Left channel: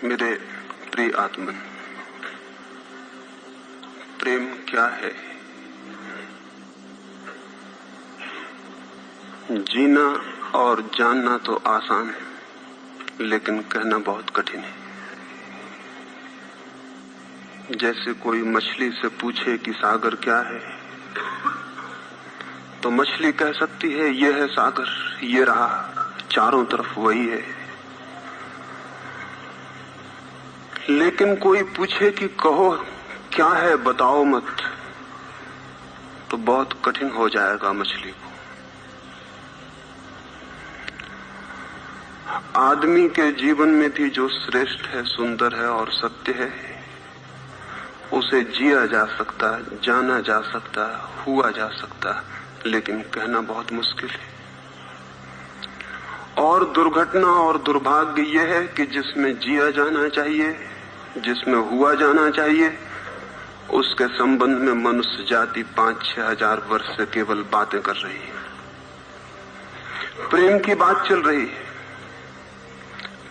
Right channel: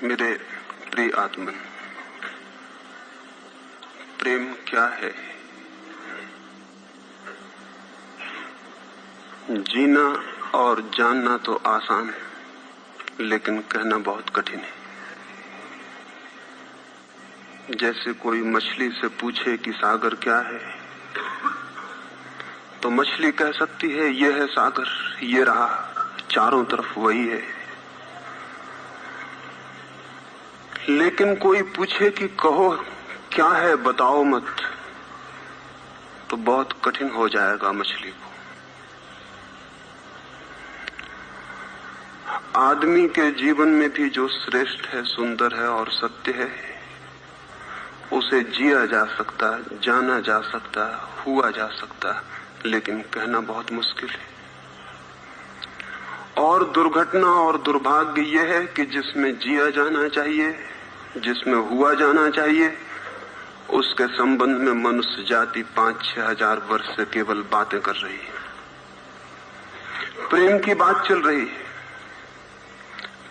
मेरे प्रिय आत्मन, प्रेम क्या है? जीना और जानना तो आसान है, लेकिन कहना बहुत कठिन है। जैसे कोई मछली से पूछे कि सागर क्या है, तो मछली कह सकती है यह है सागर, ये रहा, चारों तरफ वही है। लेकिन कोई पूछे कि कहो क्या है, बताओ मत, तो बहुत कठिन हो जाएगा मछली को। आदमी के जीवन में भी जो श्रेष्ठ है, सुंदर है और सत्य है, उसे जिया जा सकता है, जाना जा सकता है, हुआ जा सकता है, लेकिन कहना बहुत मुश्किल है। और दुर्घटना और दुर्भाग्य यह है कि जिसमें जिया जाना चाहिए, जिसमें हुआ जाना चाहिए, उसके संबंध में मनुष्य जाति 5-6 हजार वर्ष से केवल बातें कर रही है। प्रेम की बात चल रही है,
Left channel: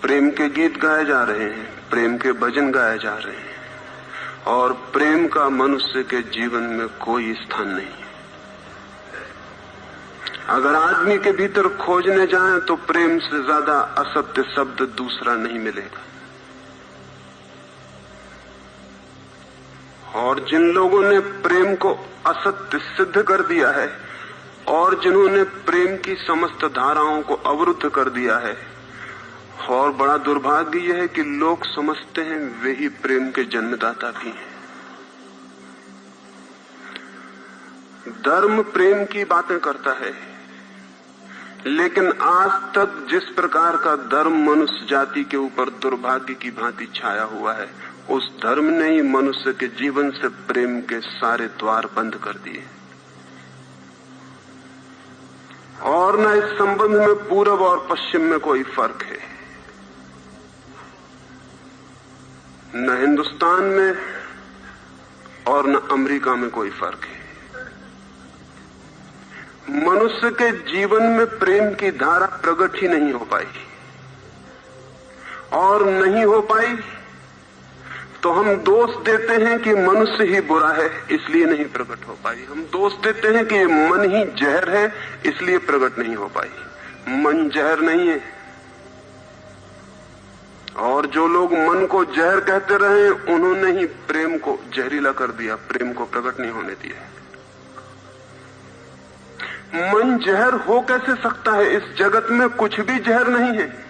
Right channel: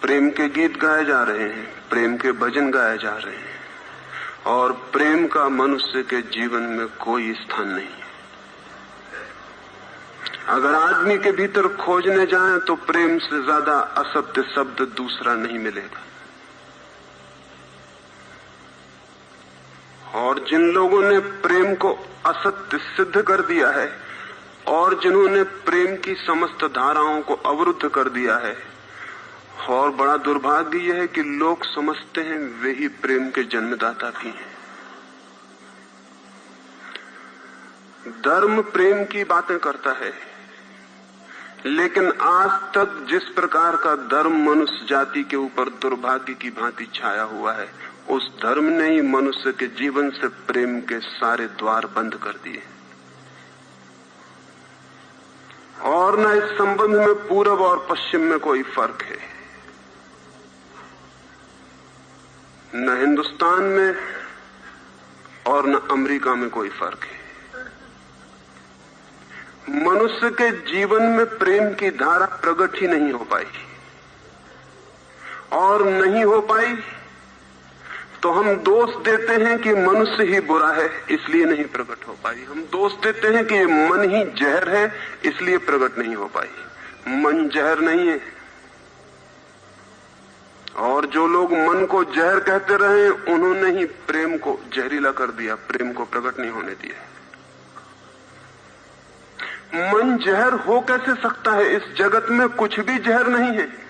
प्रेम के गीत गाए जा रहे हैं, प्रेम के भजन गाए जा रहे हैं, और प्रेम का मनुष्य के जीवन में कोई स्थान नहीं है। अगर आदमी के भीतर खोजने जाएं तो प्रेम से ज्यादा असत्य शब्द दूसरा नहीं मिलेगा। और जिन लोगों ने प्रेम को असत्य सिद्ध कर दिया है और जिन्होंने प्रेम की समस्त धाराओं को अवरुद्ध कर दिया है, और बड़ा दुर्भाग्य यह है कि लोग समझते हैं वे ही प्रेम के जन्मदाता भी हैं। धर्म प्रेम की बातें करता है, लेकिन आज तक जिस प्रकार का धर्म मनुष्य जाति के ऊपर दुर्भाग्य की भांति छाया हुआ है, उस धर्म ने ही मनुष्य के जीवन से प्रेम के सारे द्वार बंद कर दिए। और न इस संबंध में पूरब और पश्चिम में कोई फर्क है, न हिंदुस्तान में और न अमेरिका में कोई फर्क है। मनुष्य के जीवन में प्रेम की धारा प्रकट ही नहीं हो पाई, और नहीं हो पाई तो हम दोष देते हैं कि मनुष्य ही बुरा है, इसलिए नहीं प्रकट हो पाई। हम दोष देते हैं कि मन ही जहर है, इसलिए प्रकट नहीं हो पाई। मन जहर नहीं है, और जो लोग मन को जहर कहते रहे, उन्होंने ही प्रेम को जहरीला कर दिया, प्रेम को प्रकट नहीं होने दिया। मन जहर हो कैसे सकता है? इस जगत में कुछ भी जहर नहीं है।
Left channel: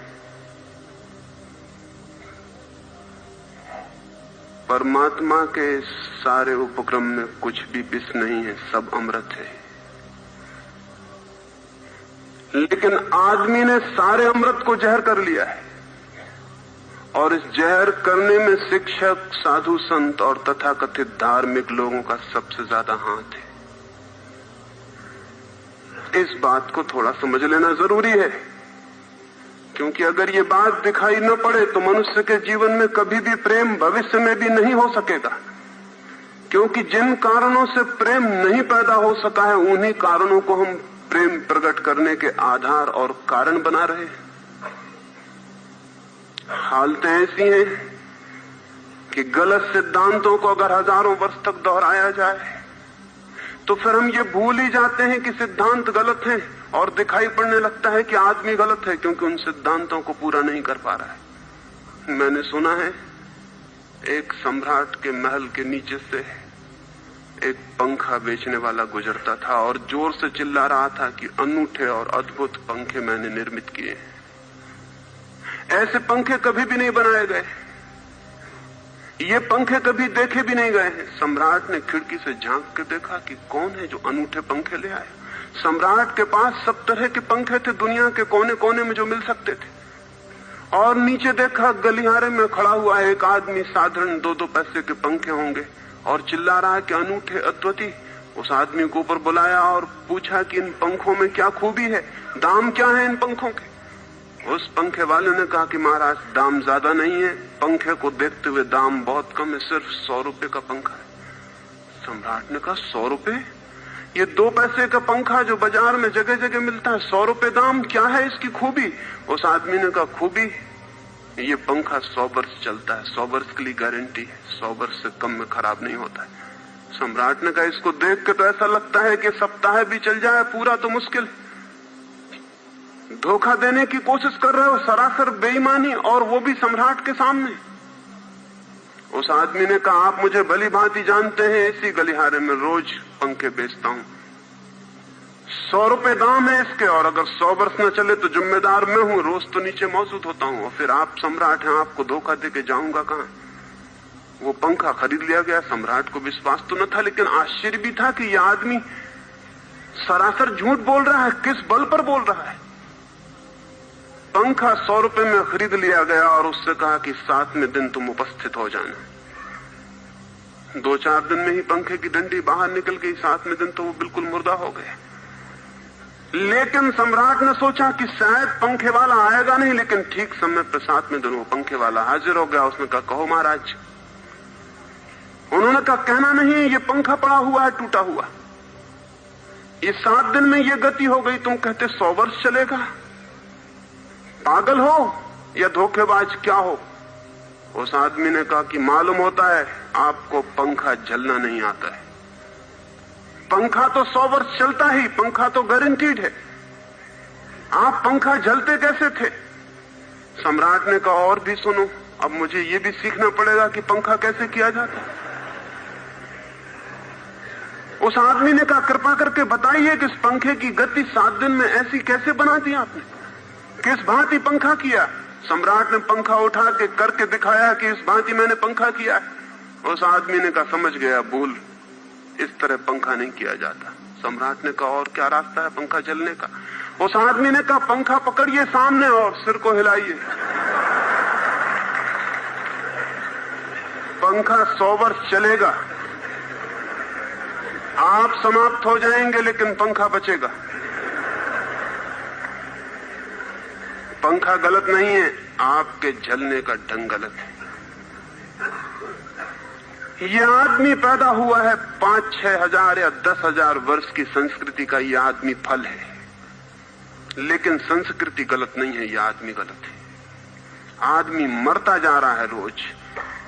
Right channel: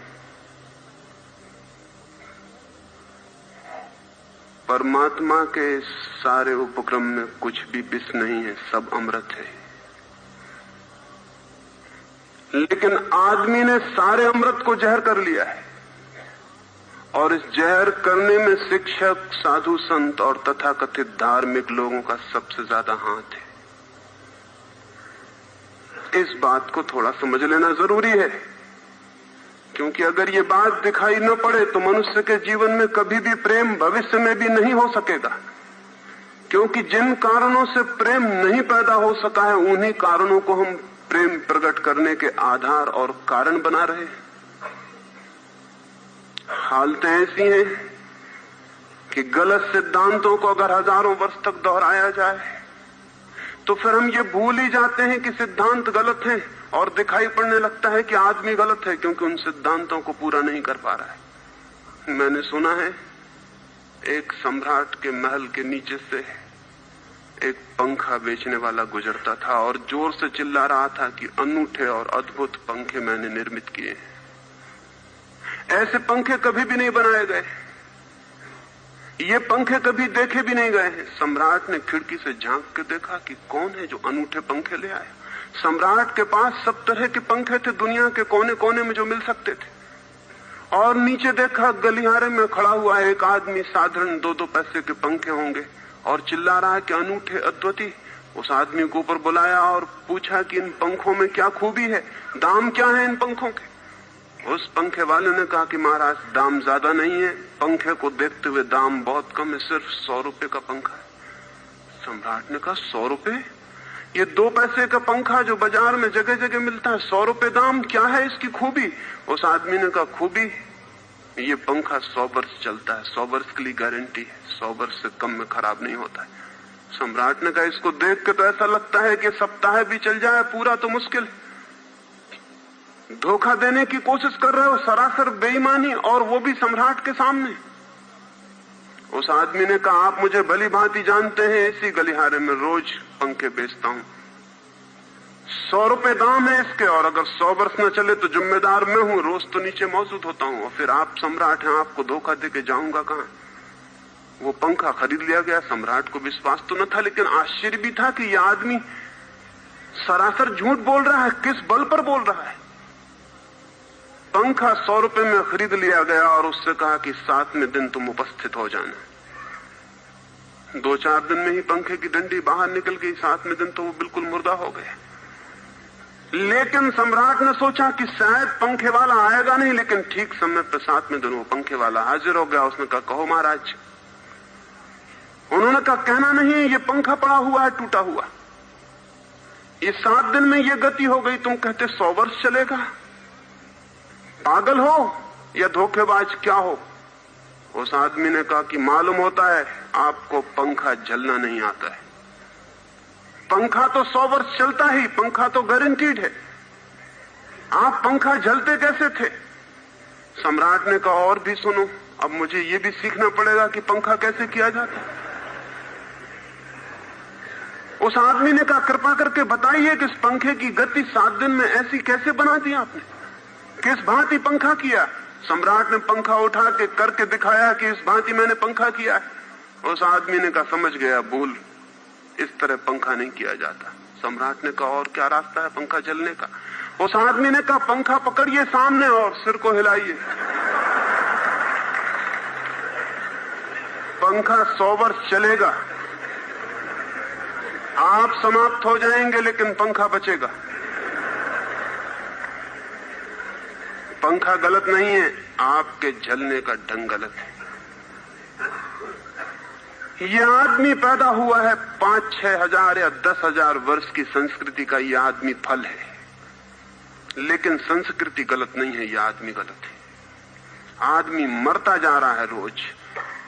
परमात्मा के सारे उपक्रम में कुछ भी विष नहीं है, सब अमृत है। लेकिन आदमी ने सारे अमृत को जहर कर लिया है, और इस जहर करने में शिक्षक, साधु संत और तथाकथित धार्मिक लोगों का सबसे ज्यादा हाथ है। इस बात को थोड़ा समझ लेना जरूरी है, क्योंकि अगर ये बात दिखाई न पड़े तो मनुष्य के जीवन में कभी भी प्रेम भविष्य में भी नहीं हो सकेगा। क्योंकि जिन कारणों से प्रेम नहीं पैदा हो सका है, उन्हीं कारणों को हम प्रेम प्रकट करने के आधार और कारण बना रहे हैं। हालतें ऐसी हैं कि गलत सिद्धांतों को अगर हजारों वर्ष तक दोहराया जाए तो फिर हम ये भूल ही जाते हैं कि सिद्धांत गलत है, और दिखाई पड़ने लगता है कि आदमी गलत है, क्योंकि उन सिद्धांतों को पूरा नहीं कर पा रहा है। मैंने सुना है एक सम्राट के महल के नीचे से एक पंखा बेचने वाला गुजरता था और जोर से चिल्ला रहा था कि अनूठे और अद्भुत पंखे मैंने निर्मित किए हैं। ऐसे पंखे कभी भी नहीं बनाए गए, ये पंखे कभी देखे भी नहीं गए हैं। सम्राट ने खिड़की से झांक के देखा कि कौन है जो अनूठे पंखे ले आए। सम्राट के पास सब तरह के पंखे थे, दुनिया के कोने कोने में जो मिल सकते थे। और नीचे देखा, गलियारे में खड़ा हुआ एक आदमी, साधारण 2-2 पैसे के पंखे होंगे, और चिल्ला रहा है कि अनूठे, अद्वितीय। उस आदमी को ऊपर बुलाया और पूछा कि इन पंखों में क्या खूबी है, दाम क्या है इन पंखों के? उस पंखे वाले ने कहा कि महाराज, दाम ज्यादा नहीं है, पंखे को देखते हुए दाम बहुत कम है, सिर्फ 100 रुपए का पंखा है। सम्राट ने कहा 100 रुपए? ये 2 पैसे का पंखा जो बाजार में जगह जगह मिलता है, 100 रुपए दाम, क्या है इसकी खूबी? उस आदमी ने कहा खूबी ये पंखा 100 वर्ष चलता है, 100 वर्ष के लिए गारंटी है, 100 वर्ष से कम में खराब नहीं होता है। सम्राट ने कहा इसको देख के तो ऐसा लगता है कि सप्ताह भी चल जाए, पूरा तो मुश्किल। धोखा देने की कोशिश कर रहे हो, सरासर बेईमानी, और वो भी सम्राट के सामने। उस आदमी ने कहा आप मुझे भली भांति जानते हैं, इसी गलिहारे में रोज पंखे बेचता हूं, 100 रुपए दाम है इसके, और अगर 100 वर्ष न चले तो जिम्मेदार मैं हूं, रोज तो नीचे मौजूद होता हूं, और फिर आप सम्राट हैं, आपको धोखा देके जाऊंगा कहां। वो पंखा खरीद लिया गया। सम्राट को विश्वास तो न था, लेकिन आश्चर्य भी था कि यह आदमी सरासर झूठ बोल रहा है, किस बल पर बोल रहा है। पंखा 100 रुपए में खरीद लिया गया और उससे कहा कि 7वें दिन तुम उपस्थित हो जाना। 2-4 दिन में ही पंखे की डंडी बाहर निकल गई, 7वें दिन तो वो बिल्कुल मुर्दा हो गया। लेकिन सम्राट ने सोचा कि शायद पंखे वाला आएगा नहीं, लेकिन ठीक समय पर 7वें दिन वो पंखे वाला हाजिर हो गया। उसने कहा कहो महाराज। उन्होंने कहा कहना नहीं, ये पंखा पड़ा हुआ है, टूटा हुआ। ये 7 दिन में ये गति हो गई, तुम कहते 100 वर्ष चलेगा। पागल हो या धोखेबाज, क्या हो? उस आदमी ने कहा कि मालूम होता है आपको पंखा चलना नहीं आता है। पंखा तो 100 वर्ष चलता ही, पंखा तो गारंटीड है। आप पंखा झलते कैसे थे? सम्राट ने कहा और भी सुनो, अब मुझे ये भी सीखना पड़ेगा कि पंखा कैसे किया जाता है। उस आदमी ने कहा कृपा करके बताइए कि इस पंखे की गति 7 दिन में ऐसी कैसे बना दी आपने, किस भांति पंखा किया? सम्राट ने पंखा उठा के करके दिखाया कि इस भांति मैंने पंखा किया। उस आदमी ने कहा समझ गया, भूल, इस तरह पंखा नहीं किया जाता। सम्राट ने कहा और क्या रास्ता है पंखा चलने का? उस आदमी ने कहा पंखा पकड़िए सामने और सिर को हिलाइए। पंखा 100 वर्ष चलेगा, आप समाप्त हो जाएंगे लेकिन पंखा बचेगा। पंखा गलत नहीं है, आपके जलने का ढंग गलत है। यह आदमी पैदा हुआ है 5-6 हजार या 10,000 वर्ष की संस्कृति का, यह आदमी फल है, लेकिन संस्कृति गलत नहीं है, यह आदमी गलत है। आदमी मरता जा रहा है रोज,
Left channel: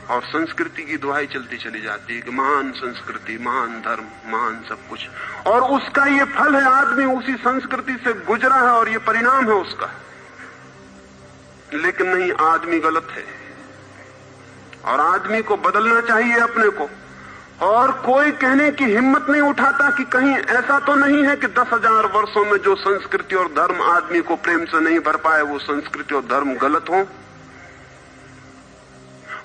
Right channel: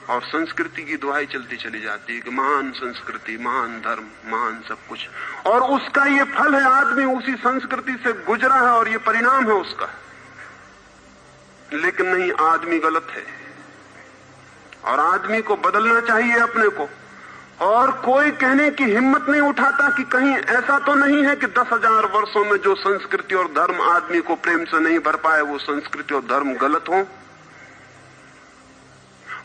और संस्कृति की दुहाई चलती चली जाती है कि महान संस्कृति, महान धर्म, महान सब कुछ, और उसका ये फल है। आदमी उसी संस्कृति से गुजरा है और ये परिणाम है उसका। लेकिन नहीं, आदमी गलत है और आदमी को बदलना चाहिए अपने को। और कोई कहने की हिम्मत नहीं उठाता कि कहीं ऐसा तो नहीं है कि 10,000 वर्षों में जो संस्कृति और धर्म आदमी को प्रेम से नहीं भर पाए, वो संस्कृति और धर्म गलत हो।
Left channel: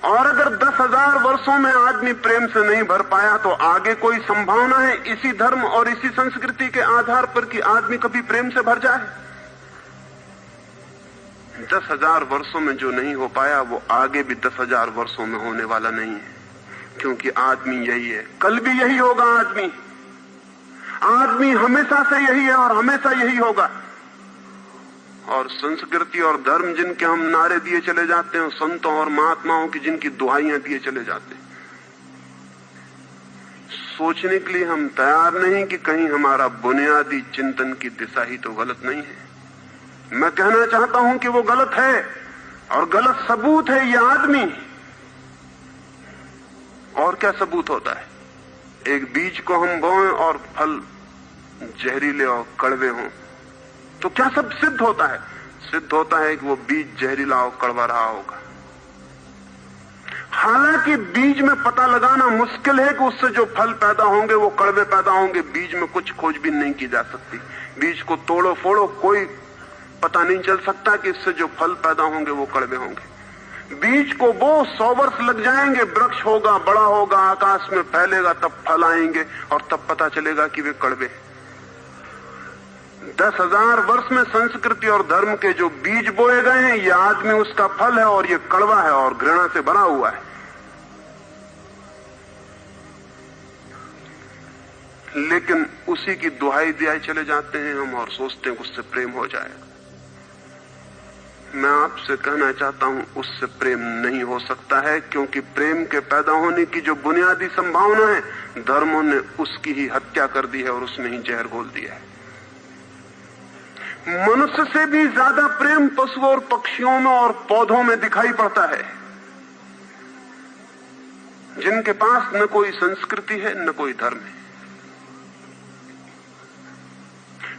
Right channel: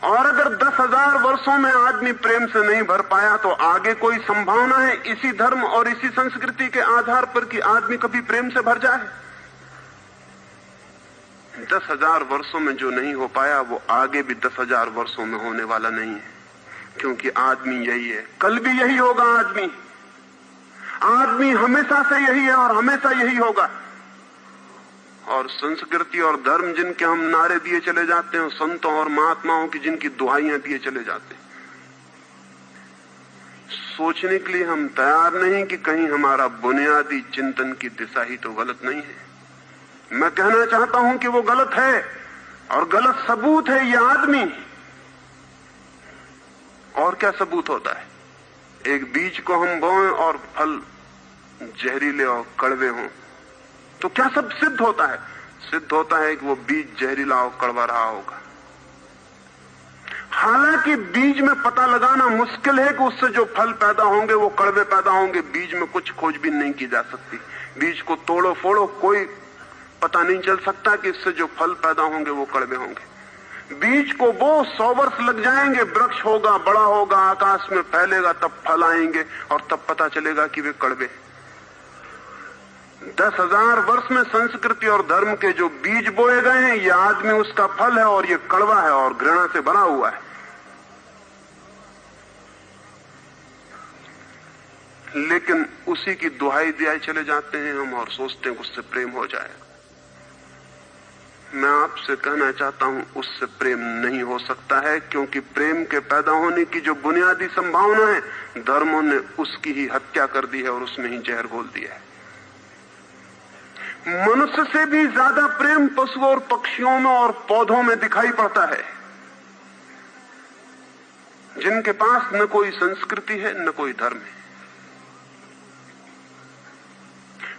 और अगर 10,000 वर्षों में आदमी प्रेम से नहीं भर पाया तो आगे कोई संभावना है इसी धर्म और इसी संस्कृति के आधार पर कि आदमी कभी प्रेम से भर जाए? 10,000 वर्षों में जो नहीं हो पाया वो आगे भी 10,000 वर्षों में होने वाला नहीं है, क्योंकि आदमी यही है, कल भी यही होगा। आदमी हमेशा से यही है और हमेशा यही होगा। और संस्कृति और धर्म जिनके हम नारे दिए चले जाते हैं, संतों और महात्माओं की जिनकी दुहाइयां दिए चले जाते हैं, सोचने के लिए हम तैयार नहीं कि कहीं हमारा बुनियादी चिंतन की दिशा ही तो गलत नहीं है। मैं कहना चाहता हूं कि वो गलत है और गलत सबूत है ये आदमी। और क्या सबूत होता है? एक बीज को हम बोएं और फल जहरीले और कड़वे हों तो क्या सब सिद्ध होता है? सिद्ध होता है कि वो बीज जहरीला और कड़वा रहा होगा। हालांकि बीज में पता लगाना मुश्किल है कि उससे जो फल पैदा होंगे वो कड़वे पैदा होंगे। बीज में कुछ खोजबीन नहीं की जा सकती। बीज को तोड़ो फोड़ो, कोई पता नहीं चल सकता कि इससे जो फल पैदा होंगे वो कड़वे होंगे। बीज को वो 100 वर्ष लग जाएंगे, वृक्ष होगा, बड़ा होगा, आकाश में फैलेगा, तब फल आएंगे और तब पता चलेगा कि वे कड़वे। 10,000 वर्ष में संस्कृति और धर्म के जो बीज बोए गए हैं, ये आदमी उसका फल है और ये कड़वा है और घृणा से भरा हुआ है। लेकिन उसी की दुहाई दिए चले जाते हैं हम और सोचते हैं उससे प्रेम हो जाएगा। मैं आपसे कहना चाहता हूं उससे प्रेम नहीं हो सकता है, क्योंकि प्रेम के पैदा होने की जो बुनियादी संभावना है, धर्मों ने उसकी ही हत्या कर दी है और उसमें ही जहर घोल दिया है। मनुष्य से भी ज्यादा प्रेम पशुओं और पक्षियों में और पौधों में दिखाई पड़ता है, जिनके पास न कोई संस्कृति है न कोई धर्म है।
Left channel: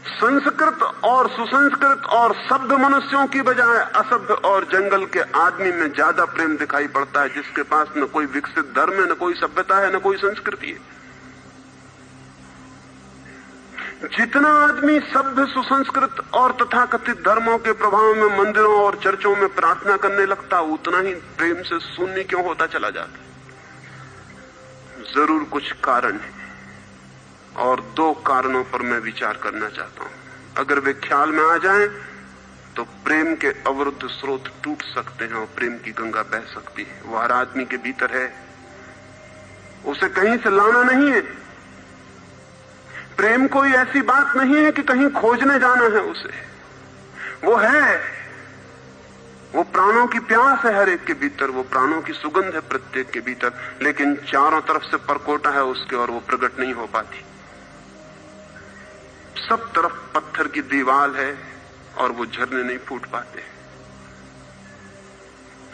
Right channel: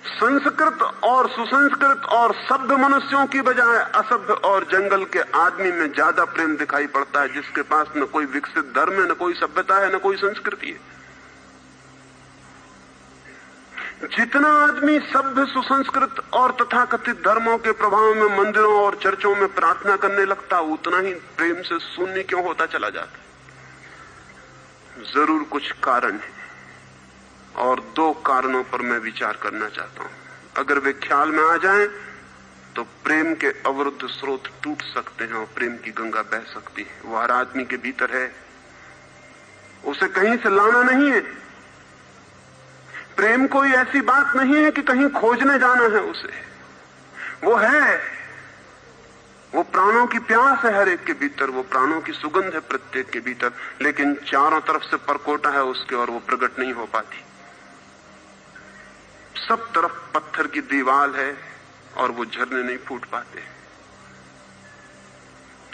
संस्कृत और सुसंस्कृत और सभ्य मनुष्यों की बजाय असभ्य और जंगल के आदमी में ज्यादा प्रेम दिखाई पड़ता है, जिसके पास न कोई विकसित धर्म है, न कोई सभ्यता है, न कोई संस्कृति है। जितना आदमी सभ्य, सुसंस्कृत और तथाकथित धर्मों के प्रभाव में मंदिरों और चर्चों में प्रार्थना करने लगता, उतना ही प्रेम से शून्य क्यों होता चला जाता? जरूर कुछ कारण है, और दो कारणों पर मैं विचार करना चाहता हूं। अगर वे ख्याल में आ जाएं, तो प्रेम के अवरुद्ध स्रोत टूट सकते हैं और प्रेम की गंगा बह सकती है। वो हर आदमी के भीतर है, उसे कहीं से लाना नहीं है। प्रेम कोई ऐसी बात नहीं है कि कहीं खोजने जाना है उसे, वो है, वो प्राणों की प्यास है हर एक के भीतर, वो प्राणों की सुगंध है प्रत्येक के भीतर, लेकिन चारों तरफ से परकोटा है उसके और वो प्रकट नहीं हो पाती। सब तरफ पत्थर की दीवार है और वो झरने नहीं फूट पाते।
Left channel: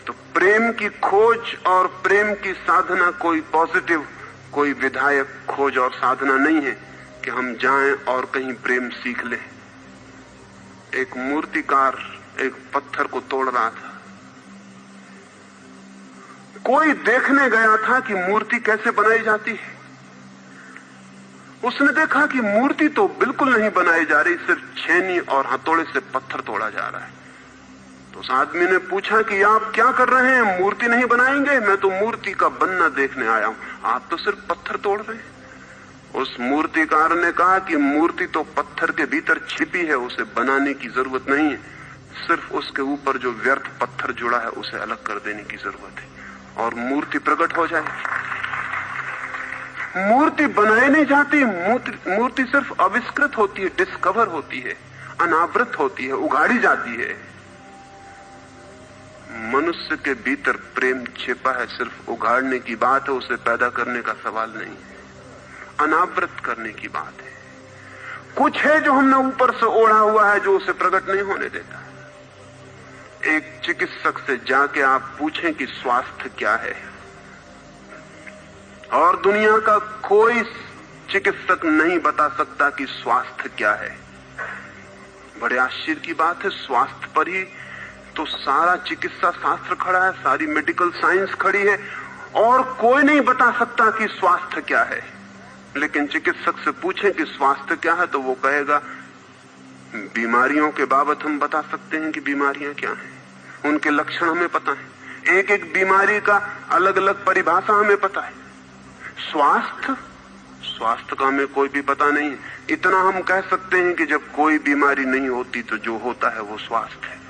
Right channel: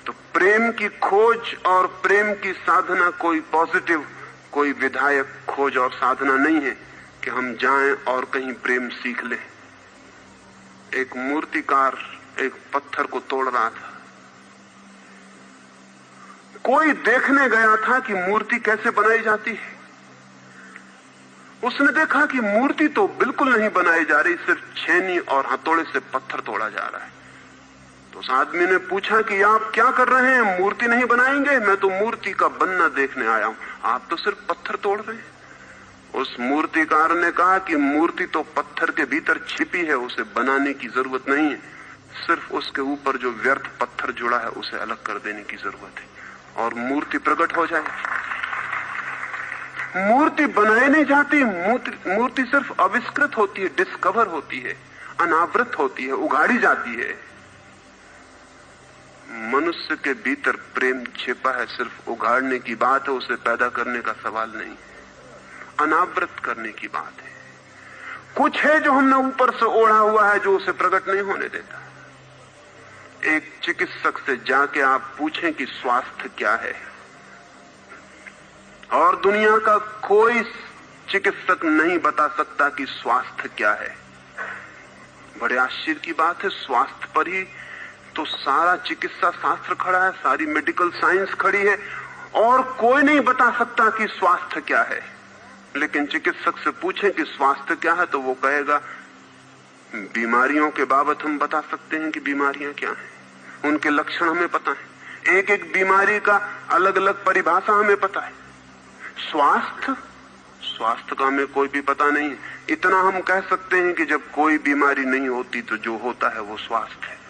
तो प्रेम की खोज और प्रेम की साधना कोई पॉजिटिव, कोई विधायक खोज और साधना नहीं है कि हम जाएं और कहीं प्रेम सीख लें। एक मूर्तिकार एक पत्थर को तोड़ रहा था, कोई देखने गया था कि मूर्ति कैसे बनाई जाती है। उसने देखा कि मूर्ति तो बिल्कुल नहीं बनाई जा रही, सिर्फ छेनी और हथौड़े से पत्थर तोड़ा जा रहा है। तो उस आदमी ने पूछा कि आप क्या कर रहे हैं, मूर्ति नहीं बनाएंगे? मैं तो मूर्ति का बनना देखने आया हूं, आप तो सिर्फ पत्थर तोड़ रहे हैं। उस मूर्तिकार ने कहा कि मूर्ति तो पत्थर के भीतर छिपी है, उसे बनाने की जरूरत नहीं है, सिर्फ उसके ऊपर जो व्यर्थ पत्थर जुड़ा है उसे अलग कर देने की जरूरत है और मूर्ति प्रकट हो जाएगी। मूर्ति बनाई नहीं जाती, मूर्ति सिर्फ आविष्कृत होती है, डिस्कवर होती है, अनावृत होती है, उगाड़ी जाती है। मनुष्य के भीतर प्रेम छिपा है, सिर्फ उगाड़ने की बात है, उसे पैदा करने का सवाल नहीं, अनावृत करने की बात है। कुछ है जो हमने ऊपर से ओढ़ा हुआ है, जो उसे प्रकट नहीं होने देता। एक चिकित्सक से जाके आप पूछें कि स्वास्थ्य क्या है, और दुनिया का कोई चिकित्सक नहीं बता सकता कि स्वास्थ्य क्या है। बड़े आश्चर्य की बात है, स्वास्थ्य पर ही तो सारा चिकित्सा शास्त्र खड़ा है, सारी मेडिकल साइंस खड़ी है, और कोई नहीं बता सकता कि स्वास्थ्य क्या है। लेकिन चिकित्सक से पूछें कि स्वास्थ्य क्या है, तो वो कहेगा बीमारियों के बाबत हम बता सकते हैं कि बीमारियां क्या हैं, उनके लक्षण हमें पता है, एक एक बीमारी का अलग अलग परिभाषा हमें पता है। स्वास्थ्य का हमें कोई भी पता नहीं है। इतना हम कह सकते हैं कि जब कोई बीमारी नहीं होती तो जो होता है वो स्वास्थ्य है।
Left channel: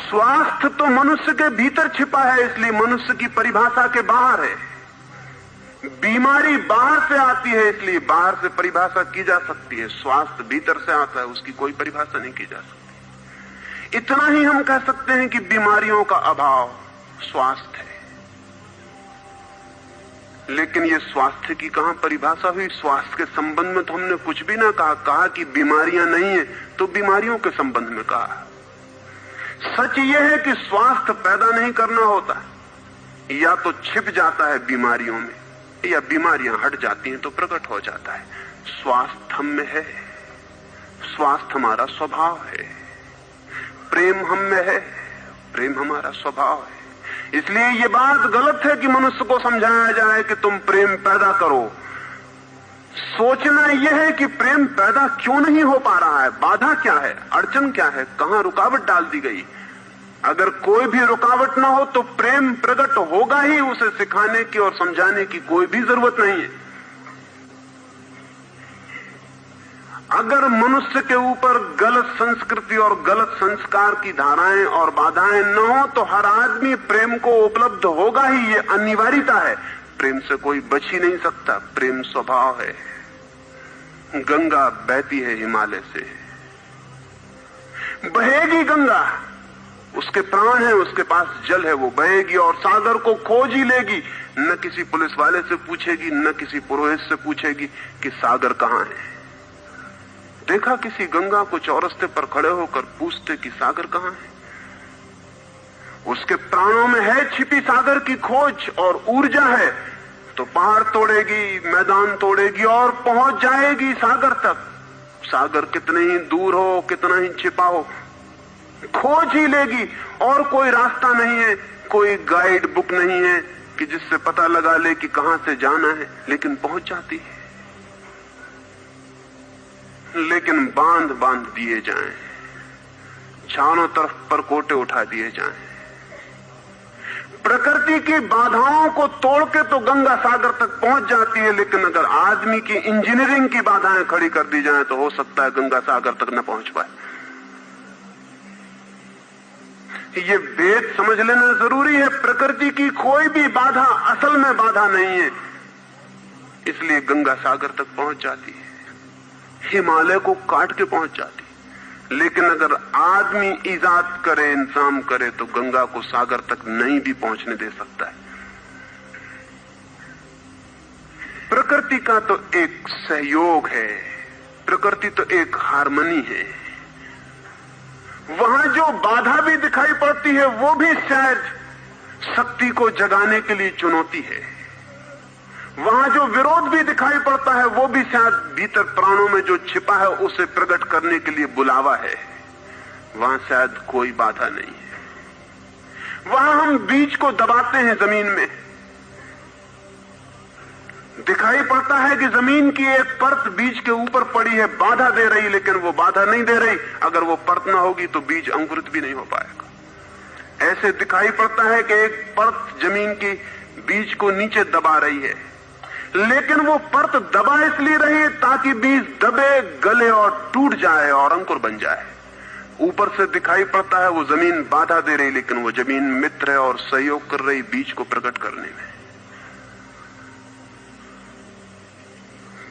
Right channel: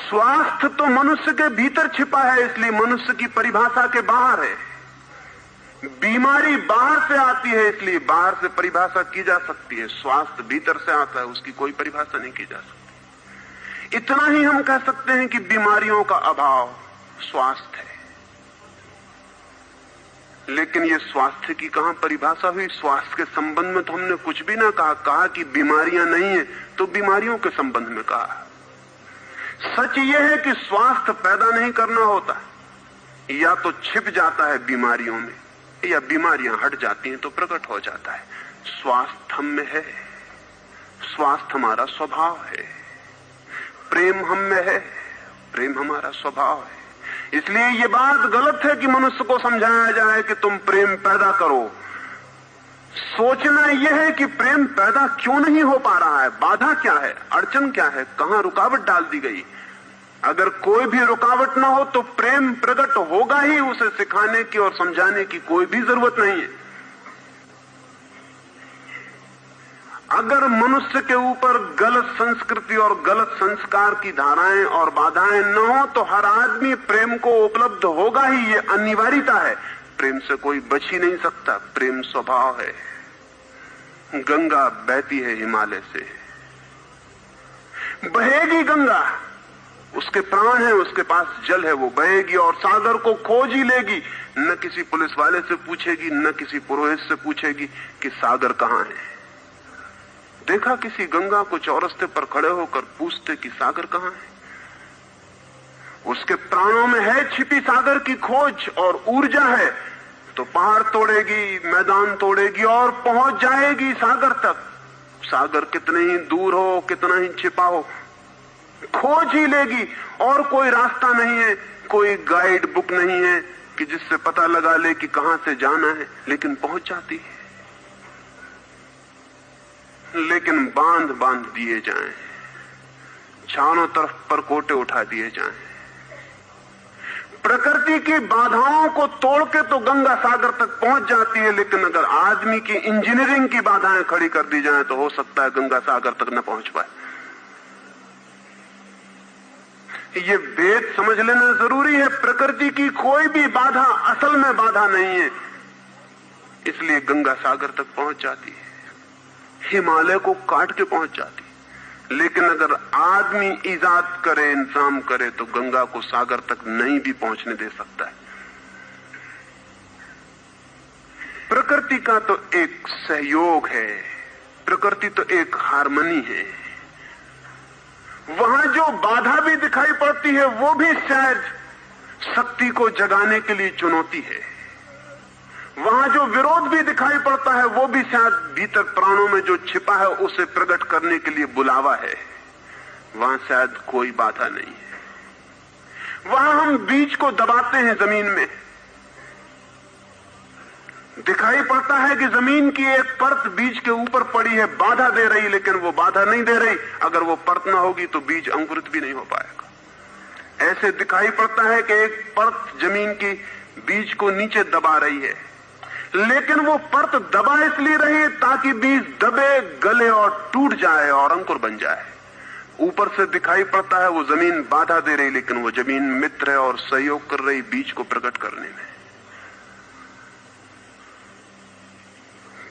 स्वास्थ्य तो मनुष्य के भीतर छिपा है, इसलिए मनुष्य की परिभाषा के बाहर है। बीमारी बाहर से आती है, इसलिए बाहर से परिभाषा की जा सकती है। स्वास्थ्य भीतर से आता है, उसकी कोई परिभाषा नहीं की जा सकती। इतना ही हम कह सकते हैं कि बीमारियों का अभाव स्वास्थ्य है। लेकिन ये स्वास्थ्य की कहां परिभाषा हुई? स्वास्थ्य के संबंध में तो हमने कुछ भी ना कहा कि बीमारियां नहीं है, तो बीमारियों के संबंध में कहा। सच ये है कि स्वास्थ्य पैदा नहीं करना होता, या तो छिप जाता है बीमारियों में, या बीमारियां हट जाती हैं तो प्रकट हो जाता है। स्वास्थ्य हम में है, स्वास्थ्य हमारा स्वभाव है। प्रेम हम में है, प्रेम हमारा स्वभाव है। इसलिए ये बात गलत है कि मनुष्य को समझाया जाए कि तुम प्रेम पैदा करो। सोचना यह है कि प्रेम पैदा क्यों नहीं हो पा रहा है, बाधा क्या है, अड़चन क्या है, कहां रुकावट डाल दी गई। अगर कोई भी रुकावट ना हो तो प्रेम प्रकट होगा ही। उसे सिखाने की और समझाने की कोई भी जरूरत नहीं है। अगर मनुष्य के ऊपर गलत संस्कृति और गलत संस्कार की धाराएं और बाधाएं न हो तो हर आदमी प्रेम को उपलब्ध होगा ही, ये अनिवार्यता है। प्रेम से कोई बच ही नहीं सकता, प्रेम स्वभाव है। गंगा बहती है हिमालय से, बहेगी गंगा, उसके प्राण है, उसके पास जल है, वो बहेगी और सागर को खोज ही लेगी। न किसी पुलिस वाले से पूछेगी, न किसी पुरोहित से पूछेगी कि सागर कहां है, देखा किसी गंगा को चौरस्ते पर खड़े होकर पूछते कि सागर कहां है? उसके प्राणों में है छिपी सागर की खोज और ऊर्जा है, तो पहाड़ तोड़ेगी, मैदान तोड़ेगी और पहुंच जाएगी सागर तक। सागर कितने ही दूर हो, कितना ही छिपा हो, खोज ही लेगी। और कोई रास्ता नहीं है, कोई गाइड बुक नहीं है कि जिससे पता लगा ले कि कहां से जाना है, लेकिन पहुंच जाती है। लेकिन बांध बांध दिए जाएं, चारों तरफ परकोटे उठा दिए जाएं, प्रकृति की बाधाओं को तोड़ के तो गंगा सागर तक पहुंच जाती है, लेकिन अगर आदमी की इंजीनियरिंग की बाधाएं खड़ी कर दी जाएं तो हो सकता है गंगा सागर तक न पहुंच पाए। ये भेद समझ लेना जरूरी है। प्रकृति की कोई भी बाधा असल में बाधा नहीं है, इसलिए गंगा सागर तक पहुंच जाती है, हिमालय को काट के पहुंच जाती है। लेकिन अगर आदमी इजाद करे, इंतजाम करे, तो गंगा को सागर तक नहीं भी पहुंचने दे सकता है। प्रकृति का तो एक सहयोग है, प्रकृति तो एक हार्मनी है। वहां जो बाधा भी दिखाई पड़ती है वो भी शायद शक्ति को जगाने के लिए चुनौती है। वहां जो विरोध भी दिखाई पड़ता है वो भी शायद भीतर प्राणों में जो छिपा है उसे प्रकट करने के लिए बुलावा है। वहां शायद कोई बाधा नहीं है। वहां हम बीज को दबाते हैं जमीन में, दिखाई पड़ता है कि जमीन की एक परत बीज के ऊपर पड़ी है, बाधा दे रही, लेकिन वो बाधा नहीं दे रही। अगर वो परत ना होगी तो बीज अंकुरित भी नहीं हो पाएगा। ऐसे दिखाई पड़ता है कि एक परत जमीन की बीज को नीचे दबा रही है, लेकिन वो परत दबा इसलिए रही है ताकि बीज दबे, गले और टूट जाए और अंकुर बन जाए। ऊपर से दिखाई पड़ता है वो जमीन बाधा दे रही, लेकिन वो जमीन मित्र है और सहयोग कर रही बीज को प्रकट करने में।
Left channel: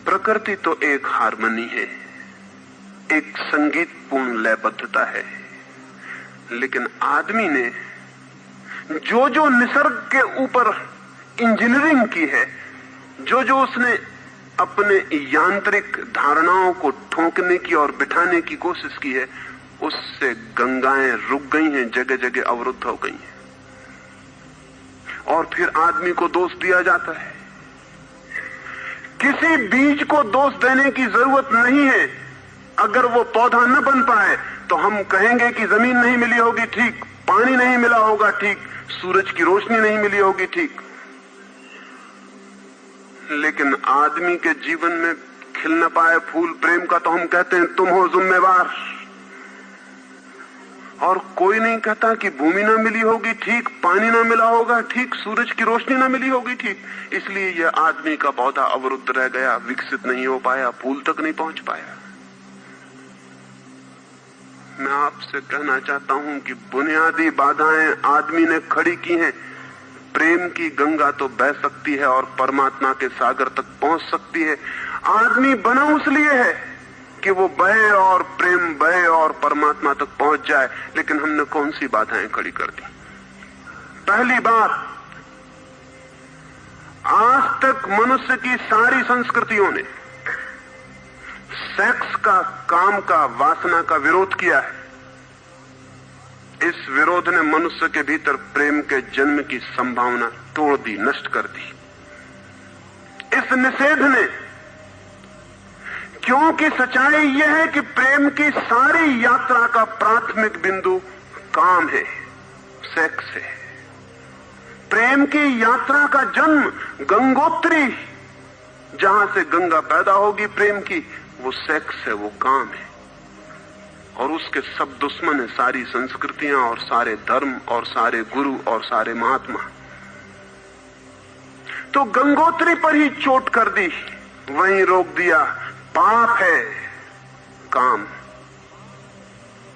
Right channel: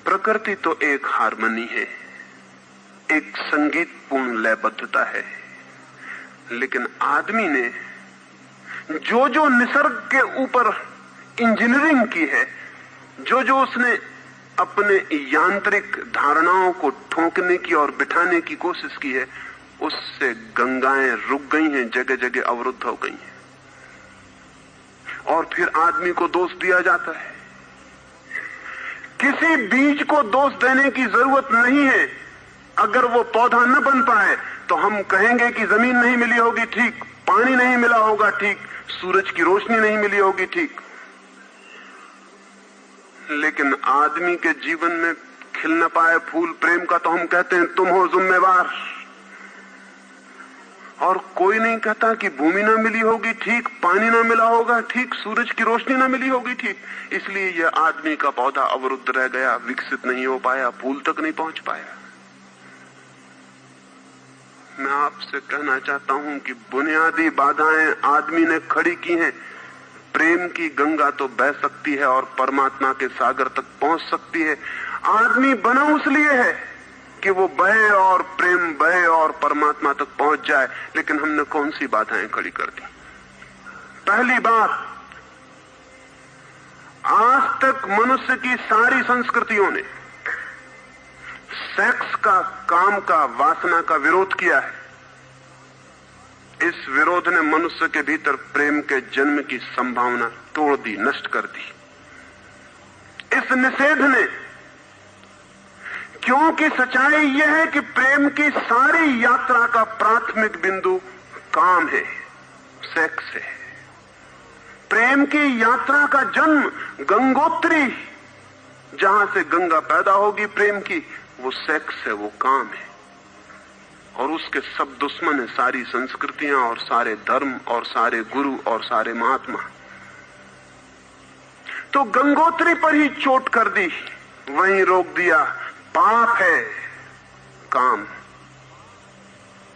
प्रकृति तो एक हार्मनी है, एक संगीतपूर्ण लयबद्धता है, लेकिन आदमी ने जो जो निसर्ग के ऊपर इंजीनियरिंग की है, जो जो उसने अपने यांत्रिक धारणाओं को ठोकने की और बिठाने की कोशिश की है, उससे गंगाएं रुक गई हैं, जगह जगह अवरुद्ध हो गई हैं। और फिर आदमी को दोष दिया जाता है। किसी बीज को दोष देने की जरूरत नहीं है। अगर वो पौधा न बन पाए तो हम कहेंगे कि जमीन नहीं मिली होगी, ठीक, पानी नहीं मिला होगा, ठीक, सूरज की रोशनी नहीं मिली होगी, ठीक, लेकिन आदमी के जीवन में खिल न पाए फूल प्रेम का तो हम कहते हैं तुम हो जिम्मेवार। और कोई नहीं कहता कि भूमि ना मिली होगी, ठीक, पानी ना मिला होगा, ठीक, सूरज की रोशनी ना मिली होगी, ठीक, इसलिए यह आदमी का पौधा अवरुद्ध रह गया, विकसित नहीं हो पाया, फूल तक नहीं पहुंच पाया। मैं आपसे कहना चाहता हूं कि बुनियादी बाधाएं आदमी ने खड़ी की हैं। प्रेम की गंगा तो बह सकती है और परमात्मा के सागर तक पहुंच सकती है। आदमी बना उसलिए है कि वो बहे और प्रेम बहे और परमात्मा तक पहुंच जाए, लेकिन हमने कौन सी बाधाएं खड़ी कर दी? पहली बात, आज तक मनुष्य की सारी संस्कृतियों ने सेक्स का, काम का, वासना का विरोध किया है। इस विरोध ने मनुष्य के भीतर प्रेम के जन्म की संभावना तोड़ दी, नष्ट कर दी। इस निषेध ने, क्योंकि सच्चाई यह है कि प्रेम की सारी यात्रा का प्राथमिक बिंदु काम है, सेक्स है। प्रेम की यात्रा का जन्म गंगोत्री, जहां से गंगा पैदा होगी प्रेम की, वो सेक्स है, वो काम है। और उसके सब दुश्मन है, सारी संस्कृतियां और सारे धर्म और सारे गुरु और सारे महात्मा। तो गंगोत्री पर ही चोट कर दी, वहीं रोक दिया। पाप है काम,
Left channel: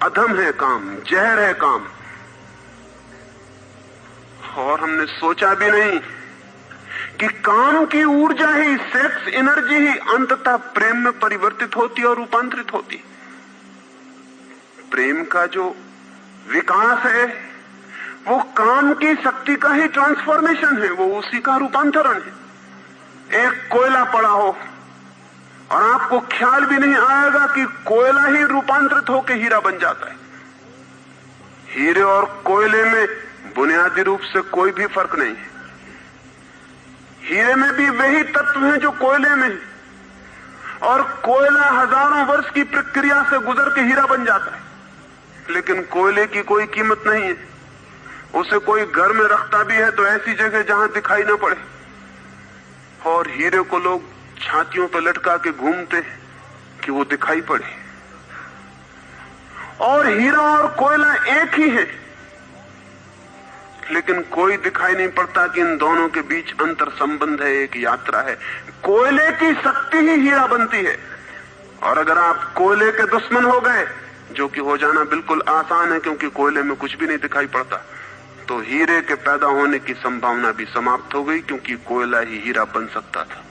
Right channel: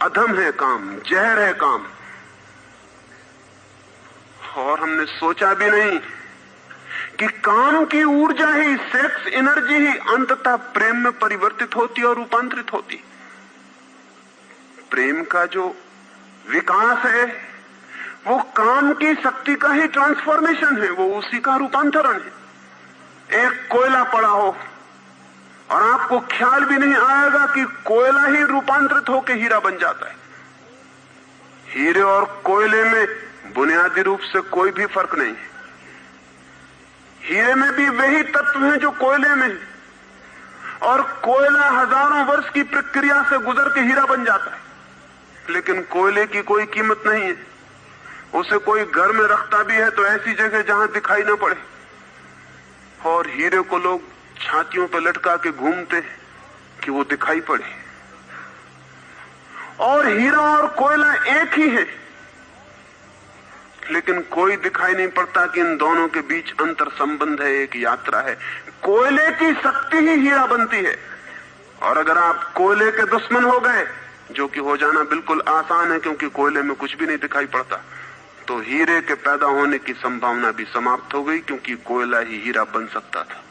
अधम है काम, जहर है काम। और हमने सोचा भी नहीं कि काम की ऊर्जा ही, सेक्स एनर्जी ही अंततः प्रेम में परिवर्तित होती और रूपांतरित होती। प्रेम का जो विकास है वो काम की शक्ति का ही ट्रांसफॉर्मेशन है, वो उसी का रूपांतरण है। एक कोयला पड़ा हो और आपको ख्याल भी नहीं आएगा कि कोयला ही रूपांतरित होकर हीरा बन जाता है। हीरे और कोयले में बुनियादी रूप से कोई भी फर्क नहीं है। हीरे में भी वही तत्व हैं जो कोयले में, और कोयला हजारों वर्ष की प्रक्रिया से गुजर के हीरा बन जाता है। लेकिन कोयले की कोई कीमत नहीं है। उसे कोई घर में रखता भी है तो ऐसी जगह जहां दिखाई ना पड़े, और हीरे को लोग छातियों पर लटका के घूमते हैं कि वो दिखाई पड़े। और हीरा और कोयला एक ही है, लेकिन कोई दिखाई नहीं पड़ता कि इन दोनों के बीच अंतर संबंध है, एक यात्रा है। कोयले की शक्ति ही हीरा बनती है, और अगर आप कोयले के दुश्मन हो गए, जो कि हो जाना बिल्कुल आसान है क्योंकि कोयले में कुछ भी नहीं दिखाई पड़ता, तो हीरे के पैदा होने की संभावना भी समाप्त हो गई, क्योंकि कोयला ही हीरा बन सकता था।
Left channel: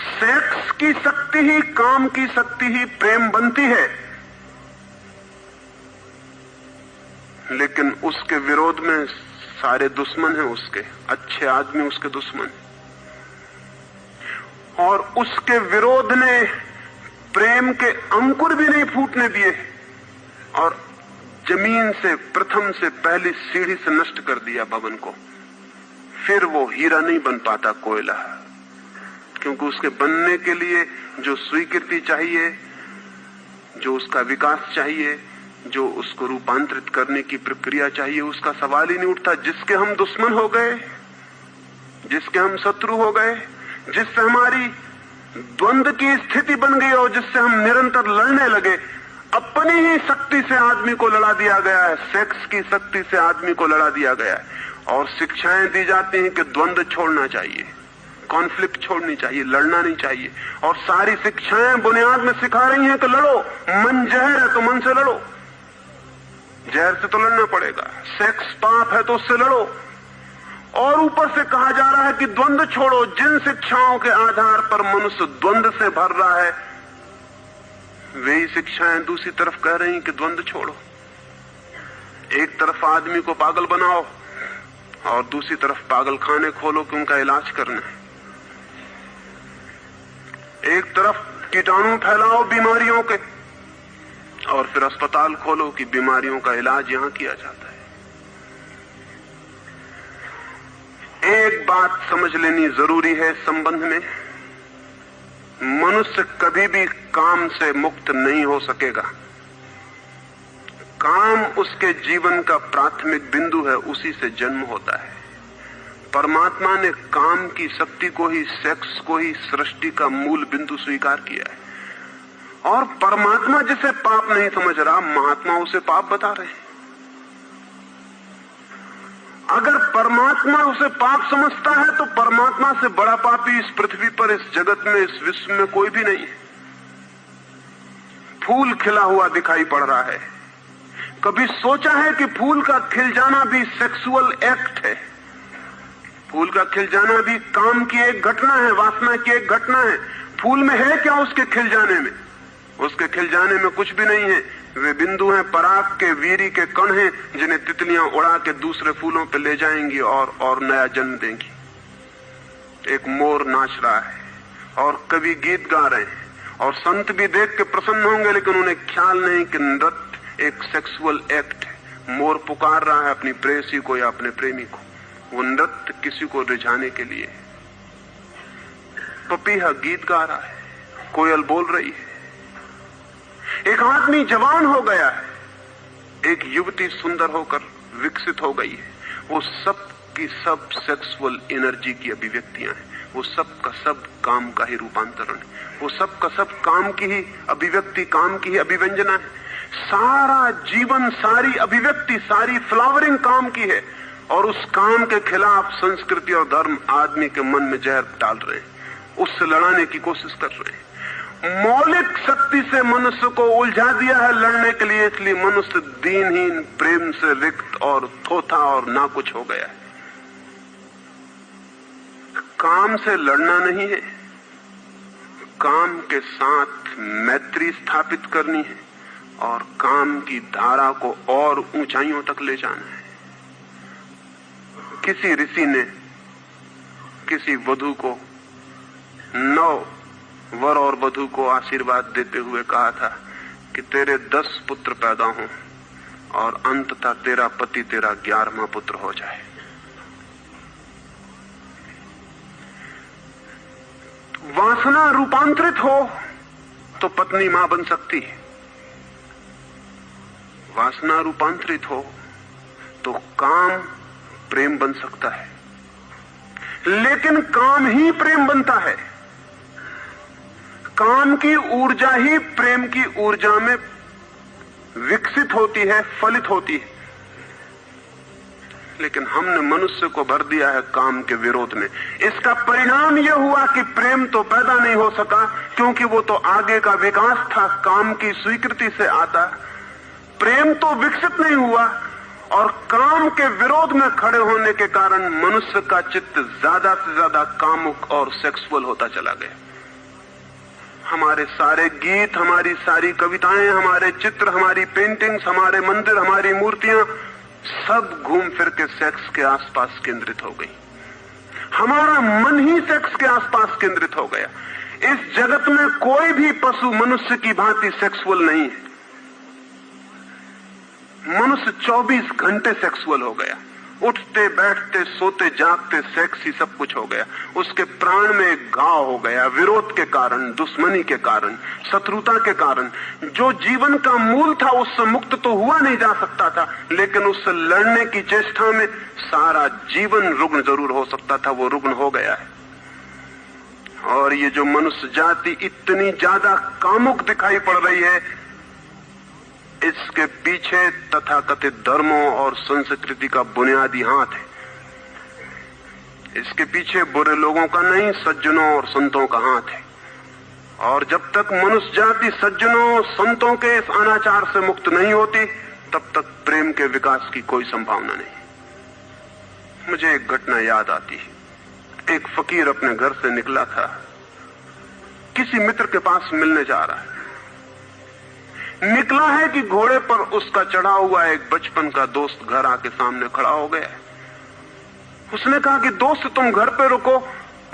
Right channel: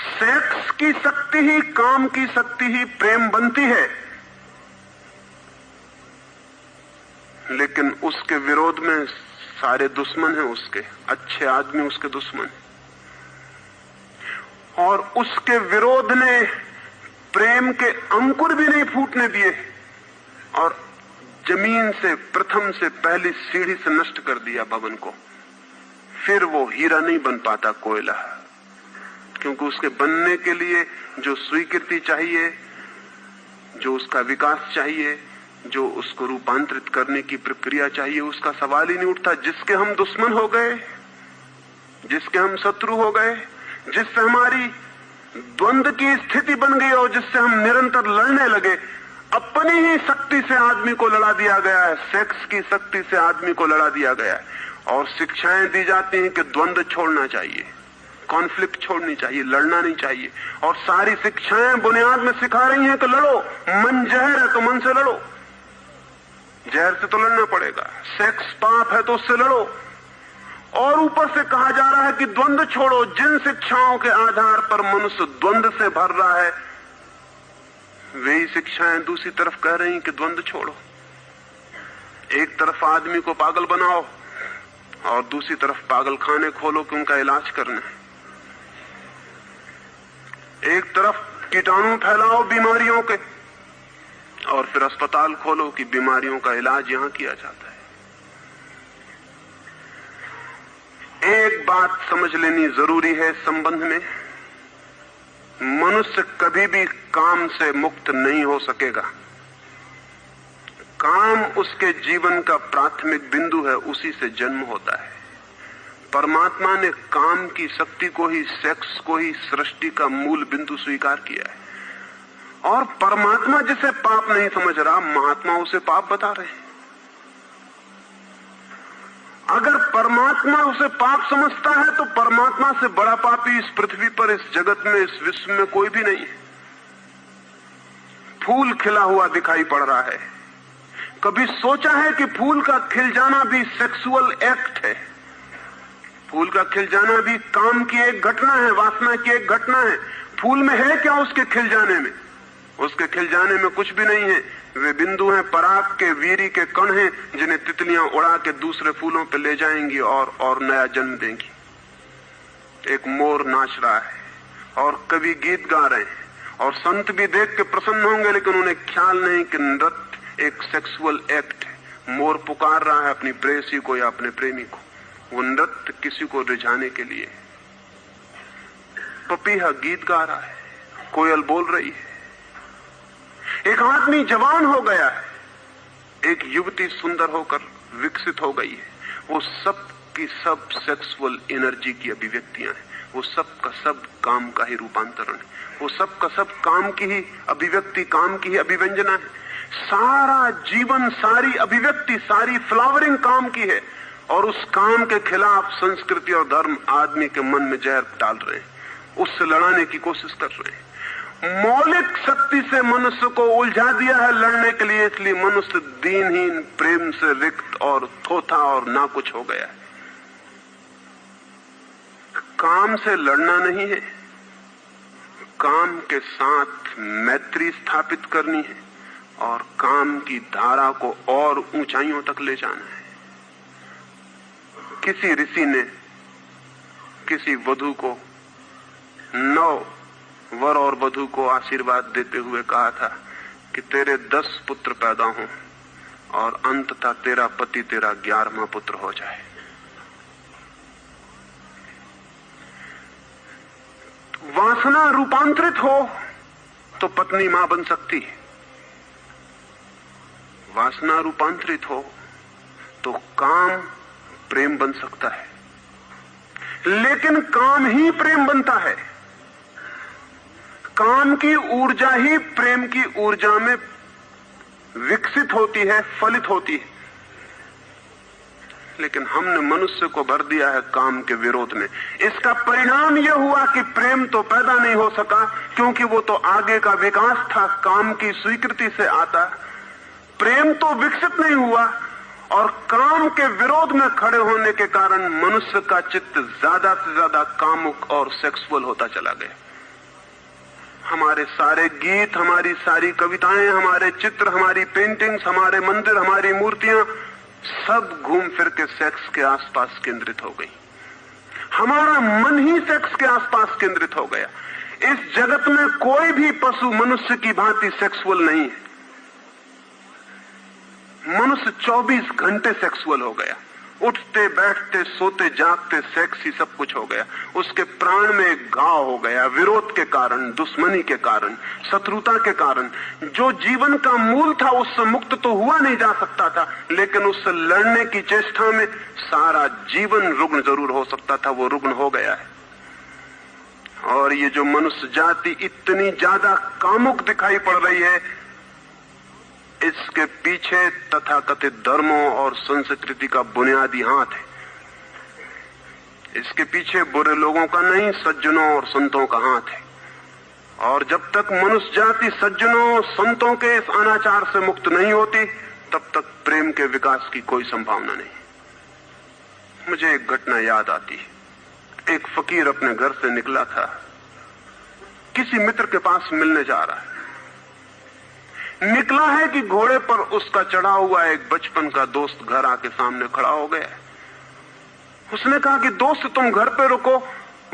सेक्स की शक्ति ही, काम की शक्ति ही प्रेम बनती है, लेकिन उसके विरोध में सारे दुश्मन हैं उसके, अच्छे आदमी उसके दुश्मन, और उसके विरोध ने प्रेम के अंकुर भी नहीं फूटने दिए, और जमीन से प्रथम से पहली सीढ़ी से नष्ट कर दिया भवन को। फिर वो हीरा नहीं बन पाता कोयला, क्योंकि उसके बनने के लिए जो स्वीकृति चाहिए, जो उसका विकास चाहिए, जो उसको रूपांतरित करने की प्रक्रिया चाहिए, उसका सवाल ही नहीं उठता। जिसके हम दुश्मन हो गए, जिसके हम शत्रु हो गए, जिससे हमारी द्वंद्व की स्थिति बन गई और जिससे हम निरंतर लड़ने लगे, अपनी ही शक्ति से आदमी को लड़ा दिया गया है, सेक्स की शक्ति से आदमी को लड़ा दिया गया है। और शिक्षाएं दी जाती हैं कि द्वंद्व छोड़ना चाहिए, कॉन्फ्लिक्ट छोड़नी चाहिए, लड़ना नहीं चाहिए। और सारी शिक्षाएं बुनियाद में सिखा रही हैं कि लड़ो, मन जहर है तो मन से लड़ो, जहर से तो लड़ना पड़ेगा। सेक्स पाप है तो उससे लड़ो। और ऊपर से कहा जा रहा है कि द्वंद्व छोड़ो। जिन शिक्षाओं के आधार पर मनुष्य द्वंद्व से भर रहा है, वही शिक्षाएं दूसरी तरफ कह रही हैं कि द्वंद्व छोड़ो। एक तरफ आदमी को पागल बनाओ और दूसरी तरफ पागल खाने खोलो कि उनका इलाज करना है। एक तरफ कीटाणु फैलाओ बीमारियों के, और फिर अस्पताल खोलो कि बीमारियों का इलाज यहां किया जाता है। एक बात समझ लेनी जरूरी है इस संबंध में, मनुष्य कभी भी काम से मुक्त नहीं हो सकेगा। काम उसके जीवन का प्राथमिक बिंदु है, उसी से जन्म होता है। परमात्मा ने काम की शक्ति को ही, सेक्स को ही सृष्टि का मूल बिंदु स्वीकार किया है। और परमात्मा जिसे पाप नहीं समझ रहा, महात्मा उसे पाप बता रहे हैं। अगर परमात्मा उसे पाप समझता है तो परमात्मा से बड़ा पापी इस पृथ्वी पर, इस जगत में, इस विश्व में कोई भी नहीं है। फूल खिला हुआ दिखाई पड़ रहा है। कभी सोचा है कि फूल का खिल जाना भी सेक्सुअल एक्ट है? फूल का खिल जाना भी काम की एक घटना है, वासना की एक घटना है। फूल में है क्या उसके खिल जाने में? उसके खिल जाने में कुछ भी नहीं है। वे बिंदु हैं, पराग के, वीरी के कण हैं, जिन्हें तितलियां उड़ा के दूसरे फूलों पे ले जाएंगी और नया जन्म देंगी। एक मोर नाच रहा है और कवि गीत गा रहे हैं, और संत भी देख के प्रसन्न होंगे, लेकिन उन्हें ख्याल नहीं कि नृत्य एक सेक्सुअल एक्ट है। मोर पुकार रहा है अपनी प्रेयसी को या अपने प्रेमी को, वो नृत्य किसी को रिझाने के लिए। पपीहा गीत गा रहा है, कोयल बोल रही है। एक आदमी जवान हो गया है, एक युवती सुंदर होकर विकसित हो गई है। वो सब की सब सेक्सुअल एनर्जी की अभिव्यक्तियां हैं। वो सब का सब काम का ही रूपांतरण है। वो सब का सब काम की ही अभिव्यक्ति, काम की ही अभिव्यंजना है। सारा जीवन, सारी अभिव्यक्ति, सारी फ्लावरिंग काम की है। और उस काम के खिलाफ संस्कृति और धर्म आदमी के मन में जहर डाल रहे हैं, उससे लड़ाने की कोशिश कर रहे हैं। मौलिक शक्ति से मनुष्य को उलझा दिया है लड़ने के लिए, इसलिए मनुष्य दीनहीन, प्रेम से रिक्त और थोथा और ना कुछ हो गया है। काम से लड़ना नहीं है, काम के साथ मैत्री स्थापित करनी है और काम की धारा को और ऊंचाइयों तक ले जाना है। किसी ऋषि ने किसी वधू को 9 वर और वधू को आशीर्वाद देते हुए कहा था कि तेरे 10 पुत्र पैदा हों और अंततः तेरा पति तेरा 11वां पुत्र हो जाए। वासना रूपांतरित हो तो पत्नी मां बन सकती है, वासना रूपांतरित हो तो काम प्रेम बन सकता है, लेकिन काम ही प्रेम बनता है। काम की ऊर्जा ही प्रेम की ऊर्जा में विकसित होती है, फलित होती है। लेकिन हमने मनुष्य को भर दिया है काम के विरोध में। इसका परिणाम यह हुआ कि प्रेम तो पैदा नहीं हो सका, क्योंकि वो तो आगे का विकास था, काम की स्वीकृति से आता। प्रेम तो विकसित नहीं हुआ और काम के विरोध में खड़े होने के कारण मनुष्य का चित्त ज्यादा से ज्यादा कामुक और सेक्सुअल होता चला गया। हमारे सारे गीत, हमारी सारी कविताएं, हमारे चित्र, हमारी पेंटिंग्स, हमारे मंदिर, हमारी मूर्तियां सब घूम फिर के सेक्स के आसपास केंद्रित हो गई। हमारा मन ही सेक्स के आसपास केंद्रित हो गया। इस जगत में कोई भी पशु मनुष्य की भांति सेक्सुअल नहीं है। मनुष्य 24 घंटे सेक्सुअल हो गया। उठते बैठते सोते जागते सेक्स ही सब कुछ हो गया। उसके प्राण में एक घाव हो गया, विरोध के कारण, दुश्मनी के कारण, शत्रुता के कारण। जो जीवन का मूल था उससे मुक्त तो हुआ नहीं जा सकता था, लेकिन उससे लड़ने की चेष्टा में सारा जीवन रुग्ण जरूर हो सकता था, वो रुग्ण हो गया है। और ये जो मनुष्य जाति इतनी ज्यादा कामुक दिखाई पड़ रही है, इसके पीछे तथाकथित धर्मों और संस्कृति का बुनियादी हाथ है। इसके पीछे बुरे लोगों का नहीं, सज्जनों और संतों का हाथ है। और जब तक मनुष्य जाति सज्जनों संतों के इस अनाचार से मुक्त नहीं होती, तब तक प्रेम के विकास की कोई संभावना नहीं। मुझे एक घटना याद आती है। एक फकीर अपने घर से निकला था, किसी मित्र के पास मिलने जा रहा है। निकला है कि घोड़े पर उसका चढ़ा हुआ एक बचपन का दोस्त घर आके सामने खड़ा हो गया। उसने कहा कि दोस्त तुम घर पे रुको,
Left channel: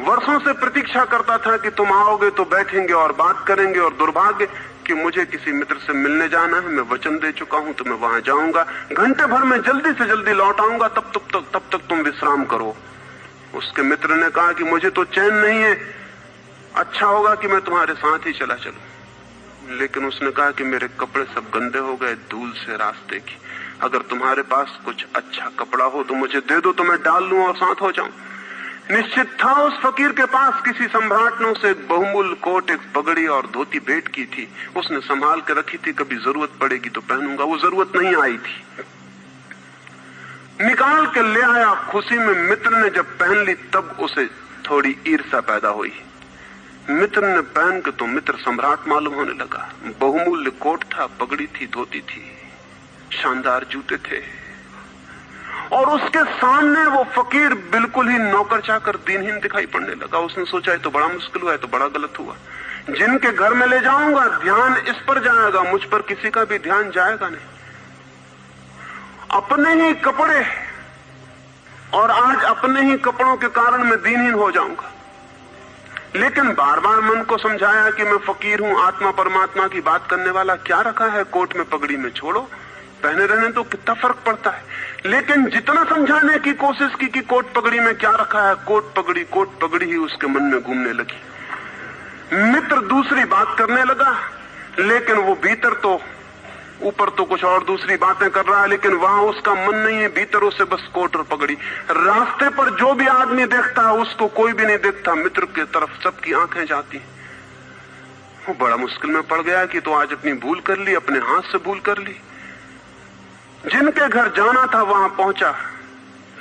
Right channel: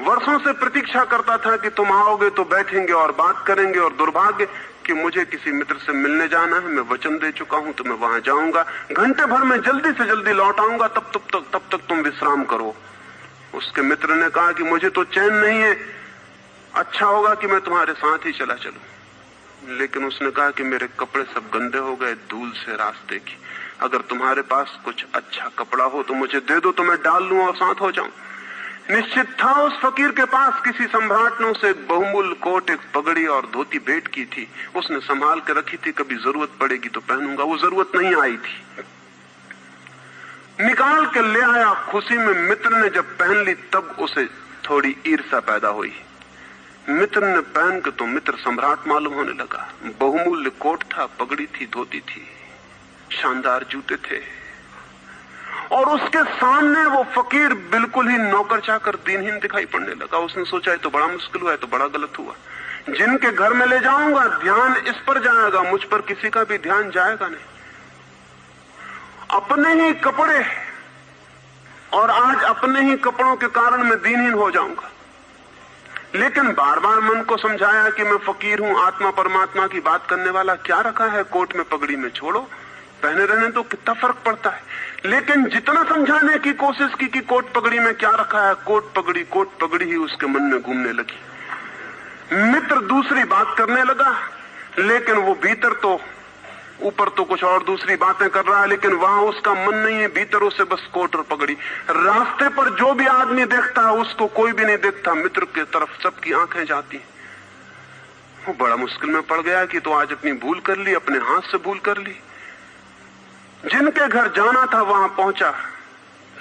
वर्षों से प्रतीक्षा करता था कि तुम आओगे तो बैठेंगे और बात करेंगे, और दुर्भाग्य कि मुझे किसी मित्र से मिलने जाना है, मैं वचन दे चुका हूं तो मैं वहां जाऊंगा, घंटे भर में जल्दी से जल्दी लौट आऊंगा, तब तक तुम विश्राम करो। उसके मित्र ने कहा कि मुझे तो चैन नहीं है, अच्छा होगा कि मैं तुम्हारे साथ ही चला चलूं। लेकिन उसने कहा कि मेरे कपड़े सब गंदे हो गए धूल से रास्ते की, अगर तुम्हारे पास कुछ अच्छा कपड़ा हो तो मुझे दे दो, तो मैं डाल लूं और साथ हो जाऊं। निश्चित था उस फकीर के पास किसी सम्राट ने उसे एक बहुमूल्य कोट, एक पगड़ी और धोती भेंट की थी। उसने संभाल के रखी थी, कभी जरूरत पड़ेगी तो पहनूंगा। वो जरूरत नहीं आई थी, निकाल के ले आया। खुशी में मित्र ने जब पहन ली तब उसे थोड़ी ईर्ष्या पैदा हुई। मित्र ने पहन के तो मित्र सम्राट मालूम होने लगा। बहुमूल्य कोट था, पगड़ी थी, धोती थी, शानदार जूते थे, और उसके सामने वो फकीर बिल्कुल ही नौकर चाकर दीनहीन दिखाई पड़ने लगा। उसने सोचा ये तो बड़ा मुश्किल हुआ, है तो बड़ा गलत हुआ। जिनके घर में ले जाऊंगा ध्यान इस पर जाएगा, मुझ पर किसी का भी ध्यान जाएगा नहीं। अपने ही कपड़े, और आज अपने ही कपड़ों के कारण मैं दीनहीन हो जाऊंगा। लेकिन बार बार मन को समझाया कि मैं फकीर हूं, आत्मा परमात्मा की बात करने वाला, क्या रखा है कोट में पगड़ी में, छोड़ो, पहने रहने तो कितना फर्क पड़ता है। लेकिन जितना समझाने की कोशिश की कि कोट पगड़ी में क्या रखा है, कोट पगड़ी ही उसके मन में घूमने लगी। मित्र दूसरी बात करने लगा, लेकिन वो भीतर तो ऊपर तो कुछ और दूसरी बातें कर रहा है, लेकिन वहां उसका मन नहीं है, भीतर उसे बस कोट और पगड़ी। रास्ते पर जो भी आदमी देखता है उसको कोई भी नहीं देखता, मित्र की तरफ सबकी आंखें जाती। वो बड़ा मुश्किल में पड़ गया कि तो आज अपनी भूल कर ली, अपने हाथ से भूल कर ली। जिनके घर जाना था वहां पहुंचा,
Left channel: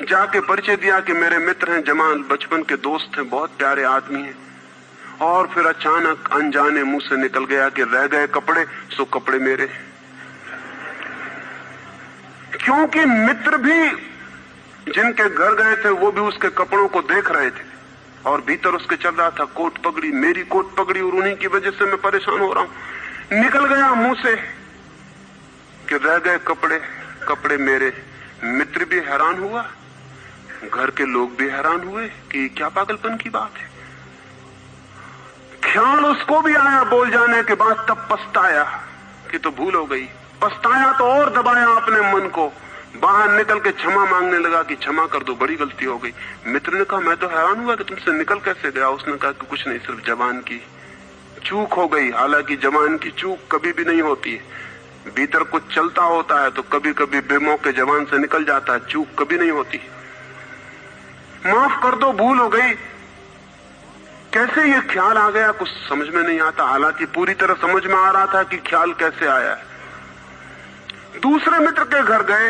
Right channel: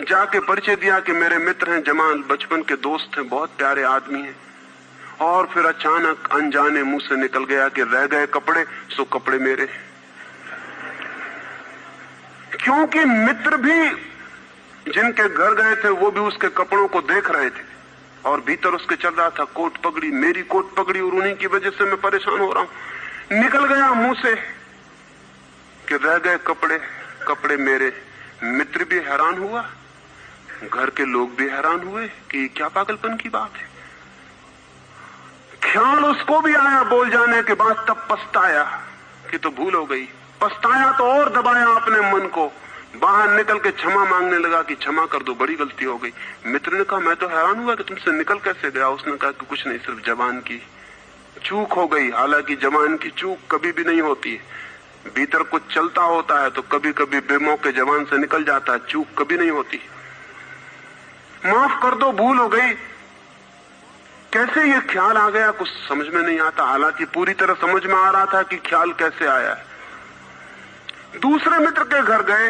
जाके परिचय दिया कि मेरे मित्र हैं, जमाल, बचपन के दोस्त हैं, बहुत प्यारे आदमी हैं। और फिर अचानक अनजाने मुंह से निकल गया कि रह गए कपड़े, सो कपड़े मेरे। क्योंकि मित्र भी जिनके घर गए थे वो भी उसके कपड़ों को देख रहे थे, और भीतर उसके चल रहा था कोट पगड़ी, मेरी कोट पगड़ी, और उन्हीं की वजह से मैं परेशान हो रहा हूं। निकल गया मुंह से कि रह गए कपड़े, कपड़े मेरे। मित्र भी हैरान हुआ, घर के लोग भी हैरान हुए कि क्या पागलपन की बात है, ख्याल उसको भी आया बोल जाने के बाद, तब पछताया कि तो भूल हो गई। पछताया तो और दबाया अपने मन को, बाहर निकल के क्षमा मांगने लगा कि क्षमा कर दो, बड़ी गलती हो गई। मित्र ने कहा मैं तो हैरान हुआ कि तुमसे निकल कैसे गया। उसने कहा कि कुछ नहीं, सिर्फ जबान की चूक हो गई। हालांकि जबान की चूक कभी भी नहीं होती, भीतर कुछ चलता होता है तो कभी कभी बेमौके जबान से निकल जाता है, चूक कभी नहीं होती। माफ कर दो, भूल हो गई। कैसे ये ख्याल आ गया कुछ समझ में नहीं आता, हालांकि पूरी तरह समझ में आ रहा था कि ख्याल कैसे आया। दूसरे मित्र के घर गए।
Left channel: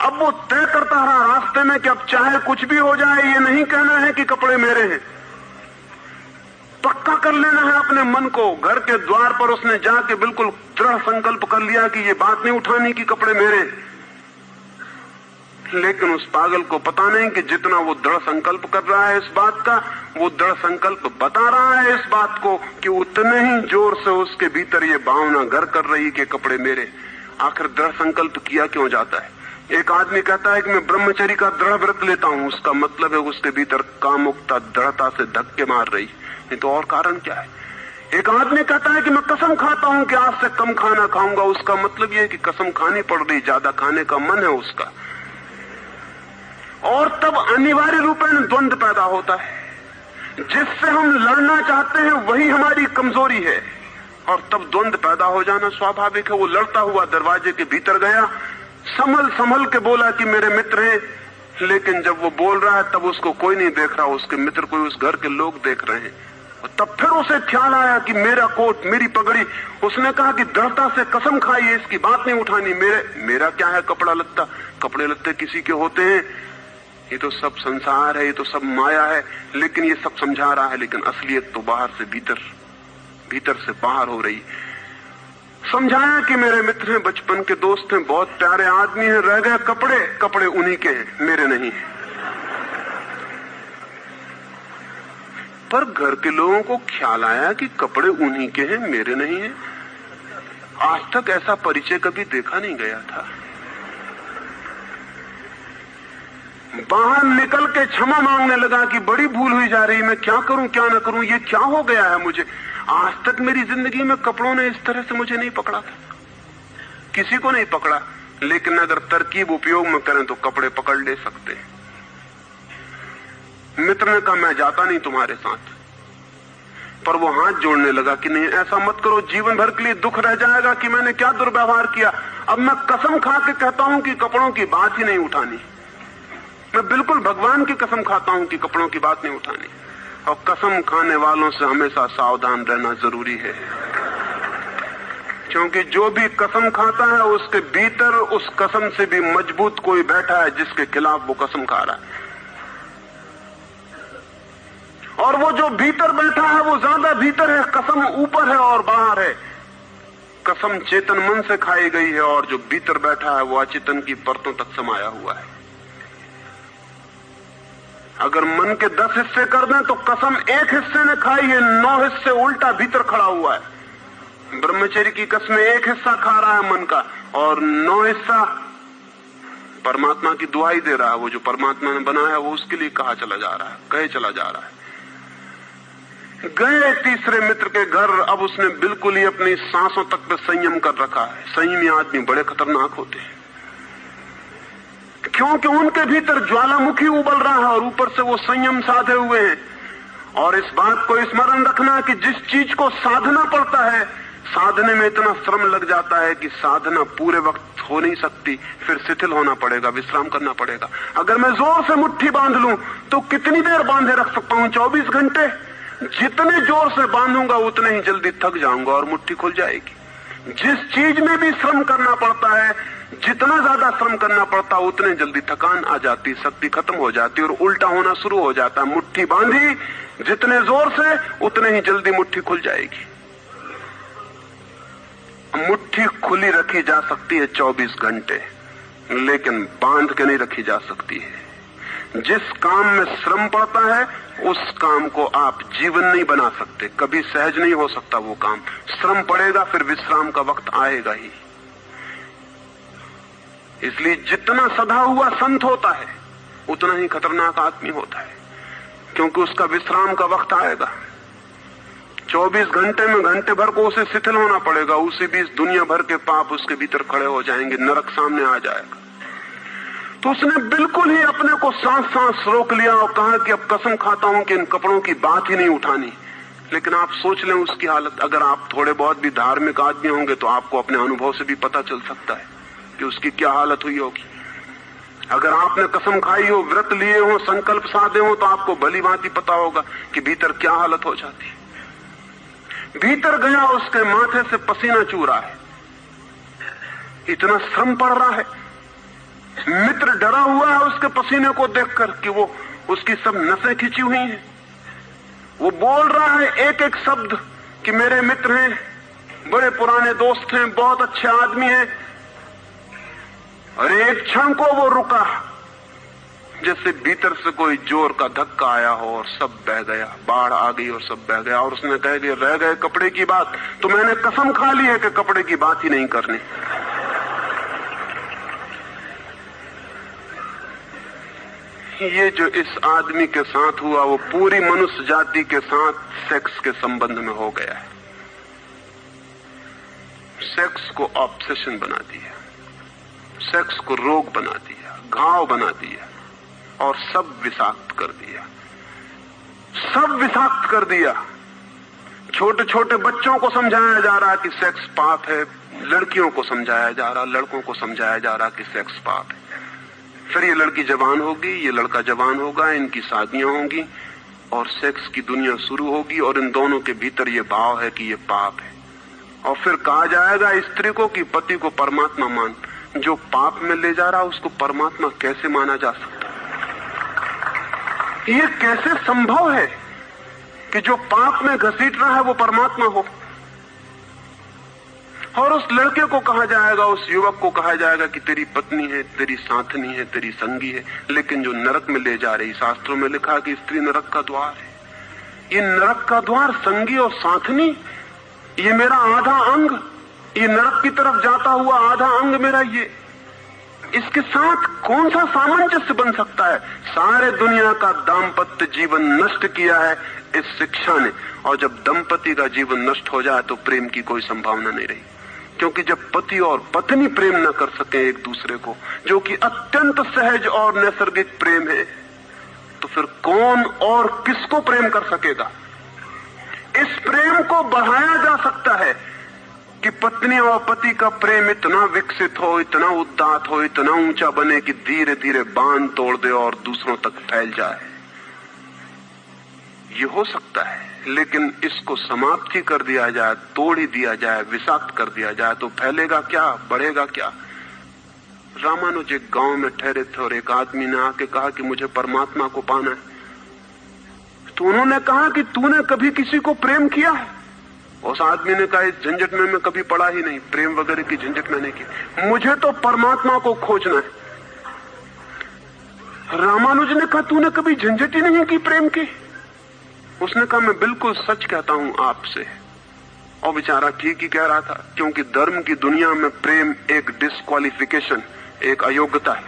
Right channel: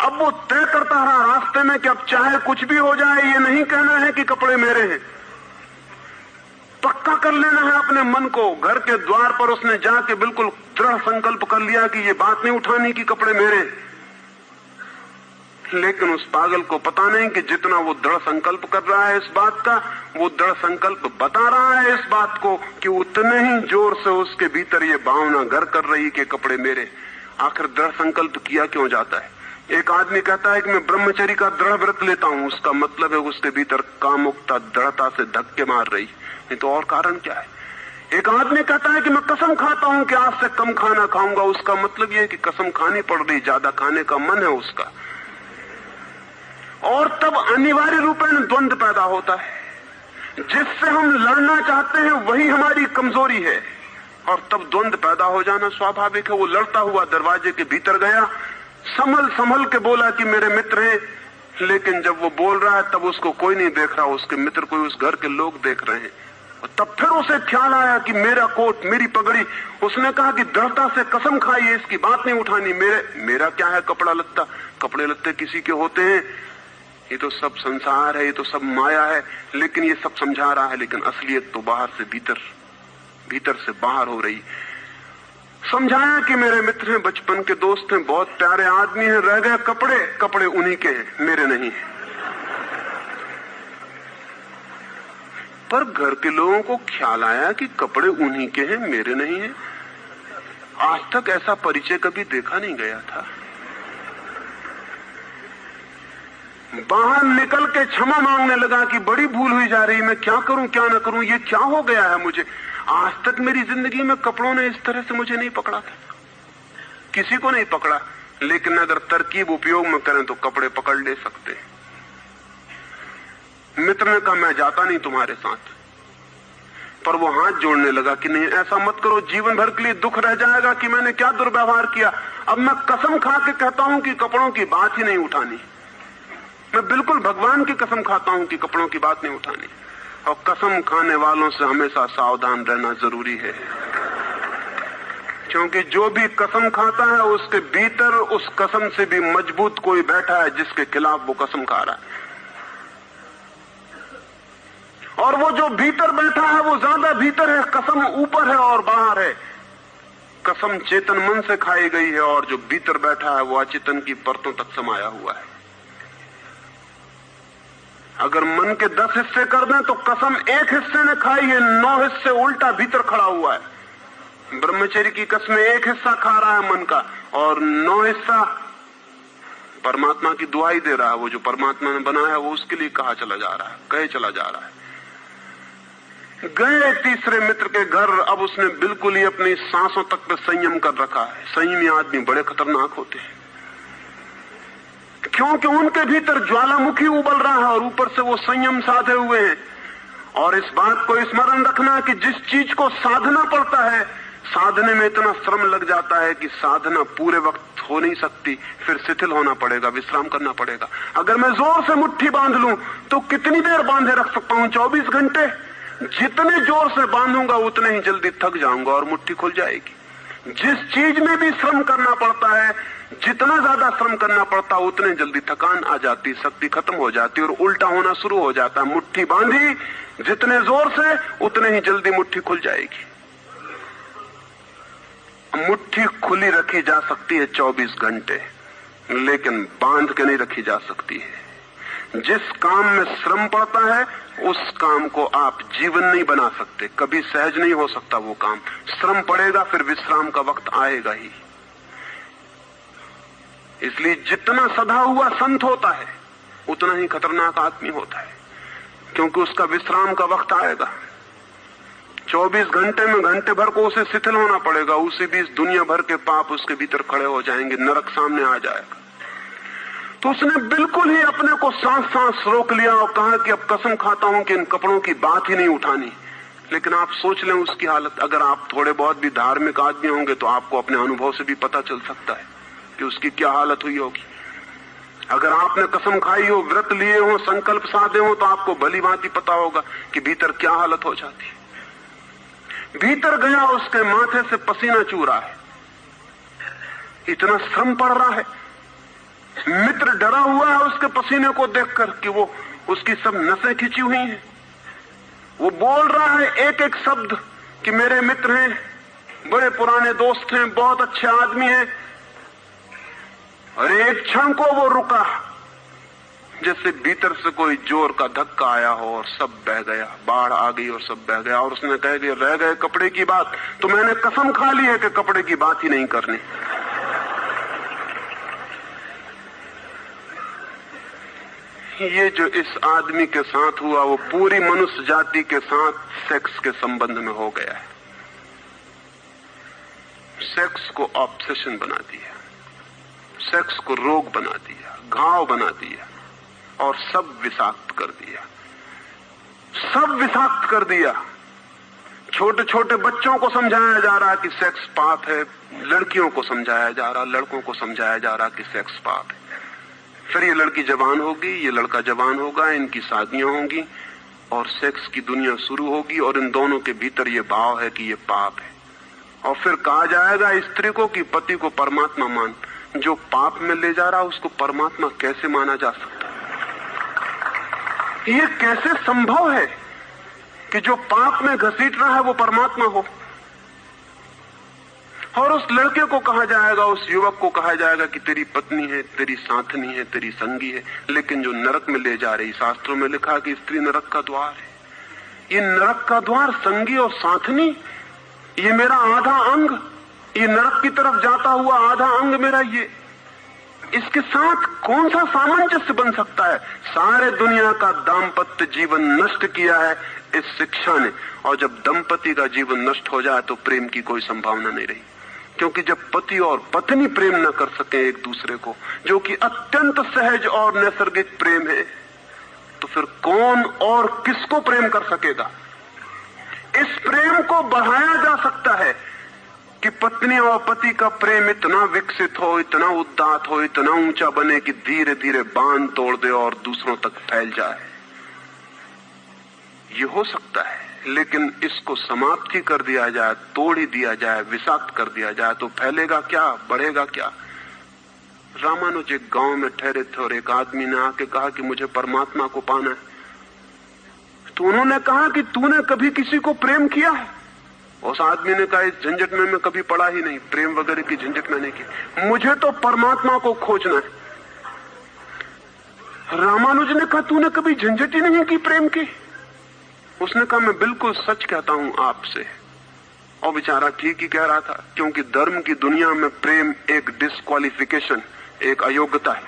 अब वो तय करता रहा रास्ते में कि अब चाहे कुछ भी हो जाए, ये नहीं कहना है कि कपड़े मेरे हैं, पक्का कर लेना है अपने मन को। घर के द्वार पर उसने जाके बिल्कुल दृढ़ संकल्प कर लिया कि ये बात नहीं उठानी कि कपड़े मेरे। लेकिन उस पागल को पता नहीं कि जितना वो दृढ़ संकल्प कर रहा है इस बात का, वो दृढ़ संकल्प बता रहा है इस बात को कि उतने ही जोर से उसके भीतर ये भावना घर कर रही कि कपड़े मेरे। आखिर दृढ़ संकल्प किया क्यों जाता है? एक आदमी कहता है कि मैं ब्रह्मचर्य का दृढ़ व्रत लेता हूं, उसका मतलब है उसके भीतर कामुकता दृढ़ता से धक्के मार रही, नहीं तो और कारण क्या है? एक आदमी कहता है कि मैं कसम खाता हूं कि आज से कम खाना खाऊंगा, उसका मतलब यह है कि कसम खानी पड़ रही, ज्यादा खाने का मन है उसका। और तब अनिवार्य रूप में द्वंद्व पैदा होता है। जिससे हम लड़ना चाहते हैं वही हमारी कमजोरी है, और तब द्वंद्व पैदा हो जाना स्वाभाविक है। वो लड़ता हुआ दरवाजे के भीतर गया, संभल संभल के बोला कि मेरे मित्र हैं, लेकिन जब वो बोल रहा है तब उसको कोई नहीं देख रहा, उसके मित्र कोई उस घर के लोग देख रहे हैं। और तब फिर उसे ख्याल आया कि मेरा कोट, मेरी पगड़ी। उसने कहा कि दृढ़ता से कसम खाई, इसकी बात नहीं उठानी। मेरा क्या है कपड़ा लत्ता, कपड़े लत्ते किसी के होते हैं, ये तो सब संसार है, ये तो सब माया है। लेकिन ये सब समझा रहा है, लेकिन असलियत तो बाहर से भीतर, भीतर से बाहर हो रही। समझाया कि मेरे मित्र हैं, बचपन के दोस्त हैं, बहुत प्यारे आदमी हैं, रह गए कपड़े, कपड़े उन्हीं के हैं, मेरे नहीं। पर घर के लोगों को ख्याल आया कि कपड़े उन्हीं के हैं, मेरे नहीं हैं। आज तक ऐसा परिचय कभी देखा नहीं गया था। बाहर निकल के क्षमा मांगने लगा कि बड़ी भूल हुई जा रही, मैं क्या करूं क्या न करूं, ये क्या हो गया है मुझे। आज तक मेरी जिंदगी में कपड़ों ने इस तरह से मुझे नहीं पकड़ा था, किसी को नहीं पकड़ा। लेकिन अगर तरकीब उपयोग में करें तो कपड़े पकड़ ले सकते हैं। मित्र ने कहा मैं जाता नहीं तुम्हारे साथ, पर वो हाथ जोड़ने लगा कि नहीं ऐसा मत करो, जीवन भर के लिए दुख रह जाएगा कि मैंने क्या दुर्व्यवहार किया। अब मैं कसम खा के कहता हूं कि कपड़ों की बात ही नहीं उठानी। मैं बिल्कुल भगवान की कसम खाता हूं कि कपड़ों की बात नहीं उठानी। और कसम खाने वालों से हमेशा सावधान रहना जरूरी है, क्योंकि जो भी कसम खाता है उसके भीतर उस कसम से भी मजबूत कोई बैठा है जिसके खिलाफ वो कसम खा रहा है। और वो जो भीतर बैठा है वो ज्यादा भीतर है, कसम ऊपर है और बाहर है। कसम चेतन मन से खाई गई है और जो भीतर बैठा है वो अचेतन की परतों तक समाया हुआ है। अगर मन के 10 हिस्से कर दें तो कसम एक हिस्से ने खाई है, 9 हिस्से उल्टा भीतर खड़ा हुआ है। ब्रह्मचर्य की कसम एक हिस्सा खा रहा है मन का, और 9 हिस्सा परमात्मा की दुआई दे रहा है। वो जो परमात्मा ने बनाया वो उसके लिए कहा चला जा रहा है, कहे चला जा रहा है। गए तीसरे मित्र के घर, अब उसने बिल्कुल ही अपनी सांसों तक पे संयम कर रखा है। संयमी आदमी बड़े खतरनाक होते हैं, क्योंकि उनके भीतर ज्वालामुखी उबल रहा है और ऊपर से वो संयम साधे हुए हैं। और इस बात को स्मरण रखना है कि जिस चीज को साधना पड़ता है, साधने में इतना श्रम लग जाता है कि साधना पूरे वक्त हो नहीं सकती, फिर शिथिल होना पड़ेगा, विश्राम करना पड़ेगा। अगर मैं जोर से मुट्ठी बांध लूं तो कितनी देर बांधे रख सकता हूं? 24 घंटे। जितने जोर से बांधूंगा उतने ही जल्दी थक जाऊंगा और मुट्ठी खुल जाएगी। जिस चीज में भी श्रम करना पड़ता है, जितना ज्यादा श्रम करना पड़ता है उतने जल्दी थकान आ जाती, शक्ति खत्म हो जाती और उल्टा होना शुरू हो जाता है। मुट्ठी बांधी जितने जोर से उतने ही जल्दी मुट्ठी खुल जाएगी। मुट्ठी खुली रखी जा सकती है 24 घंटे, लेकिन बांध के नहीं रखी जा सकती है। जिस काम में श्रम पड़ता है उस काम को आप जीवन नहीं बना सकते, कभी सहज नहीं हो सकता वो काम। श्रम पड़ेगा, फिर विश्राम का वक्त आएगा ही। इसलिए जितना सदा हुआ संत होता है उतना ही खतरनाक आदमी होता है, क्योंकि उसका विश्राम का वक्त आएगा। 24 घंटे में घंटे भर को उसे शिथिल होना पड़ेगा, उसी बीच दुनिया भर के पाप उसके भीतर खड़े हो जाएंगे, नरक सामने आ जाएगा। तो उसने बिल्कुल ही अपने को सांस रोक लिया और कहा कि अब कसम खाता हूं कि इन कपड़ों की बात ही नहीं उठानी। लेकिन आप सोच लें उसकी हालत, अगर आप थोड़े बहुत भी धार्मिक आदमी होंगे तो आपको अपने अनुभव से भी पता चल सकता है कि उसकी क्या हालत हुई होगी। अगर आपने कसम खाई हो, व्रत लिए हो, संकल्प साधे हो, तो आपको भली भांति पता होगा कि भीतर क्या हालत हो जाती। भीतर गया, उसके माथे से पसीना चू रहा है, इतना श्रम पड़ रहा है। मित्र डरा हुआ है उसके पसीने को देखकर कि वो उसकी सब नसें खिंची हुई हैं। वो बोल रहा है एक एक शब्द कि मेरे मित्र हैं, बड़े पुराने दोस्त हैं, बहुत अच्छे आदमी हैं। और एक क्षण को वो रुका, जैसे भीतर से कोई जोर का धक्का आया हो और सब बह गया, बाढ़ आ गई और सब बह गया। और उसने कह दिया, रह गए कपड़े की बात, तो मैंने कसम खा ली है कि कपड़े की बात ही नहीं करनी। ये जो इस आदमी के साथ हुआ वो पूरी मनुष्य जाति के साथ सेक्स के संबंध में हो गया है। सेक्स को ऑब्सेशन बना दिया, सेक्स को रोग बना दिया, घाव बना दिया और सब विषाक्त कर दिया, सब विषाक्त कर दिया। छोटे छोटे बच्चों को समझाया जा रहा है कि सेक्स पाप है, लड़कियों को समझाया जा रहा, लड़कों को समझाया जा रहा कि सेक्स पाप है। फिर ये लड़की जवान होगी, ये लड़का जवान होगा, इनकी शादियां होंगी और सेक्स की दुनिया शुरू होगी और इन दोनों के भीतर ये भाव है कि ये पाप है। और फिर कहा जाएगा स्त्री को कि पति को परमात्मा मान। जो पाप में ले जा रहा है उसको परमात्मा कैसे माना जा सकता है? ये कैसे संभव है कि जो पाप में घसीट रहा है वो परमात्मा हो? और उस लड़के को कहा जाएगा, उस युवक को कहा जाएगा कि तेरी पत्नी है, तेरी साथनी है, तेरी संगी है। लेकिन जो नरक में ले जा रही, शास्त्रों में लिखा कि स्त्री नरक का द्वार है। ये नरक का द्वार, संगी और साथनी, ये मेरा आधा अंग, ये नरक की तरफ जाता हुआ आधा अंग मेरा, ये इसके साथ कौन सा सामंजस्य बन सकता है? सारे दुनिया का दाम्पत्य जीवन नष्ट किया है इस शिक्षा ने। और जब दंपति का जीवन नष्ट हो जाए तो प्रेम की कोई संभावना नहीं रही, क्योंकि जब पति और पत्नी प्रेम न कर सके एक दूसरे को, जो कि अत्यंत सहज और नैसर्गिक प्रेम है, तो फिर कौन और किसको प्रेम कर सकेगा? इस प्रेम को बढ़ाया जा सकता है कि पत्नी और पति का प्रेम इतना विकसित हो, इतना उदात्त हो, इतना ऊंचा बने कि धीरे धीरे बांध तोड़ दे और दूसरों तक फैल जाए। ये हो सकता है, लेकिन इसको समाप्त ही कर दिया जाए, तोड़ ही दिया जाए, विषाक्त कर दिया जाए तो फैलेगा क्या, बढ़ेगा क्या? रामानुज एक गांव में ठहरे थे और एक आदमी ने आके कहा कि मुझे परमात्मा को पाना है। तो उन्होंने कहा कि तूने कभी किसी को प्रेम किया? उस आदमी ने कहा, इस झंझट में मैं कभी पड़ा ही नहीं, प्रेम वगैरह की झंझट मैंने की, मुझे तो परमात्मा को खोजना है। रामानुज ने कहा, तूने कभी झंझट ही नहीं की प्रेम की? उसने कहा, मैं बिल्कुल सच कहता हूं आपसे। और बेचारा ठीक ही कह रहा था, क्योंकि धर्म की दुनिया में प्रेम एक डिस्क्वालिफिकेशन, एक अयोग्यता है।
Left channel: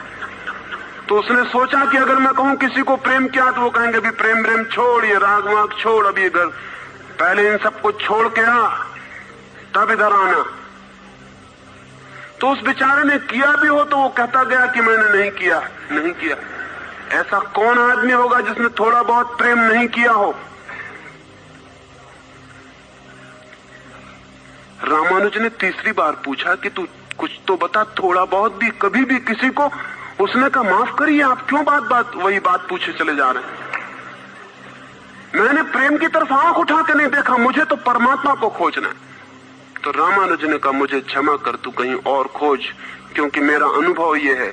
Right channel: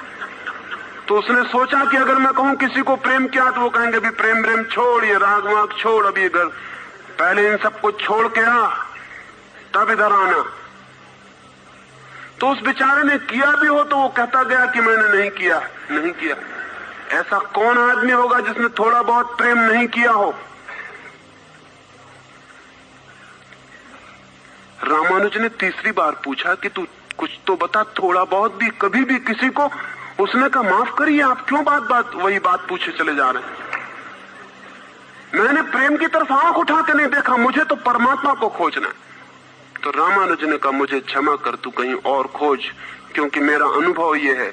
तो उसने सोचा कि अगर मैं कहूं किसी को प्रेम किया तो वो कहेंगे अभी प्रेम छोड़, ये राग वाग छोड़, अभी इधर पहले इन सबको छोड़ के आ, तब इधर आना। तो उस बेचारे ने किया भी हो तो वो कहता गया कि मैंने नहीं किया, नहीं किया। ऐसा कौन आदमी होगा जिसने थोड़ा बहुत प्रेम नहीं किया हो? रामानुज ने तीसरी बार पूछा कि तू कुछ तो बता, थोड़ा बहुत भी, कभी भी किसी को? उसने कहा, माफ करिए, आप क्यों वही बात पूछे चले जा रहे हैं? मैंने प्रेम की तरफ आंख उठा के नहीं देखा, मुझे तो परमात्मा को खोजना है। तो रामानुज ने कहा, मुझे क्षमा कर, तू कहीं और खोज, क्योंकि मेरा अनुभव यह है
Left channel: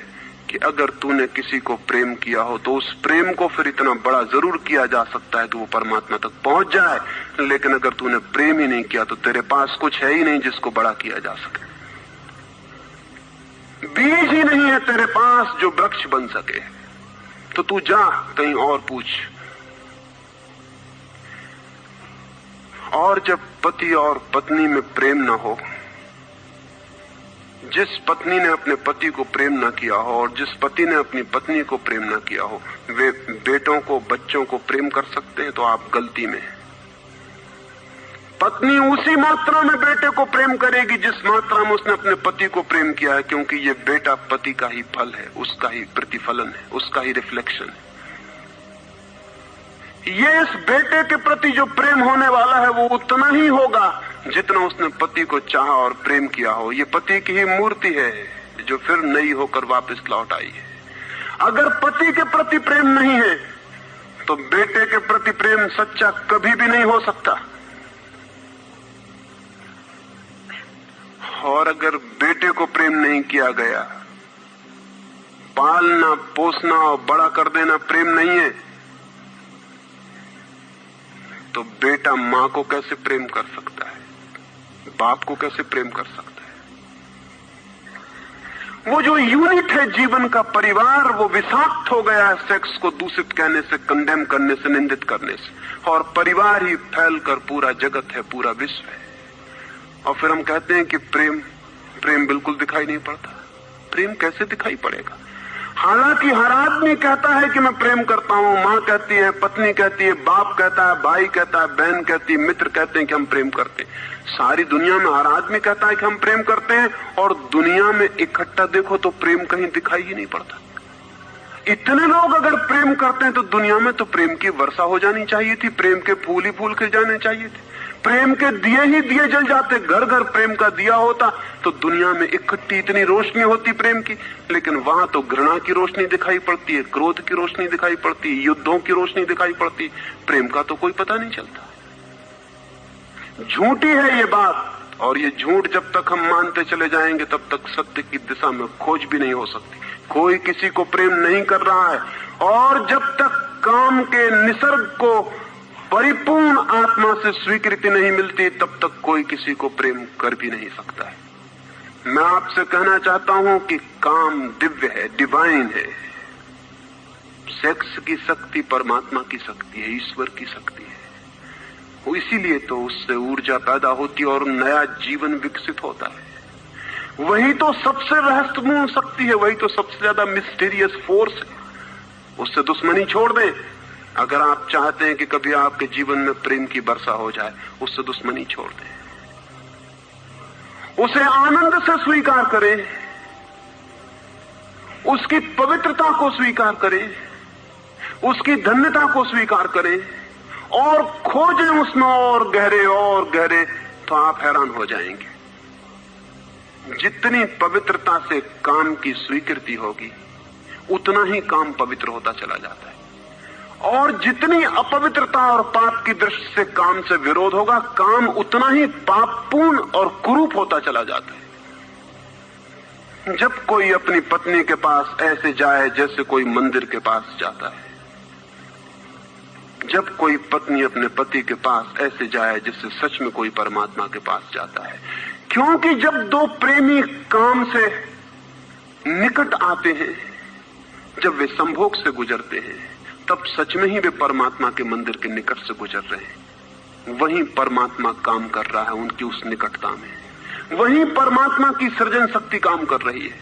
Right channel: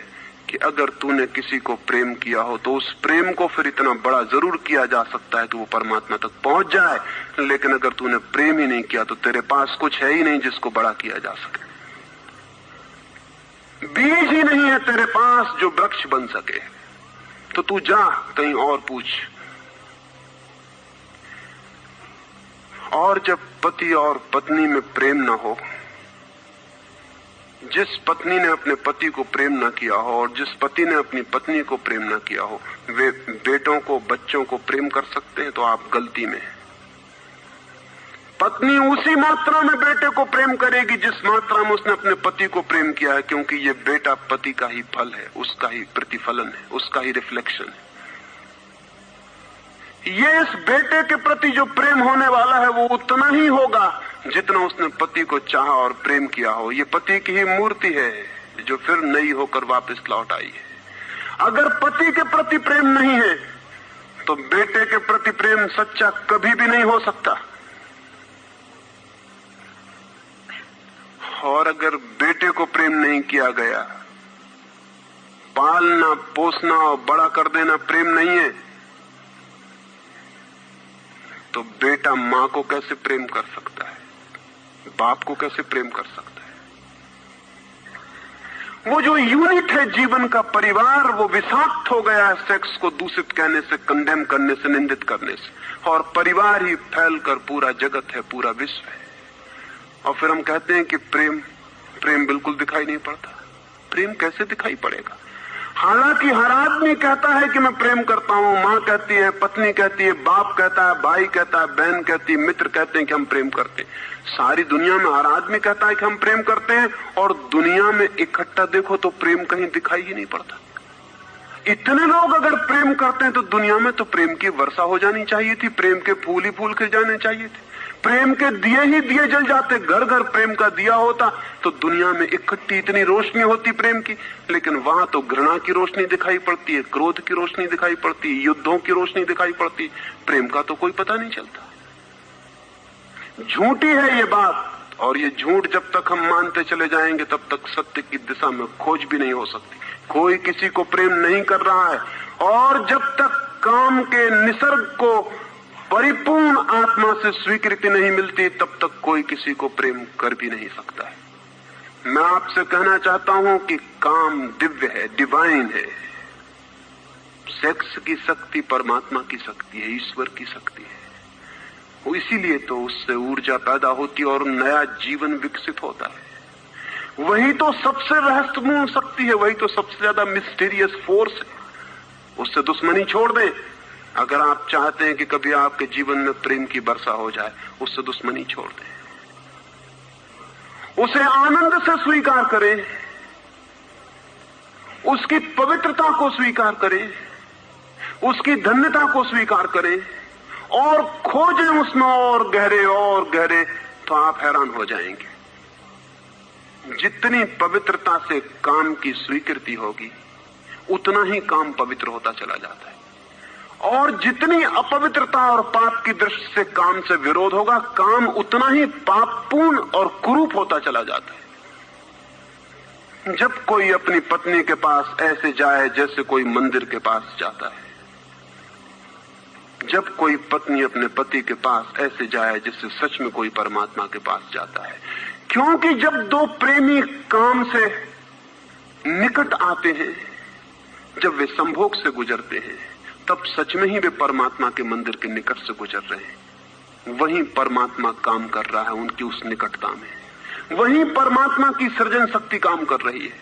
कि अगर तूने किसी को प्रेम किया हो तो उस प्रेम को फिर इतना बड़ा जरूर किया जा सकता है तो वो परमात्मा तक पहुंच जाए। लेकिन अगर तूने प्रेम ही नहीं किया तो तेरे पास कुछ है ही नहीं जिसको बड़ा किया जा सके। बीज ही नहीं है तेरे पास जो वृक्ष बन सके। तो तू जा कहीं और पूछ। और जब पति और पत्नी में प्रेम न हो, जिस पत्नी ने अपने पति को प्रेम न किया हो और जिस पति ने अपनी पत्नी को प्रेम न किया हो, वे बेटों को, बच्चों को प्रेम कर सकते हैं तो आप गलती में हैं। पत्नी उसी मात्रा में बेटे को प्रेम करेगी जिस मात्रा में उसने अपने पति को प्रेम किया है, क्योंकि ये बेटा पति का ही फल है, उसका ही प्रतिफलन है, उसका ही रिफ्लेक्शन है। ये इस बेटे के प्रति जो प्रेम होने वाला है वो उतना ही होगा जितना उसने पति को चाहा और प्रेम किया हो। ये पति की ही मूर्ति है जो फिर नई होकर वापस लौट आई है। अगर पति के प्रति प्रेम नहीं है तो बेटे के प्रति प्रेम सच्चा कभी भी नहीं हो सकता। और अगर बेटे को प्रेम नहीं किया गया, पालना पोसना और बड़ा कर देना प्रेम नहीं है, तो बेटा मां को कैसे प्रेम कर सकता है, बाप को कैसे प्रेम कर सकता है? वो जो यूनिट है जीवन का परिवार, वो विषाक्त हो गया सेक्स को दूषित कहने से, कंडेम करने से, निंदित करने से, और परिवार ही फैलकर पूरा जगत है, पूरा विश्व है। और फिर हम कहते हैं कि प्रेम बिल्कुल दिखाई नहीं पड़ता। प्रेम कैसे दिखाई पड़ेगा? हालांकि हर आदमी कहता है कि मैं प्रेम करता हूं, मां कहती है, पत्नी कहती है, बाप कहता है, भाई कहता है, बहन कहती है, मित्र कहते हैं कि हम प्रेम करते हैं। सारी दुनिया में हर आदमी कहता है कि हम प्रेम करते हैं, और दुनिया में इकट्ठा देखो तो प्रेम कहीं दिखाई ही नहीं पड़ता। इतने लोग अगर प्रेम करते हैं तो दुनिया में तो प्रेम की वर्षा हो जानी चाहिए थी, प्रेम के फूल ही फूल खिल जाने चाहिए थे, प्रेम के दिए ही दिए जल जाते, घर घर प्रेम का दिया होता तो दुनिया में इकट्ठी इतनी रोशनी होती प्रेम की। लेकिन वहां तो घृणा की रोशनी दिखाई पड़ती है, क्रोध की रोशनी दिखाई पड़ती है, युद्धों की रोशनी दिखाई पड़ती है, प्रेम का तो कोई पता नहीं चलता। झूठी है ये बात, और ये झूठ जब तक हम मानते चले जाएंगे तब तक सत्य की दिशा में खोज भी नहीं हो सकती। कोई किसी को प्रेम नहीं कर रहा है, और जब तक काम के निसर्ग को परिपूर्ण आत्मा से स्वीकृति नहीं मिलती तब तक कोई किसी को प्रेम कर भी नहीं सकता है। मैं आपसे कहना चाहता हूं कि काम दिव्य है, डिवाइन है। सेक्स की शक्ति परमात्मा की शक्ति है, ईश्वर की शक्ति है। वो इसीलिए तो उससे ऊर्जा पैदा होती है और नया जीवन विकसित होता है। वही तो सबसे रहस्यपूर्ण शक्ति है, वही तो सबसे ज्यादा मिस्टीरियस फोर्स है। उससे दुश्मनी छोड़ दें। अगर आप चाहते हैं कि कभी आपके जीवन में प्रेम की वर्षा हो जाए, उससे दुश्मनी छोड़ दें, उसे आनंद से स्वीकार करें, उसकी पवित्रता को स्वीकार करें, उसकी धन्यता को स्वीकार करें, और खोजें उसमें और गहरे, तो आप हैरान हो जाएंगे। जितनी पवित्रता से काम की स्वीकृति होगी उतना ही काम पवित्र होता चला जाता है, और जितनी अपवित्रता और पाप की दृष्टि से काम से विरोध होगा, काम उतना ही पापपूर्ण और कुरूप होता चला जाता है। जब कोई अपनी पत्नी के पास ऐसे जाए जैसे कोई मंदिर के पास जाता है, जब कोई पत्नी अपने पति के पास ऐसे जाए जैसे सच में कोई परमात्मा के पास जाता है, क्योंकि जब दो प्रेमी काम से निकट आते हैं, जब वे संभोग से गुजरते हैं, तब सच में ही वे परमात्मा के मंदिर के निकट से गुजर रहे हैं। वहीं परमात्मा काम कर रहा है उनकी उस निकटता में, वहीं परमात्मा की सृजन शक्ति काम कर रही है।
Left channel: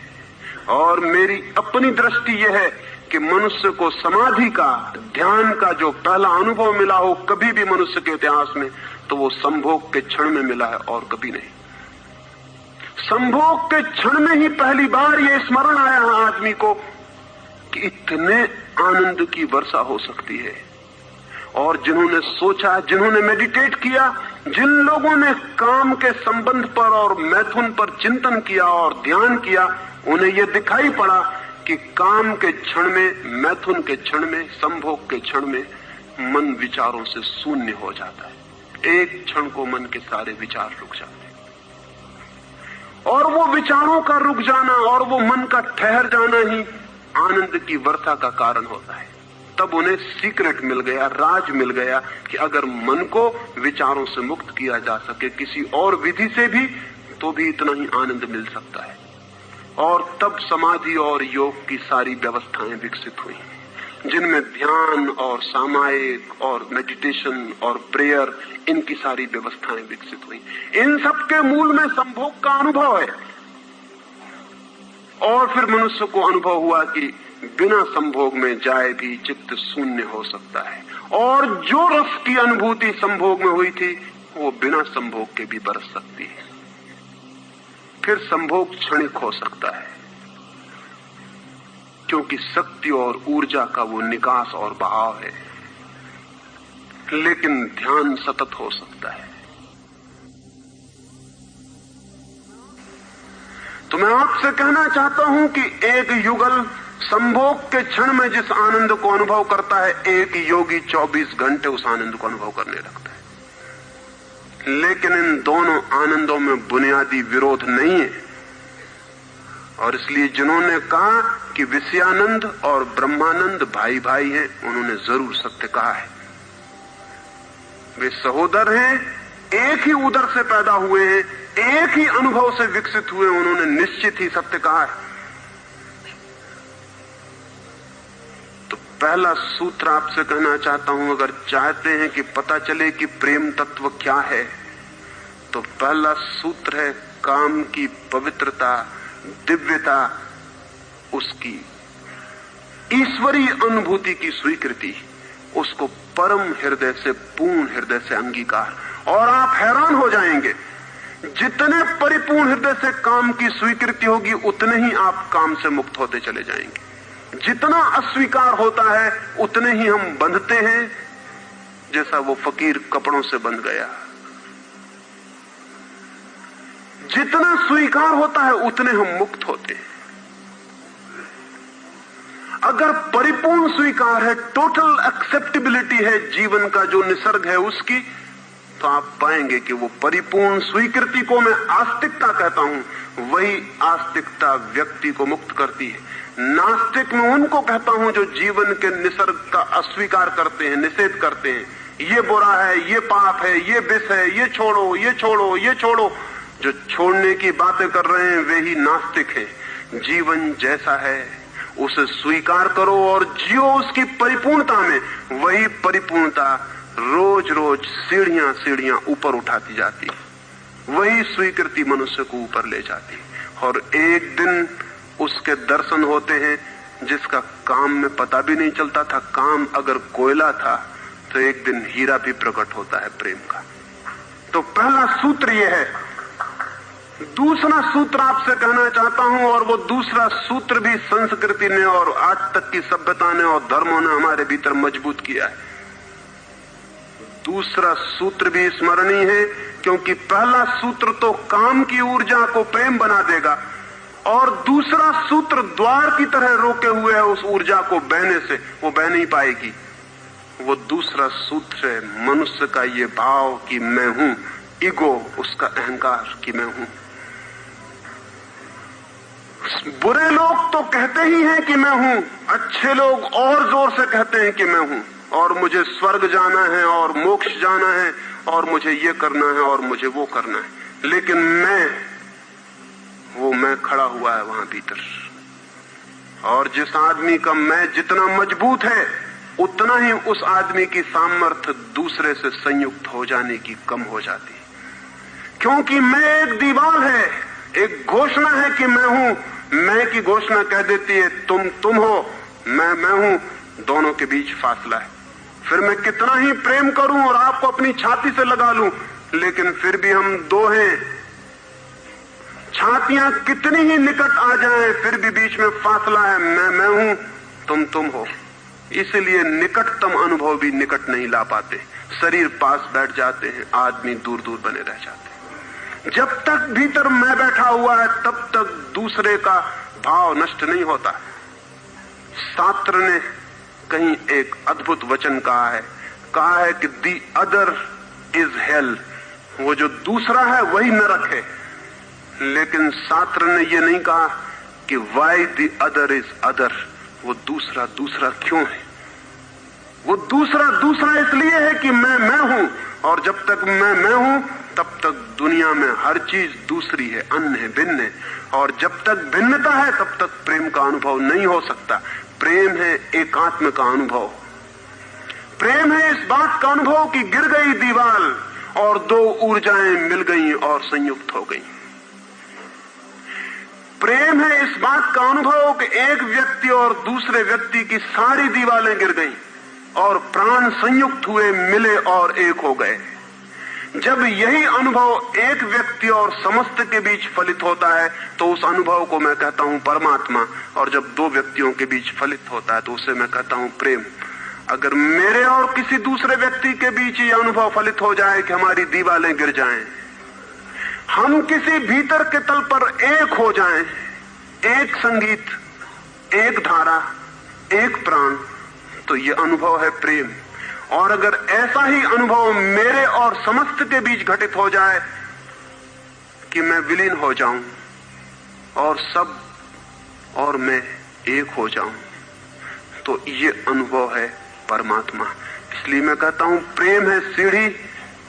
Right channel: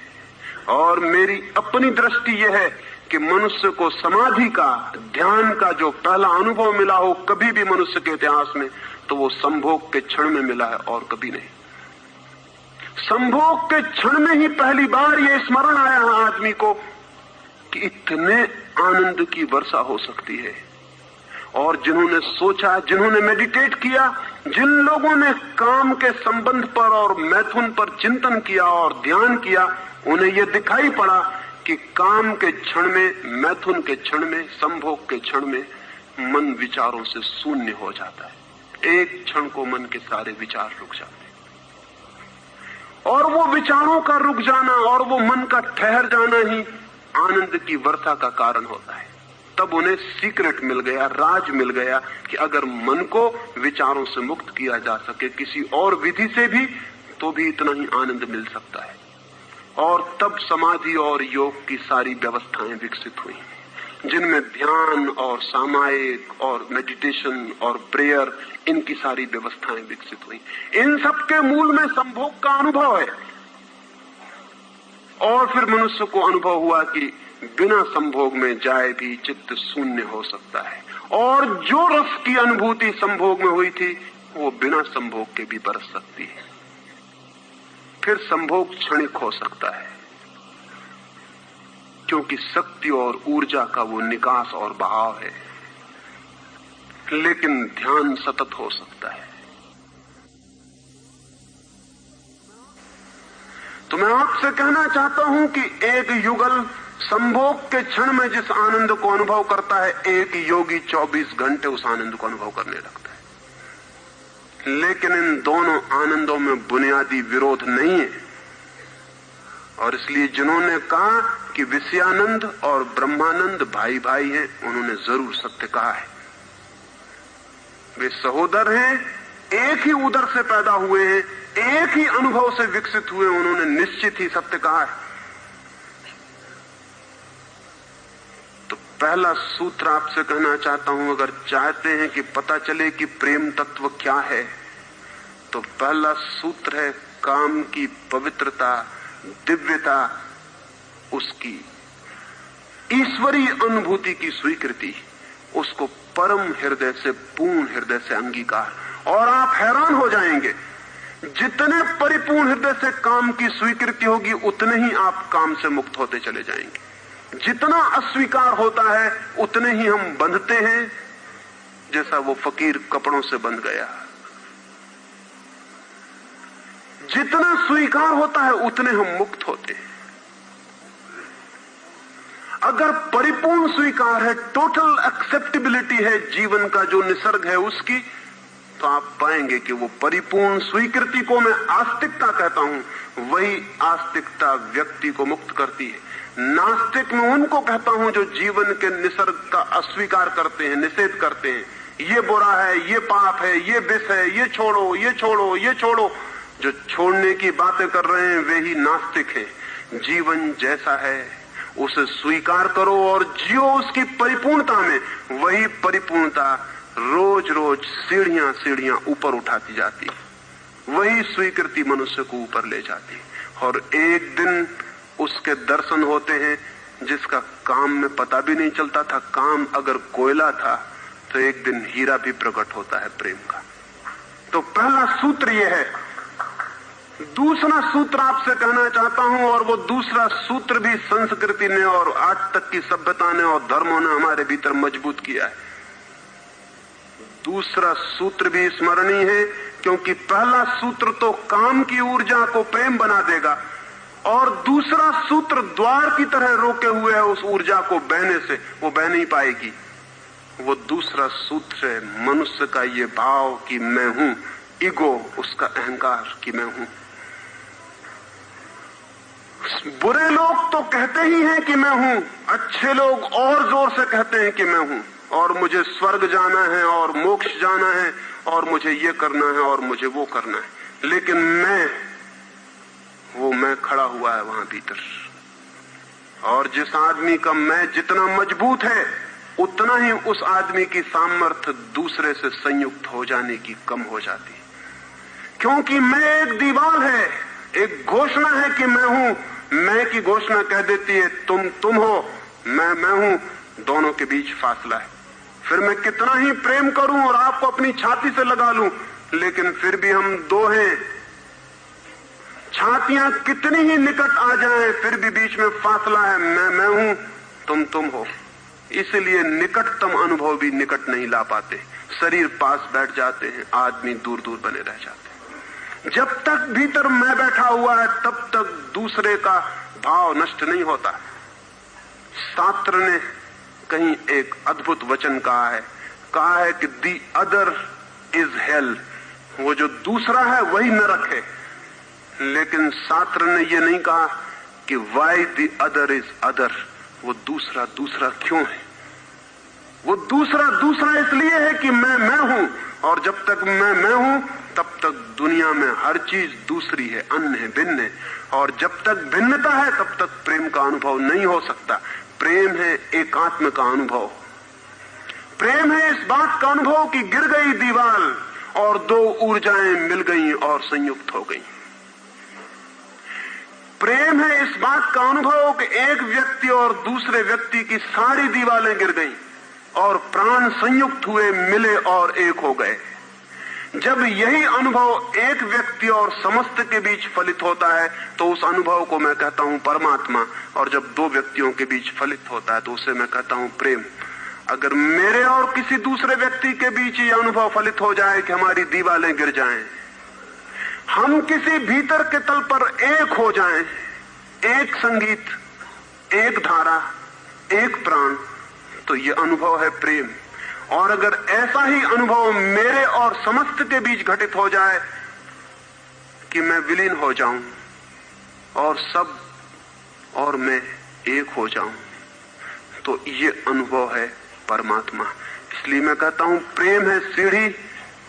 और मेरी अपनी दृष्टि यह है कि मनुष्य को समाधि का, ध्यान का जो पहला अनुभव मिला हो कभी भी मनुष्य के इतिहास में, तो वो संभोग के क्षण में मिला है और कभी नहीं। संभोग के क्षण में ही पहली बार ये स्मरण आया है आदमी को कि इतने आनंद की वर्षा हो सकती है। और जिन्होंने सोचा, जिन्होंने मेडिटेट किया, जिन लोगों ने काम के संबंध पर और मैथुन पर चिंतन किया और ध्यान किया, उन्हें यह दिखाई पड़ा कि काम के क्षण में, मैथुन के क्षण में, संभोग के क्षण में मन विचारों से शून्य हो जाता है। एक क्षण को मन के सारे विचार रुक जाते हैं, और वो विचारों का रुक जाना और वो मन का ठहर जाना ही आनंद की वर्षा का कारण होता है। तब उन्हें सीक्रेट मिल गया, राज मिल गया कि अगर मन को विचारों से मुक्त किया जा सके किसी और विधि से भी, तो भी इतना ही आनंद मिल सकता है। और तब समाधि और योग की सारी व्यवस्थाएं विकसित हुई, जिनमें ध्यान और सामायिक और मेडिटेशन और प्रेयर, इनकी सारी व्यवस्थाएं विकसित हुई। इन सबके मूल में संभोग का अनुभव है। और फिर मनुष्य को अनुभव हुआ कि बिना संभोग में जाए भी चित्त शून्य हो सकता है, और जो रस की अनुभूति संभोग में हुई थी वो बिना संभोग के भी बरस सकती है। फिर संभोग क्षणिक हो सकता है, क्योंकि शक्ति और ऊर्जा का वो निकास और बहाव है, लेकिन ध्यान सतत हो सकता है। तो मैं आपसे कहना चाहता हूं कि एक युगल संभोग के क्षण में जिस आनंद को अनुभव करता है, एक योगी 24 घंटे उस आनंद को अनुभव करने लगता है। लेकिन इन दोनों आनंदों में बुनियादी विरोध नहीं है, और इसलिए जिन्होंने कहा कि विषयानंद और ब्रह्मानंद भाई भाई हैं, उन्होंने जरूर सत्य कहा है। वे सहोदर हैं, एक ही उदर से पैदा हुए हैं, एक ही अनुभव से विकसित हुए, उन्होंने निश्चित ही सत्य कहा है। तो पहला सूत्र आपसे कहना चाहता हूं, अगर चाहते हैं कि पता चले कि प्रेम तत्व क्या है, तो पहला सूत्र है काम की पवित्रता, दिव्यता, उसकी ईश्वरीय अनुभूति की स्वीकृति, उसको परम हृदय से, पूर्ण हृदय से अंगीकार। और आप हैरान हो जाएंगे, जितने परिपूर्ण हृदय से काम की स्वीकृति होगी, उतने ही आप काम से मुक्त होते चले जाएंगे। जितना अस्वीकार होता है, उतने ही हम बंधते हैं, जैसा वो फकीर कपड़ों से बंध गया। जितना स्वीकार होता है, उतने हम मुक्त होते हैं। अगर परिपूर्ण स्वीकार है, टोटल एक्सेप्टेबिलिटी है जीवन का जो निसर्ग है उसकी, तो आप पाएंगे कि वो परिपूर्ण स्वीकृति को मैं आस्तिकता कहता हूं, वही आस्तिकता व्यक्ति को मुक्त करती है। नास्तिक में उनको कहता हूं जो जीवन के निसर्ग का अस्वीकार करते हैं, निषेध करते हैं, ये बुरा है, ये पाप है, ये विष है, ये छोड़ो, ये छोड़ो, ये छोड़ो। जो छोड़ने की बातें कर रहे हैं वे ही नास्तिक हैं। जीवन जैसा है उसे स्वीकार करो और जियो उसकी परिपूर्णता में। वही परिपूर्णता रोज रोज सीढ़ियां सीढ़ियां ऊपर उठाती जाती, वही स्वीकृति मनुष्य को ऊपर ले जाती, और एक दिन उसके दर्शन होते हैं जिसका काम में पता भी नहीं चलता था। काम अगर कोयला था तो एक दिन हीरा भी प्रकट होता है प्रेम का। तो पहला सूत्र यह है। दूसरा सूत्र आपसे कहना चाहता हूं, और वो दूसरा सूत्र भी संस्कृति ने और आज तक की सभ्यता ने और धर्मों ने हमारे भीतर मजबूत किया है। दूसरा सूत्र भी स्मरणीय है, क्योंकि पहला सूत्र तो काम की ऊर्जा को प्रेम बना देगा, और दूसरा सूत्र द्वार की तरह रोके हुए है उस ऊर्जा को बहने से, वो बह नहीं पाएगी। वो दूसरा सूत्र है मनुष्य का ये भाव कि मैं हूं, ईगो, उसका अहंकार कि मैं हूं। बुरे लोग तो कहते ही हैं कि मैं हूं, अच्छे लोग और जोर से कहते हैं कि मैं हूं, और मुझे स्वर्ग जाना है और मोक्ष जाना है और मुझे ये करना है और मुझे वो करना है। लेकिन वो मैं खड़ा हुआ है वहां भीतर। और जिस आदमी का मैं जितना मजबूत है, उतना ही उस आदमी की सामर्थ्य दूसरे से संयुक्त हो जाने की कम हो जाती, क्योंकि मैं एक दीवार है, एक घोषणा है कि मैं हूं। मैं की घोषणा कह देती है तुम हो, मैं हूं, दोनों के बीच फासला है। फिर मैं कितना ही प्रेम करूं और आपको अपनी छाती से लगा लूं, लेकिन फिर भी हम दो हैं। छातियां कितनी ही निकट आ जाएं, फिर भी बीच में फासला है। मैं हूं, तुम हो। इसलिए निकटतम अनुभव भी निकट नहीं ला पाते। शरीर पास बैठ जाते हैं, आदमी दूर दूर बने रह जाते हैं। जब तक भीतर मैं बैठा हुआ है, तब तक दूसरे का भाव नष्ट नहीं होता। शास्त्र ने कहीं एक अद्भुत वचन कहा है कि दी अदर इज हेल, वो जो दूसरा है वही नरक है। लेकिन शास्त्र ने ये नहीं कहा कि why the other is other, वो दूसरा दूसरा क्यों है। वो दूसरा इसलिए है कि मैं हूं, और जब तक मैं हूं तब तक दुनिया में हर चीज दूसरी है, अन्य है, भिन्न है। और जब तक भिन्नता है तब तक प्रेम का अनुभव नहीं हो सकता। प्रेम है एकात्म का अनुभव। प्रेम है इस बात का अनुभव कि गिर गई दीवार और दो ऊर्जाएं मिल गई और संयुक्त हो गई। प्रेम है इस बात का अनुभव कि एक व्यक्ति और दूसरे व्यक्ति की सारी दीवारें गिर गईं और प्राण संयुक्त हुए, मिले और एक हो गए। जब यही अनुभव एक व्यक्ति और समस्त के बीच फलित होता है तो उस अनुभव को मैं कहता हूं परमात्मा, और जब दो व्यक्तियों के बीच फलित होता है तो उसे मैं कहता हूं प्रेम। अगर मेरे और किसी दूसरे व्यक्ति के बीच ये अनुभव फलित हो जाए कि हमारी दीवारें गिर जाएं, हम किसी भीतर के तल पर एक हो जाएं, एक संगीत, एक धारा, एक प्राण, तो ये अनुभव है प्रेम। और अगर ऐसा ही अनुभव मेरे और समस्त के बीच घटित हो जाए कि मैं विलीन हो जाऊं और सब और मैं एक हो जाऊं, तो ये अनुभव है परमात्मा। इसलिए मैं कहता हूं प्रेम है सीढ़ी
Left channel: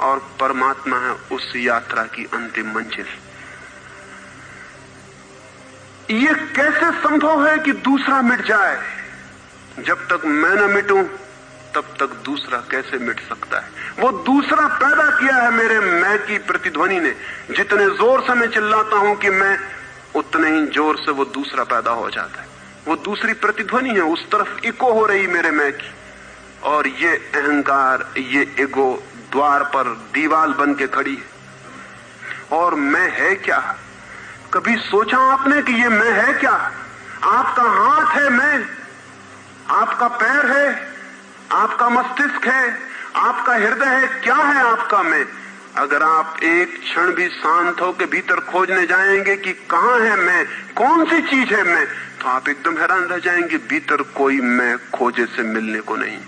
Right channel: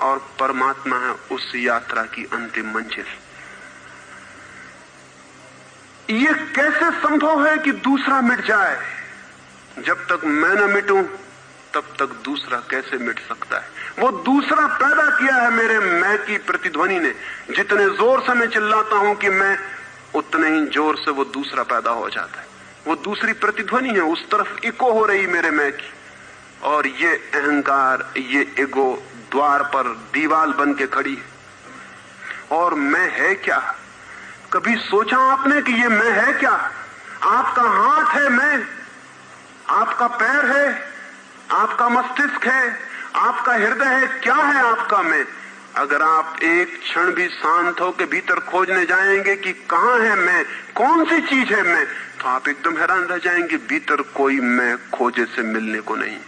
और परमात्मा है उस यात्रा की अंतिम मंजिल। ये कैसे संभव है कि दूसरा मिट जाए? जब तक मैं न मिटूं तब तक दूसरा कैसे मिट सकता है? वो दूसरा पैदा किया है मेरे मैं की प्रतिध्वनि ने। जितने जोर से मैं चिल्लाता हूं कि मैं, उतने ही जोर से वो दूसरा पैदा हो जाता है। वो दूसरी प्रतिध्वनि है, उस तरफ इको हो रही मेरे मैं की। और ये अहंकार, ये ईगो द्वार पर दीवार बन के खड़ी है। और मैं है क्या? कभी सोचा आपने कि ये मैं है क्या? आपका हाथ है मैं, आपका पैर है, आपका मस्तिष्क है, आपका हृदय है, क्या है आपका मैं? अगर आप एक क्षण भी शांत होकर भीतर खोजने जाएंगे कि कहां है मैं, कौन सी चीज है मैं, तो आप एकदम हैरान रह जाएंगे। भीतर कोई मैं खोजे से मिलने को नहीं।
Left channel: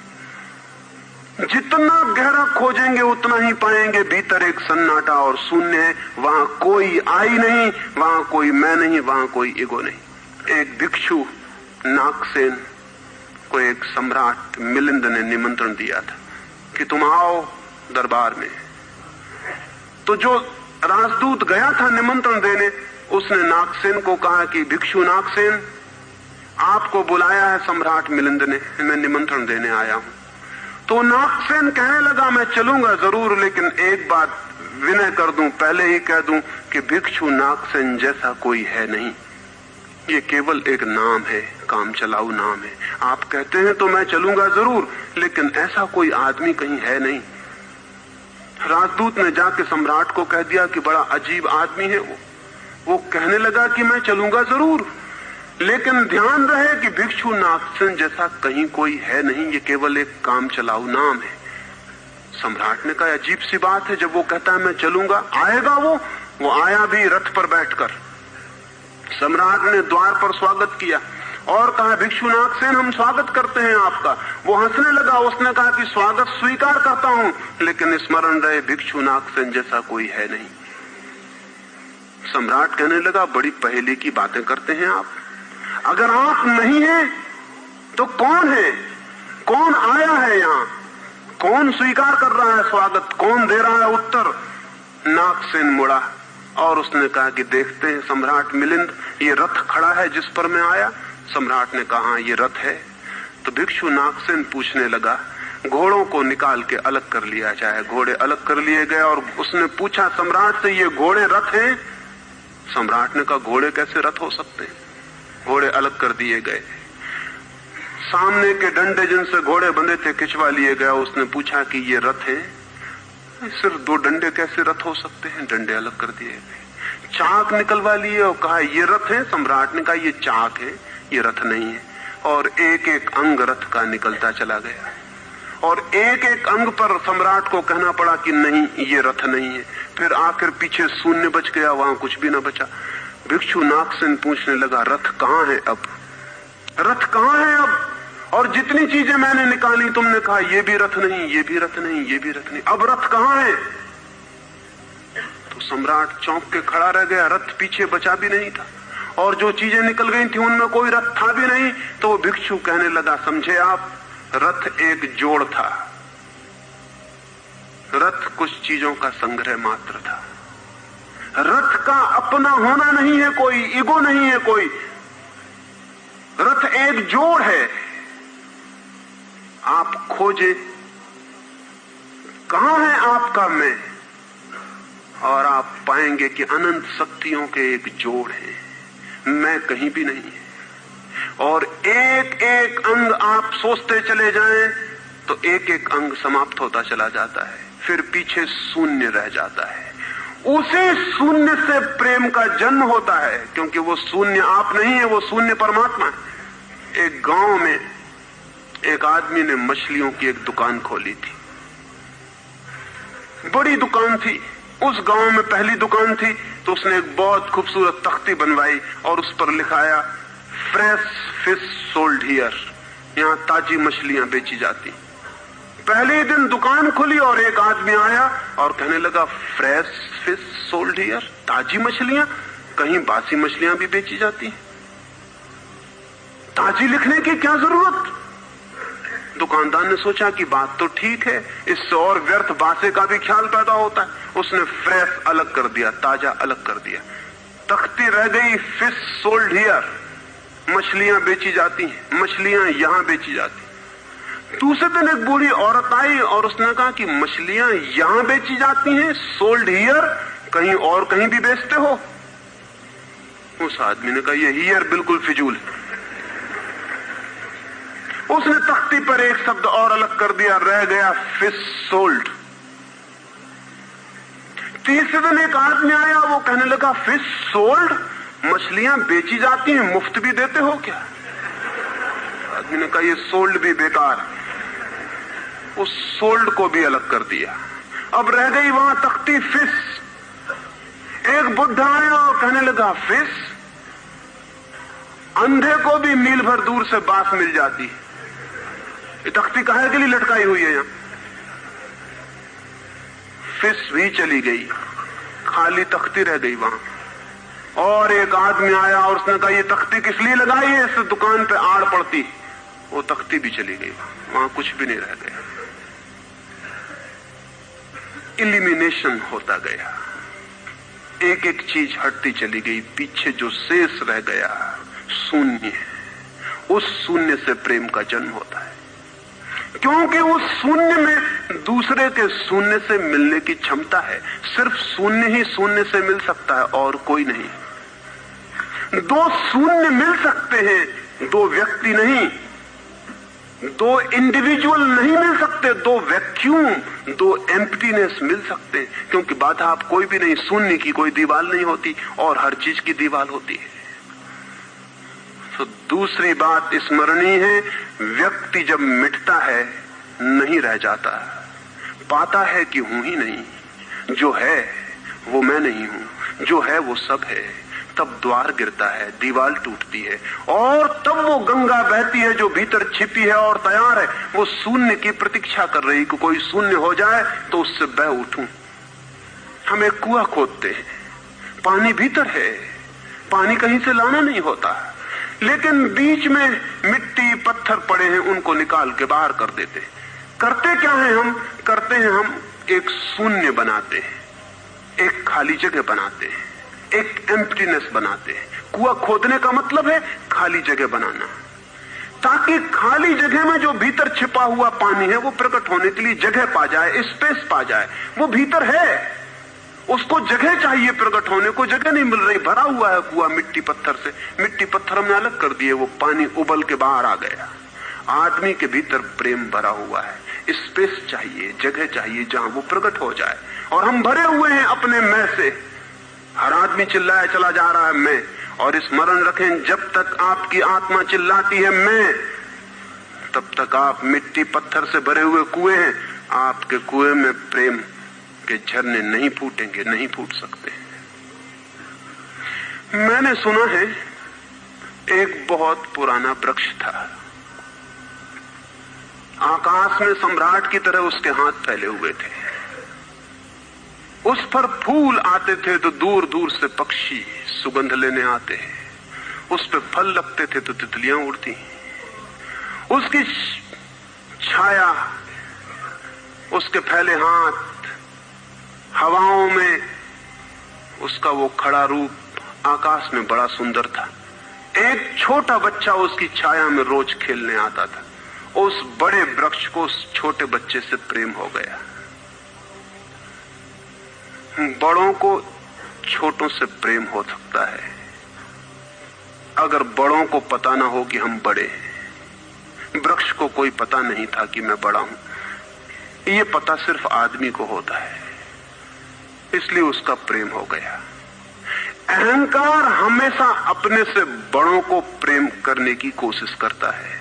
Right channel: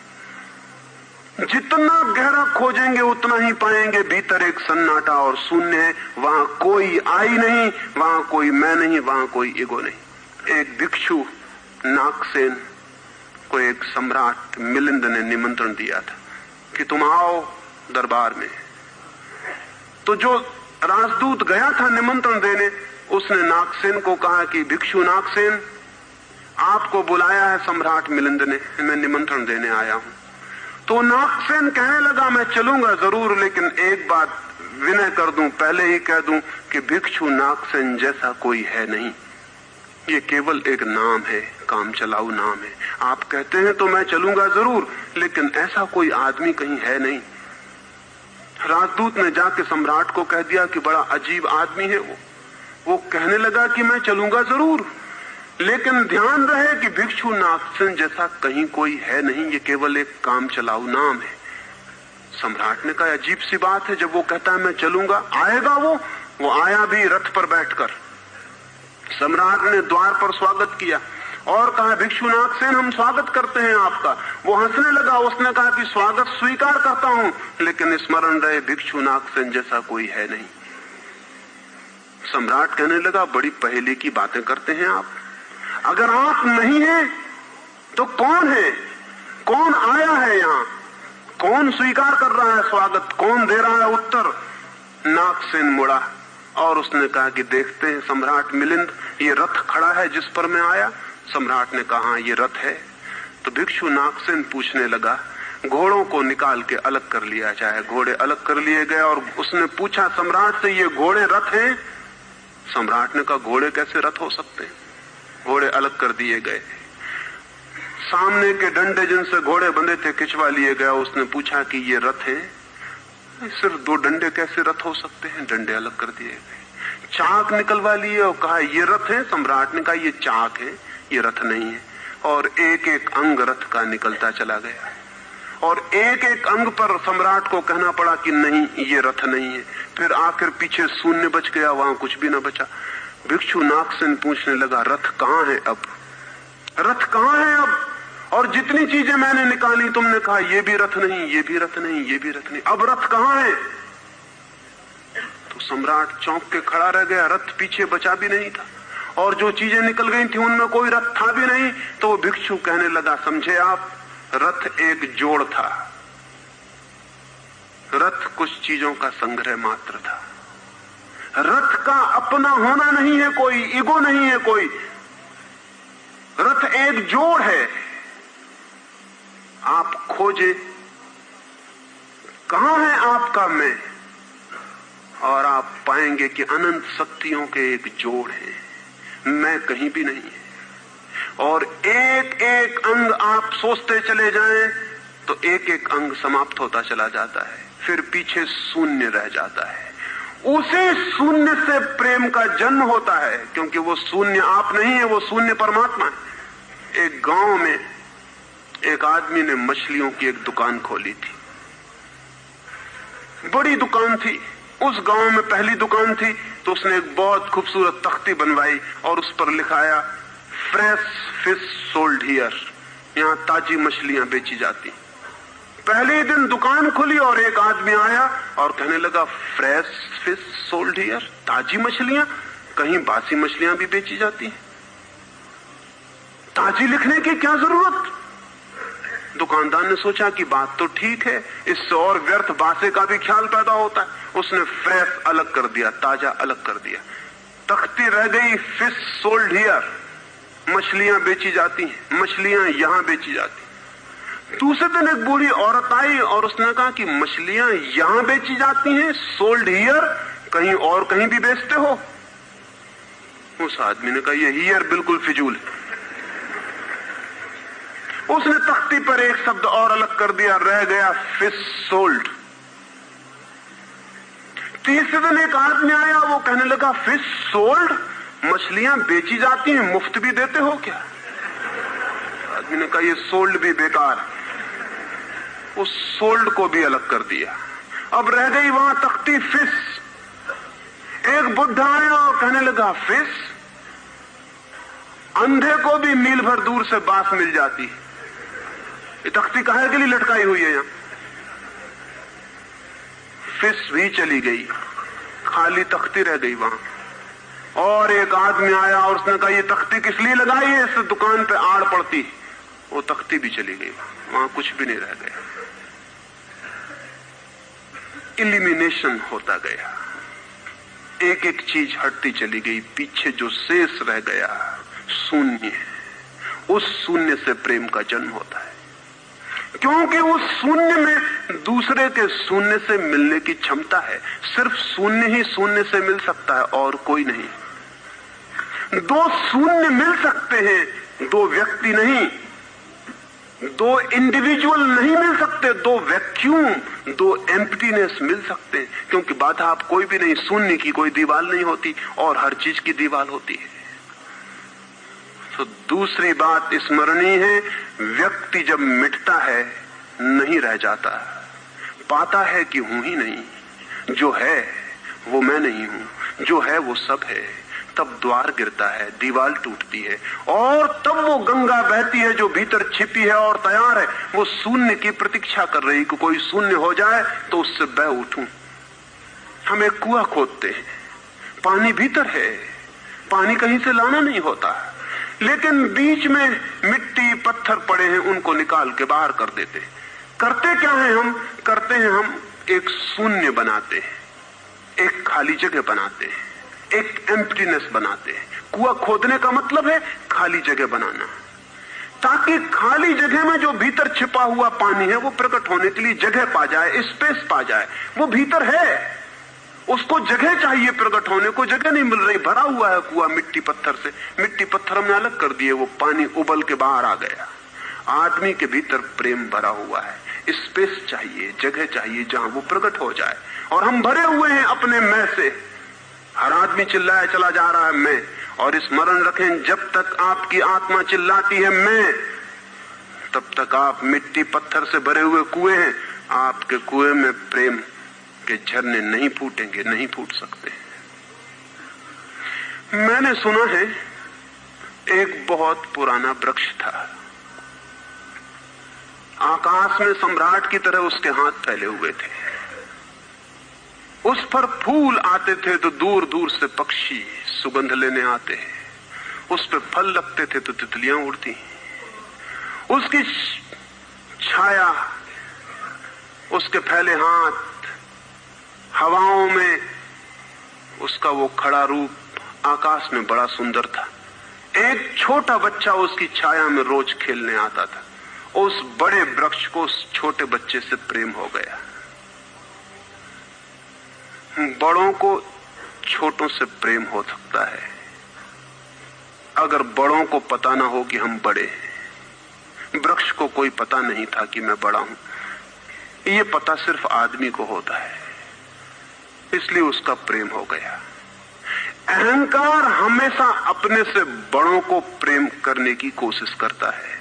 जितना गहरा खोजेंगे उतना ही पाएंगे भीतर एक सन्नाटा और शून्य है। वहां कोई आई नहीं, वहां कोई मैं नहीं, वहां कोई ईगो नहीं। एक भिक्षु नागसेन को एक सम्राट मिलिंद ने निमंत्रण दिया था कि तुम आओ दरबार में। तो जो राजदूत गया था निमंत्रण देने, उसने नागसेन को कहा कि भिक्षु नागसेन, आपको बुलाया है सम्राट मिलिंद ने, मैं निमंत्रण देने आया हूं। तो नागसेन कहने लगा मैं चलूंगा जरूर, लेकिन एक बात विनय कर दूं, पहले ही कह दूं कि भिक्षु नागसेन जैसा कोई है नहीं। ये केवल एक नाम है, काम चलाऊ नाम है। आप कहते हैं तो मैं चलूंगा जरूर, लेकिन ऐसा कोई आदमी कहीं है नहीं। राजदूत ने जाके सम्राट को कह दिया कि बड़ा अजीब आदमी है वो कहने लगा कि मैं चलूंगा जरूर, लेकिन ध्यान रहे कि भिक्षु नागसेन जैसा कहीं कोई है नहीं, ये केवल एक काम चलाऊ नाम है। सम्राट ने कहा अजीब सी बात है, जब वो कहता है मैं चलूंगा, आएगा वो आया भी रथ पर बैठकर। सम्राट ने द्वार पर स्वागत किया और कहा भिक्षु नागसेन हम स्वागत करते हैं आपका। वो हंसने लगा, उसने कहा कि स्वागत स्वीकार करता हूं, लेकिन स्मरण रहे भिक्षु नागसेन जैसा कोई है नहीं। सम्राट कहने लगा बड़ी पहेली की बातें करते हैं आप। अगर आप नहीं हैं तो कौन है? कौन आया है यहाँ? कौन स्वीकार कर रहा है स्वागत? कौन दे रहा है उत्तर? नागसेन मुड़ा और उसने कहा कि देखते हैं सम्राट मिलिंद, ये रथ खड़ा है जिस पर मैं आया। सम्राट ने कहा ये रथ है। तो भिक्षु नागसेन पूछने लगा घोड़ों को निकाल के अलग कर लिया जाए। घोड़े अलग कर लिए गए और उसने पूछा सम्राट से ये घोड़े रथ हैं? सम्राट ने कहा घोड़े कैसे रथ हो सकते हैं? घोड़े अलग कर दिए गए। सामने के डंडे जिनसे घोड़े बंधे थे खिंचवा लिए गए। उसने पूछा कि ये रथ है? सिर्फ दो डंडे कैसे रथ हो सकते हैं? डंडे अलग कर दिए गए। चाक निकलवा लिए और कहा ये रथ है? सम्राट ने कहा ये चाक है, ये रथ नहीं है। और एक एक अंग रथ का निकलता चला गया और एक एक अंग पर सम्राट को कहना पड़ा कि नहीं ये रथ नहीं है। फिर आखिर पीछे शून्य बच गया, वहां कुछ भी ना बचा। भिक्षु नागसेन पूछने लगा रथ कहां है अब? रथ कहां है अब? और जितनी चीजें मैंने निकाली तुमने कहा ये भी रथ नहीं, ये भी रथ नहीं, ये भी रथ नहीं, अब रथ कहां है? तो सम्राट चौंक के खड़ा रह गया। रथ पीछे बचा भी नहीं था और जो चीजें निकल गई थी उनमें कोई रथ था भी नहीं। तो भिक्षु कहने लगा समझे आप, रथ एक जोड़ था, रथ कुछ चीजों का संग्रह मात्र था। रथ का अपना होना नहीं है कोई, ईगो नहीं है कोई। रथ एक जोड़ है। आप खोजे कहां है आपका मैं, और आप पाएंगे कि अनंत शक्तियों के एक जोड़ है, मैं कहीं भी नहीं है। और एक एक अंग आप सोचते चले जाएं तो एक एक अंग समाप्त होता चला जाता है। फिर पीछे शून्य रह जाता है। उसी शून्य से प्रेम का जन्म होता है, क्योंकि वो शून्य आप नहीं है, वो शून्य परमात्मा है। एक गांव में एक आदमी ने मछलियों की एक दुकान खोली थी, बड़ी दुकान थी। उस गांव में पहली दुकान थी, तो उसने एक बहुत खूबसूरत तख्ती बनवाई और उस पर लिखाया फ्रेश फिश सोल्ड हियर, यहां ताजी मछलियां बेची जाती। पहले दिन दुकान खुली और एक आदमी आया और कहने लगा फ्रेश फिश सोल्ड हियर, ताजी मछलियां, कहीं बासी मछलियां भी बेची जाती? ताजी लिखने की क्या जरूरत? दुकानदार ने सोचा कि बात तो ठीक है, इससे और व्यर्थ बासे का भी ख्याल पैदा होता है। उसने फ्रेश अलग कर दिया, ताजा अलग कर दिया। तख्ती रह गई फिश सोल्ड हियर, मछलियां बेची जाती हैं, मछलियां यहां बेची जाती। दूसरे दिन एक बूढ़ी औरत आई और उसने कहा कि मछलियां यहां बेची जाती हैं, सोल्ड हियर, कहीं और कहीं भी बेचते हो? उस आदमी ने कहा ये हियर बिल्कुल फिजूल है। उसने तख्ती पर एक शब्द और अलग कर दिया, रह गया फिश सोल्ड। तीसरे दिन एक आदमी आया, वो कहने लगा फिश सोल्ड, मछलियां बेची जाती हैं, मुफ्त भी देते हो क्या? आदमी ने कहा ये सोल्ड भी बेकार। उस सोल्ड को भी अलग कर दिया। अब रह गई वहां तख्ती फिश। एक बुद्धा आया और कहने लगा फिश, अंधे को भी मील भर दूर से बात मिल जाती है। ये तख्ती काहे के लिए लटकाई हुई है? यहां फिश भी चली गई, खाली तख्ती रह गई वहां। और एक आदमी आया और उसने कहा ये तख्ती किस लिए लगाई है, इस दुकान पे आड़ पड़ती। वो तख्ती भी चली गई, वहां कुछ भी नहीं रह गया। इलिमिनेशन होता गया, एक एक चीज हटती चली गई, पीछे जो शेष रह गया शून्य। उस शून्य से प्रेम का जन्म होता है, क्योंकि उस शून्य में दूसरे के शून्य से मिलने की क्षमता है। सिर्फ शून्य ही शून्य से मिल सकता है और कोई नहीं। दो शून्य मिल सकते हैं, दो व्यक्ति नहीं, दो इंडिविजुअल नहीं मिल सकते, दो वैक्यूम, दो एम्प्टीनेस मिल सकते हैं, क्योंकि बाधा आप कोई भी नहीं, शून्य की कोई दीवार नहीं होती और हर चीज की दीवार होती है। तो दूसरी बात स्मरणीय है, व्यक्ति जब मिटता है नहीं रह जाता, पाता है कि हूं ही नहीं, जो है वो मैं नहीं हूं, जो है वो सब है। तब द्वार गिरता है, दीवार टूटती है और तब वो गंगा बहती है जो भीतर छिपी है और तैयार है। वो शून्य की प्रतीक्षा कर रही कि कोई शून्य हो जाए तो उससे बह उठूं। हम एक कुआं खोदते हैं, पानी भीतर है, पानी कहीं से लाना नहीं होता, लेकिन बीच में मिट्टी पत्थर पड़े हैं, उनको निकाल के बाहर कर देते। करते क्या है हम? करते हैं हम एक शून्य बनाते हैं, एक खाली जगह बनाते हैं, एक एम्प्टीनेस बनाते हैं। कुआं खोदने का मतलब है खाली जगह बनाना, ताकि खाली जगह में जो भीतर छिपा हुआ पानी है वो प्रकट होने के लिए जगह पा जाए, स्पेस पा जाए। वो भीतर है, उसको जगह चाहिए प्रकट होने को, जगह नहीं मिल रही, भरा हुआ है कुआं मिट्टी पत्थर से। मिट्टी पत्थर हमने अलग कर दिए, वो पानी उबल के बाहर आ गया। आदमी के भीतर प्रेम भरा हुआ है, स्पेस चाहिए, जगह चाहिए जहां वो प्रकट हो जाए। और हम भरे हुए हैं अपने मैं से। हर आदमी चिल्लाया चला जा रहा है मैं, और स्मरण रखें जब तक आपकी आत्मा चिल्लाती है मैं, तब तक आप मिट्टी पत्थर से भरे हुए कुएं हैं। आपके कुएं में प्रेम के झरने नहीं फूटेंगे, नहीं फूट सकते। मैंने सुना है एक बहुत पुराना वृक्ष था, आकाश में सम्राट की तरह उसके हाथ फैले हुए थे। उस पर फूल आते थे तो दूर दूर से पक्षी सुगंध लेने आते, उस पर फल लगते थे तो तितलियां उड़ती। उसकी छाया, उसके फैले हाथ, हवाओं में उसका वो खड़ा रूप आकाश में बड़ा सुंदर था। एक छोटा बच्चा उसकी छाया में रोज खेलने आता था। उस बड़े वृक्ष को उस छोटे बच्चे से प्रेम हो गया। बड़ों को छोटों से प्रेम हो सकता है अगर बड़ों को पता ना हो कि हम बड़े हैं। वृक्ष को कोई पता नहीं था कि मैं बड़ा हूं, ये पता सिर्फ आदमी को होता है, इसलिए उसका प्रेम हो गया। अहंकार हमेशा अपने से बड़ों को प्रेम करने की कोशिश करता है।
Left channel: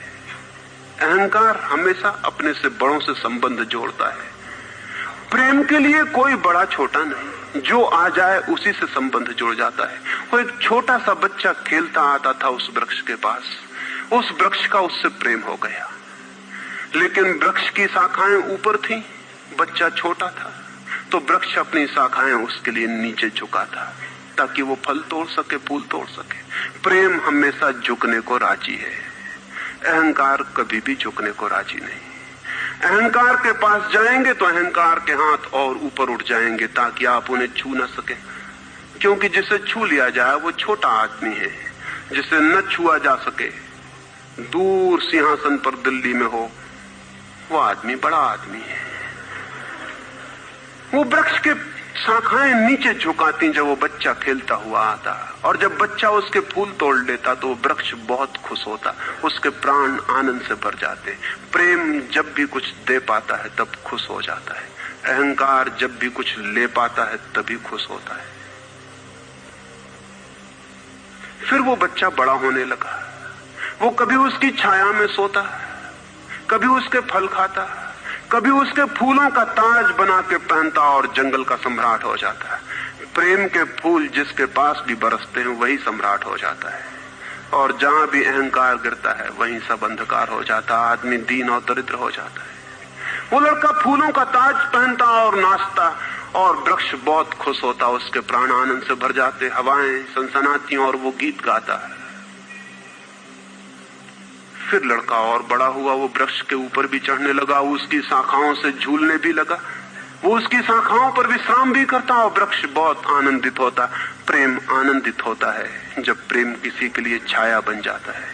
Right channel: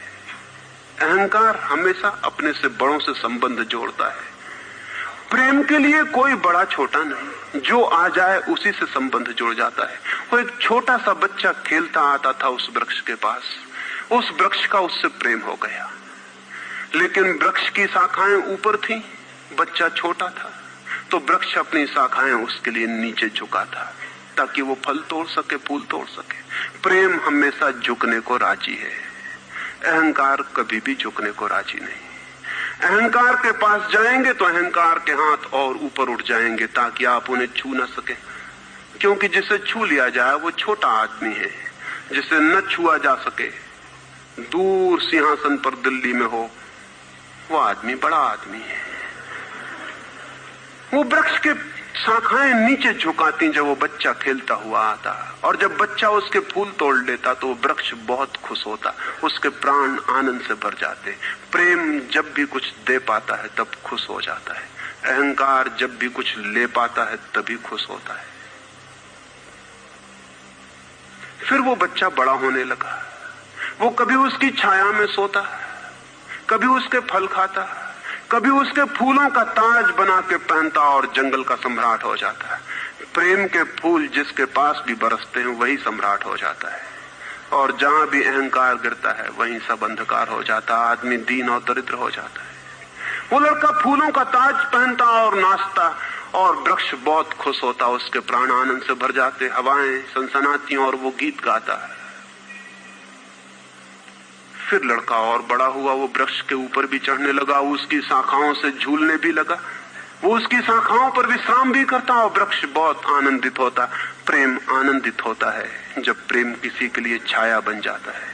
अहंकार हमेशा अपने से बड़ों से संबंध जोड़ता है। प्रेम के लिए कोई बड़ा छोटा नहीं, जो आ जाए उसी से संबंध जुड़ जाता है। वो एक छोटा सा बच्चा खेलता आता था उस वृक्ष के पास, उस वृक्ष का उससे प्रेम हो गया। लेकिन वृक्ष की शाखाएं ऊपर थी, बच्चा छोटा था, तो वृक्ष अपनी शाखाएं उसके लिए नीचे झुका था ताकि वो फल तोड़ सके, फूल तोड़ सके। प्रेम हमेशा झुकने को राजी है, अहंकार कभी भी झुकने को राजी नहीं। अहंकार के पास जाएंगे तो अहंकार के हाथ और ऊपर उठ जाएंगे ताकि आप उन्हें छू न सके, क्योंकि जिसे छू लिया जाए वो छोटा आदमी है, जिसे न छुआ जा सके, दूर सिंहासन पर दिल्ली में हो, वो आदमी बड़ा आदमी है। वो वृक्ष के शाखाएं नीचे झुकाती जब वो बच्चा खेलता हुआ आता, और जब बच्चा उसके फूल तोड़ लेता तो वृक्ष बहुत खुश होता, उसके प्राण आनंद से भर जाते। प्रेम जब भी कुछ दे पाता है तब खुश हो जाता है, अहंकार जब भी कुछ ले पाता है तभी खुश होता है। फिर वो बच्चा बड़ा होने लगा, वो कभी उसकी छाया में सोता, कभी उसके फल खाता, कभी उसके फूलों का ताज बना के पहनता और जंगल का सम्राट हो जाता है। प्रेम के फूल जिसके पास भी बरसते हैं वही सम्राट हो जाता है, और जहां भी अहंकार गिरता है वहीं सब अंधकार हो जाता है, आदमी दीन और दरिद्र हो जाता है। वो लड़का फूलों का ताज पहनता और नाचता, और वृक्ष बहुत खुश होता, उसके प्राण आनंद से भर जाते, हवाएं सनसनाती और वो गीत गाता है। फिर लड़का और बड़ा हुआ, वो वृक्ष के ऊपर भी चढ़ने लगा, वो उसकी शाखाओं से झूलने भी लगा, वो उसकी शाखाओं पर विश्राम भी करता, और वृक्ष बहुत आनंदित होता। प्रेम आनंदित होता है जब प्रेम किसी के लिए छाया बन जाता है।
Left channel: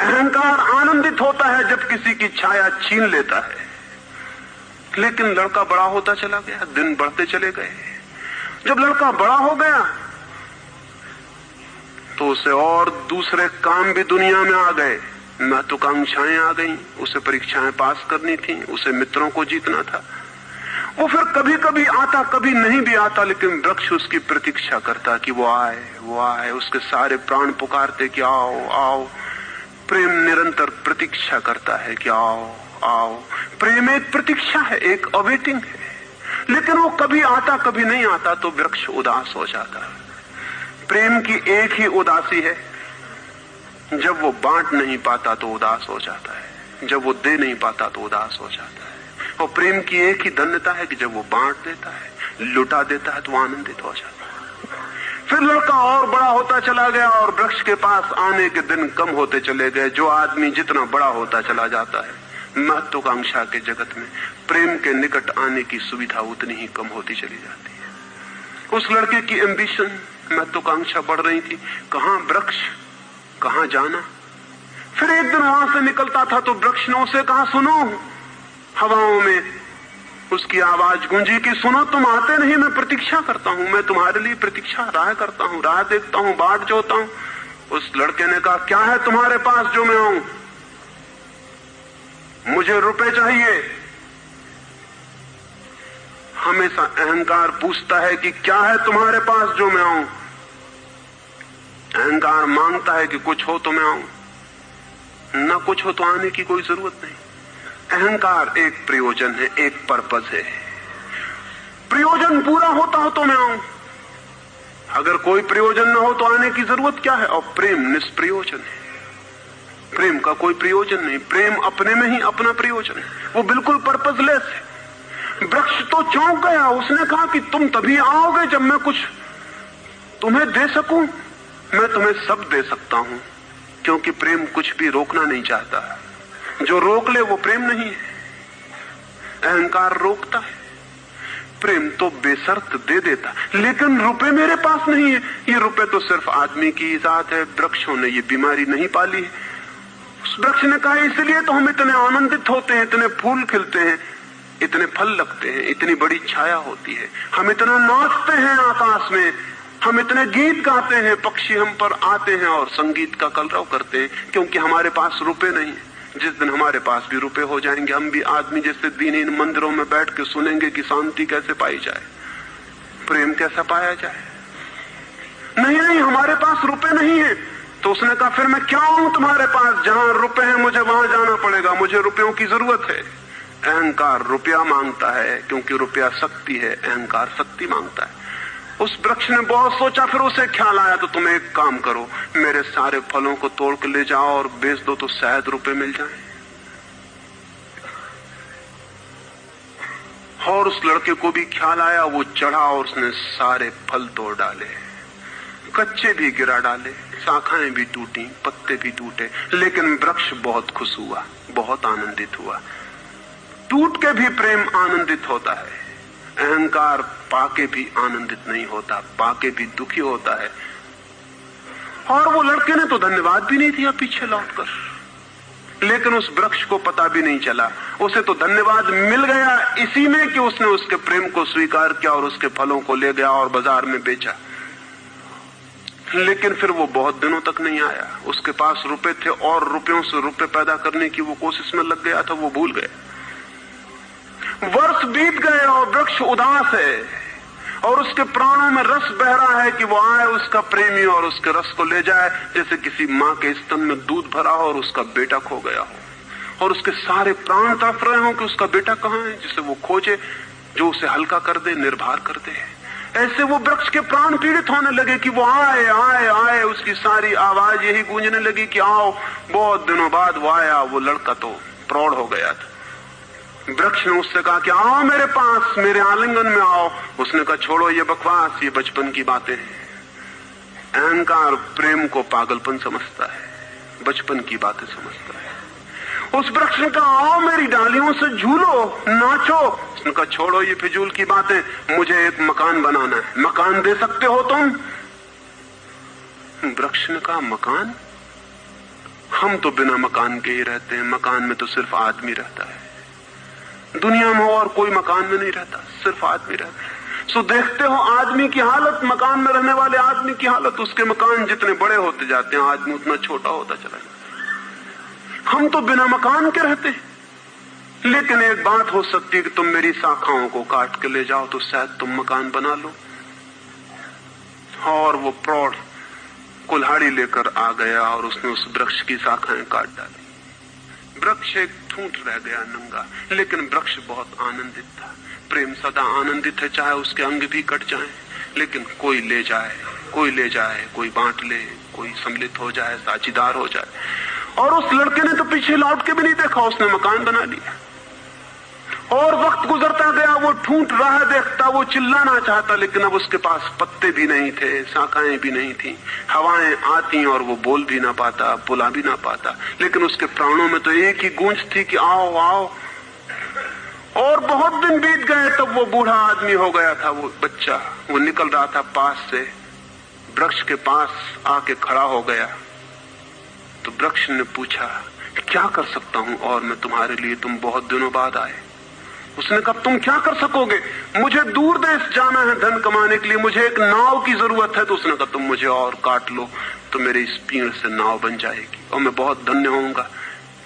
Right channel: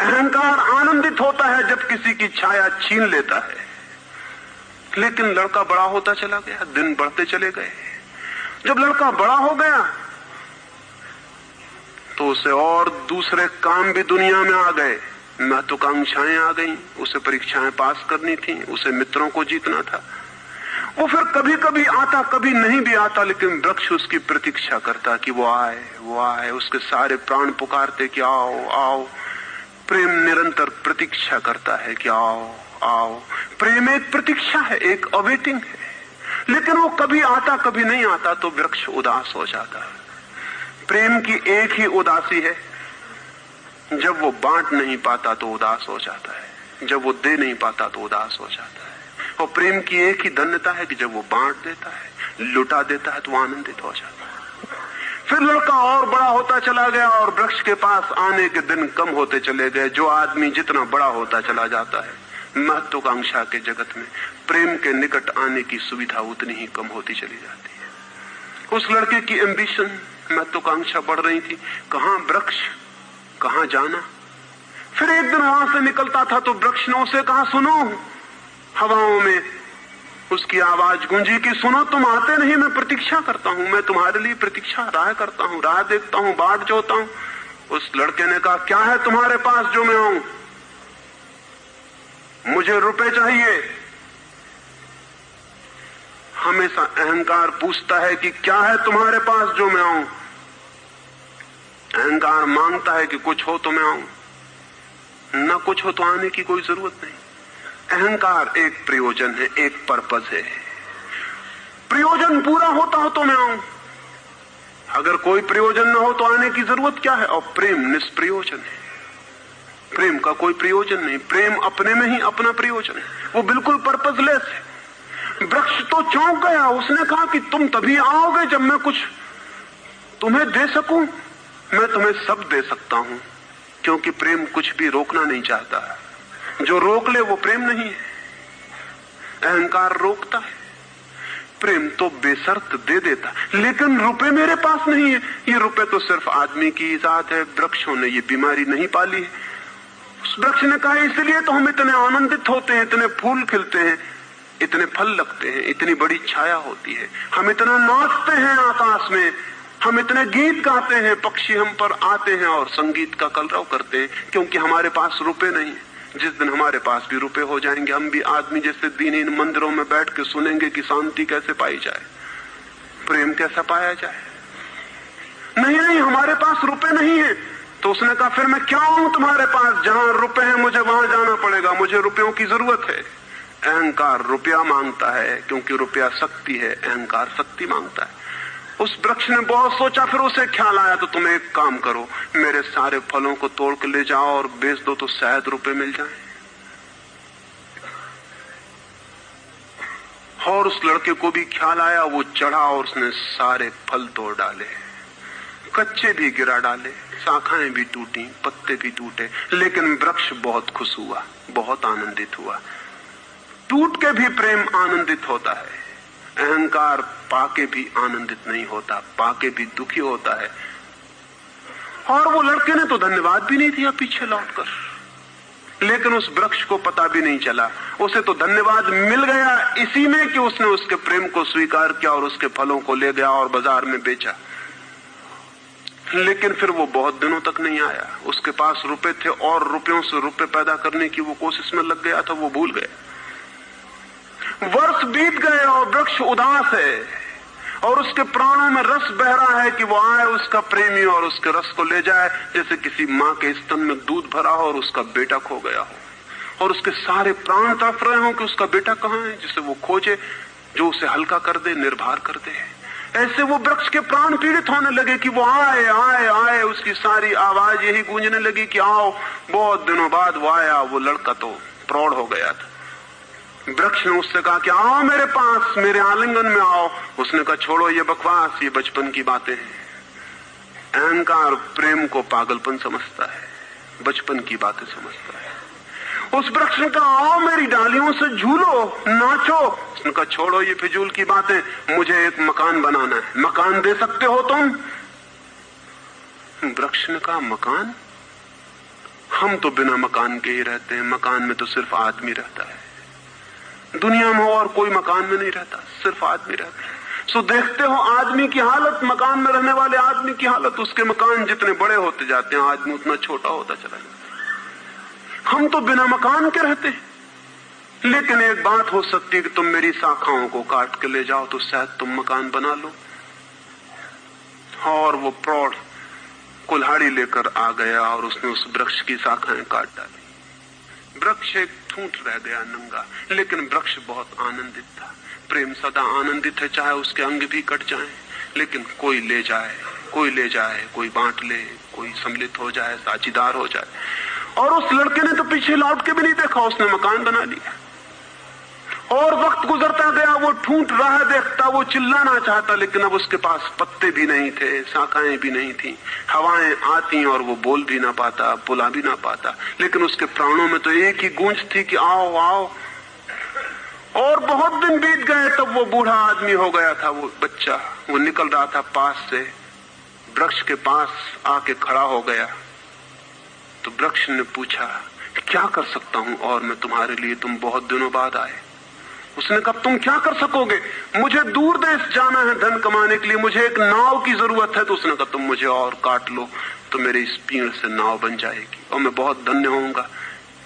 अहंकार आनंदित होता है जब किसी की छाया छीन लेता है। लेकिन लड़का बड़ा होता चला गया, दिन बढ़ते चले गए। जब लड़का बड़ा हो गया तो उसे और दूसरे काम भी दुनिया में आ गए, महत्वाकांक्षाएं आ गईं, उसे परीक्षाएं पास करनी थी, उसे मित्रों को जीतना था। वो फिर कभी कभी आता, कभी नहीं भी आता, लेकिन वृक्ष उसकी प्रतीक्षा करता कि वो आए, वो आए। उसके सारे प्राण पुकारते कि आओ आओ। प्रेम निरंतर प्रतीक्षा करता है कि आओ आओ। प्रेम एक प्रतीक्षा है, एक अवेटिंग है, लेकिन वो कभी आता कभी नहीं आता, तो वृक्ष उदास हो जाता है। प्रेम की एक ही उदासी है, जब वो बांट नहीं पाता तो उदास हो जाता है, जब वो दे नहीं पाता तो उदास हो जाता है। और प्रेम की एक ही धन्यता है कि जब वो बांट देता है, लुटा देता है, तो आनंदित हो जाता है। फिर लड़का और बड़ा होता चला गया, और वृक्ष के पास आने के दिन कम होते चले गए। जो आदमी जितना बड़ा होता चला जाता है, महत्वाकांक्षा के जगत में प्रेम के निकट आने की सुविधा उतनी ही कम होती चली जाती है। उस लड़के की एम्बिशन, महत्वाकांक्षा बढ़ रही थी, कहां वृक्ष, कहां जाना। फिर एक दिन वहां से निकलता था तो वृक्ष ने उसे कहा, सुनो। हवाओं में उसकी आवाज गूंजी कि सुनो, तुम आते नहीं, मैं प्रतीक्षा करता हूं, मैं तुम्हारे लिए प्रतीक्षा राह करता हूं, राह देखता हूं, बाट जोता हूं। उस लड़के ने कहा, क्या है तुम्हारे पास जो मैं आऊं? मुझे रुपए चाहिए। हमेशा अहंकार पूछता है कि क्या है तुम्हारे पास जो मैं आऊं। अहंकार मांगता है कि कुछ हो तो मैं आऊं, न कुछ हो तो आने की कोई जरूरत नहीं। अहंकार एक प्रयोजन है, एक पर्पस है। प्रयोजन पूरा होता हो तो मैं आऊं, अगर कोई प्रयोजन न हो तो आने की जरूरत क्या है। और प्रेम निष्प्रयोजन है, प्रेम का कोई प्रयोजन नहीं। प्रेम अपने में ही अपना प्रयोजन है, वो बिल्कुल पर्पसलेस है। वृक्ष तो चौंक गया, उसने कहा कि तुम तभी आओगे जब मैं कुछ तुम्हें दे सकूं। मैं तुम्हें सब दे सकता हूं, क्योंकि प्रेम कुछ भी रोकना नहीं चाहता। जो रोक ले वो प्रेम नहीं है। अहंकार रोकता है, प्रेम तो बेशर्त दे देता। लेकिन रुपए मेरे पास नहीं है, ये रुपए तो सिर्फ आदमी की इजाजत है, वृक्षों ने ये बीमारी नहीं पाली है। उस वृक्ष ने कहा, इसलिए तो हम इतने आनंदित होते हैं, इतने फूल खिलते हैं, इतने फल लगते हैं, इतनी बड़ी छाया होती है, हम इतना नाचते हैं आकाश में, हम इतने गीत गाते हैं, पक्षी हम पर आते हैं और संगीत का कलरव करते हैं, क्योंकि हमारे पास रुपए नहीं है। जिस दिन हमारे पास भी रुपए हो जाएंगे, हम भी आदमी जैसे दीनहीन मंदिरों में बैठ के सुनेंगे कि शांति कैसे पाई जाए, प्रेम कैसे पाया जाए। नहीं, हमारे पास रुपए नहीं है। तो उसने कहा फिर मैं क्या हूं तुम्हारे पास? जहां रुपए हैं मुझे वहां जाना पड़ेगा, मुझे रुपयों की जरूरत है। अहंकार रुपया मांगता है क्योंकि रुपया शक्ति है, अहंकार शक्ति मांगता है। उस वृक्ष ने बहुत सोचा, फिर उसे ख्याल आया तो तुम एक काम करो, मेरे सारे फलों को तोड़ के ले जाओ और बेच दो तो शायद रुपए मिल जाएं। और उस लड़के को भी ख्याल आया, वो चढ़ा और उसने सारे फल तोड़ डाले, कच्चे भी गिरा डाले, शाखाएं भी टूटी, पत्ते भी टूटे, लेकिन वृक्ष बहुत खुश हुआ, बहुत आनंदित हुआ। टूट के भी प्रेम आनंदित होता है, अहंकार पाके भी आनंदित नहीं होता, पाके भी दुखी होता है। और वो लड़के ने तो धन्यवाद भी नहीं दिया पीछे लौटकर, लेकिन उस वृक्ष को पता भी नहीं चला, उसे तो धन्यवाद मिल गया इसी में कि उसने उसके प्रेम को स्वीकार किया और उसके फलों को ले गया और बाजार में बेचा। लेकिन फिर वो बहुत दिनों तक नहीं आया। उसके पास रुपए थे और रुपयों से रुपए पैदा करने की वो कोशिश में लग गया था, वो भूल गया। वर्ष बीत गए और वृक्ष उदास है और उसके प्राणों में रस बह रहा है कि वो आए उसका प्रेमी और उसके रस को ले जाए, जैसे किसी माँ के स्तन में दूध भरा हो और उसका बेटा खो गया हो और उसके सारे प्राण तड़प रहे हो कि उसका बेटा कहाँ है, जिसे वो खोजे, जो उसे हल्का कर दे, निर्भर कर दे। ऐसे वो वृक्ष के प्राण पीड़ित होने लगे कि वो आए आए आए, उसकी सारी आवाज यही गूंजने लगी कि आओ। बहुत दिनों बाद वो आया। वो लड़का तो प्रौढ़ हो गया था। वृक्ष ने उससे कहा कि आओ मेरे पास, मेरे आलिंगन में आओ। उसने कहा छोड़ो ये बकवास, ये बचपन की बातें हैं। अहंकार प्रेम को पागलपन समझता है, बचपन की बातें समझता है। उस वृक्ष ने कहा आओ मेरी डालियों से झूलो, नाचो। उसने कहा छोड़ो ये फिजूल की बातें, मुझे एक मकान बनाना है। मकान दे सकते हो तुम? वृक्ष ने कहा मकान? हम तो बिना मकान के ही रहते हैं, मकान में तो सिर्फ आदमी रहता है। दुनिया में और कोई मकान में नहीं रहता, सिर्फ आदमी रहता है। सो देखते हो आदमी की हालत, मकान में रहने वाले आदमी की हालत। उसके मकान जितने बड़े होते जाते हैं, आदमी उतना छोटा होता चला जाता है। हम तो बिना मकान के रहते हैं। लेकिन एक बात हो सकती है कि तुम मेरी शाखाओं को काट के ले जाओ तो शायद तुम मकान बना लो। और वो प्रौढ़ कुल्हाड़ी लेकर आ गया और उसने उस वृक्ष की शाखाएं काट डाली। वृक्ष एक ठूंठ रह गया नंगा, लेकिन वृक्ष बहुत आनंदित था। प्रेम सदा आनंदित है, चाहे उसके अंग भी कट जाएं, लेकिन कोई ले जाए, कोई ले जाए, कोई बांट ले, कोई सम्मिलित हो जाए, साझीदार हो जाए। और उस लड़के ने तो पीछे लौट के भी नहीं देखा, उसने मकान बना लिया। और वक्त गुजरता गया, वो ठूंठ रहा देखता, वो चिल्लाना चाहता, लेकिन अब उसके पास पत्ते भी नहीं थे, शाखाएं भी नहीं थी, हवाएं आती और वो बोल भी ना पाता, बुला भी ना पाता। लेकिन उसके प्राणों में तो एक ही गूंज थी कि आओ आओ। और बहुत दिन बीत गए तो वो बूढ़ा आदमी हो गया था। वो बच्चा, वो निकल रहा था पास से, वृक्ष के पास आके खड़ा हो गया। तो वृक्ष ने पूछा क्या कर सकता हूं और मैं तुम्हारे लिए, तुम बहुत दिनों बाद आए। उसने कहा तुम क्या कर सकोगे? मुझे दूर देश जाना है धन कमाने के लिए, मुझे एक नाव की जरूरत है। तो उसने कहा तुम मुझे और काट लो तो मेरी इस पीड़ से नाव बन जाएगी और मैं बहुत धन्य होऊंगा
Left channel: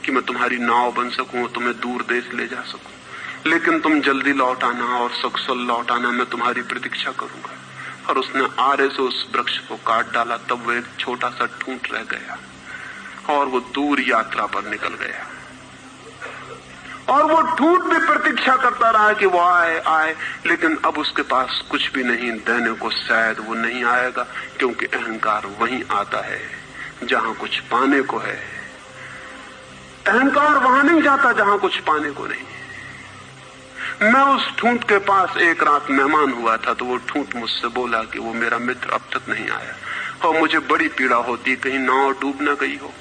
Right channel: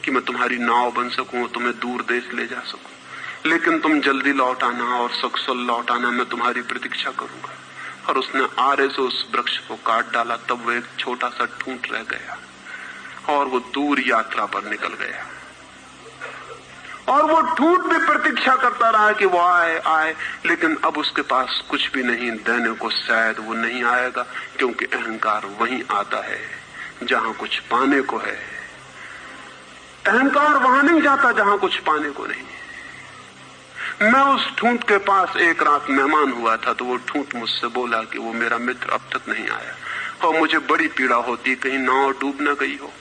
कि मैं तुम्हारी नाव बन सकूं, तुम्हें दूर देश ले जा सकूं। लेकिन तुम जल्दी लौट आना और सकुशल लौट आना, मैं तुम्हारी प्रतीक्षा करूंगा। और उसने आरे से उस वृक्ष को काट डाला। तब वो एक छोटा सा ठूंठ रह गया और वो दूर यात्रा पर निकल गया। और वो ठूंठ भी प्रतीक्षा करता रहा कि वो आए आए, लेकिन अब उसके पास कुछ भी नहीं देने को। शायद वो नहीं आएगा, क्योंकि अहंकार वहीं आता है जहां कुछ पाने को है। अहंकार वहां नहीं जाता जहां कुछ पाने को नहीं। मैं उस ठूंठ के पास एक रात मेहमान हुआ था, तो वो ठूंठ मुझसे बोला कि वो मेरा मित्र अब तक नहीं आया और मुझे बड़ी पीड़ा होती, कहीं नाव डूब ना गई हो,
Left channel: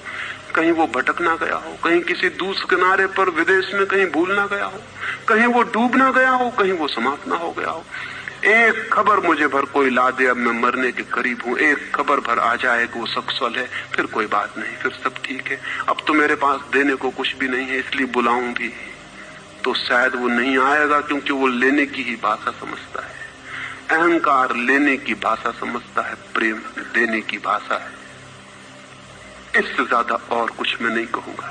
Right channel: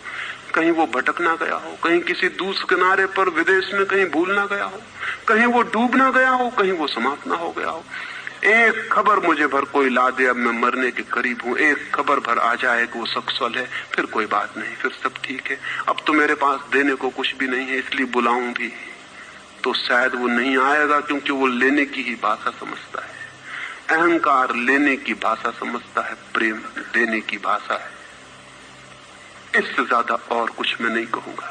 कहीं वो भटक ना गया हो, कहीं किसी दूसरे किनारे पर विदेश में कहीं भूल ना गया हो, कहीं वो डूब ना गया हो, कहीं वो समाप्त ना हो गया हो। एक खबर मुझे भर कोई ला दे, अब मैं मरने के करीब हूँ, एक खबर भर आ जाए कि वो सकुशल है, फिर कोई बात नहीं, फिर सब ठीक है। अब तो मेरे पास देने को कुछ भी नहीं है, इसलिए बुलाऊं भी तो शायद वो नहीं आएगा, क्योंकि वो लेने की ही भाषा समझता है। अहंकार लेने की भाषा समझता है, प्रेम देने की भाषा है। इससे ज्यादा और कुछ मैं नहीं कहूंगा।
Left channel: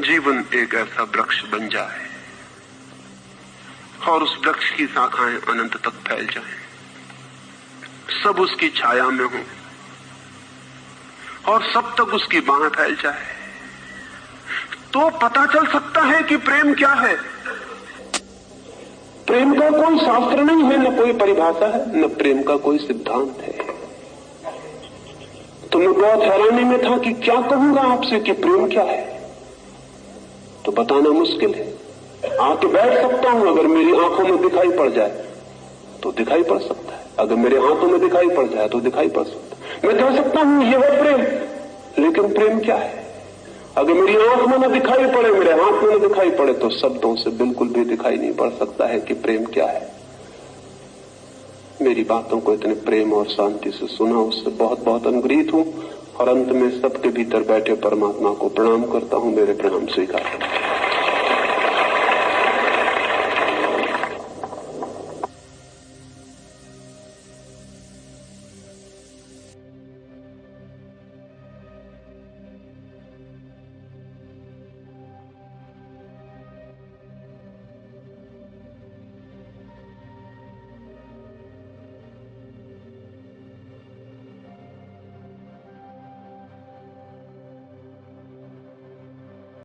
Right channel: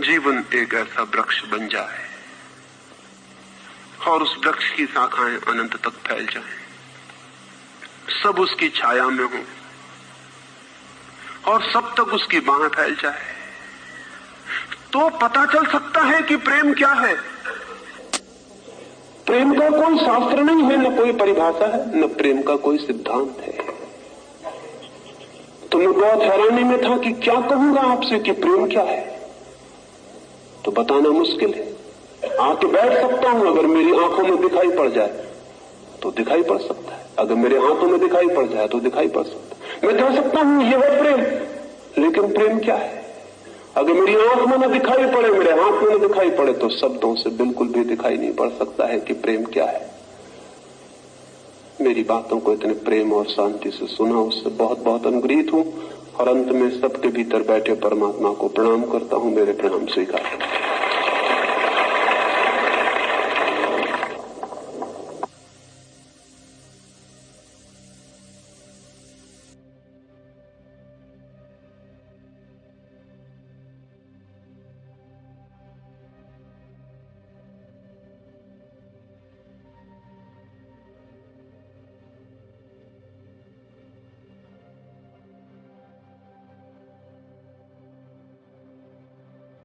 जीवन एक ऐसा वृक्ष बन जाए और उस वृक्ष की शाखाएं अनंत तक फैल जाएं, सब उसकी छाया में हो और सब तक उसकी बाह फैल जाए, तो पता चल सकता है कि प्रेम क्या है। प्रेम का कोई शास्त्र नहीं है, न कोई परिभाषा है, न प्रेम का कोई सिद्धांत है। तो मैं बहुत हैरानी में था कि क्या कहूंगा आपसे कि प्रेम क्या है, तो बताना मुश्किल है। आके बैठ सकता हूं, अगर मेरी आंखों में दिखाई पड़ जाए तो दिखाई पड़ सकता है, अगर मेरे हाथों में दिखाई पड़ जाए तो दिखाई पड़ सकता है। मैं कह सकता हूं ये है प्रेम, लेकिन प्रेम क्या है? अगर मेरी आंख में न दिखाई पड़े, मेरे हाथ में न दिखाई पड़े, तो शब्दों से बिल्कुल भी दिखाई नहीं पड़ सकता है कि प्रेम क्या है। मेरी बातों को इतने प्रेम और शांति से सुना, उससे बहुत बहुत अनुग्रहित हूं और अंत में सबके भीतर बैठे परमात्मा को प्रणाम करता हूं। मेरे प्रणाम स्वीकार।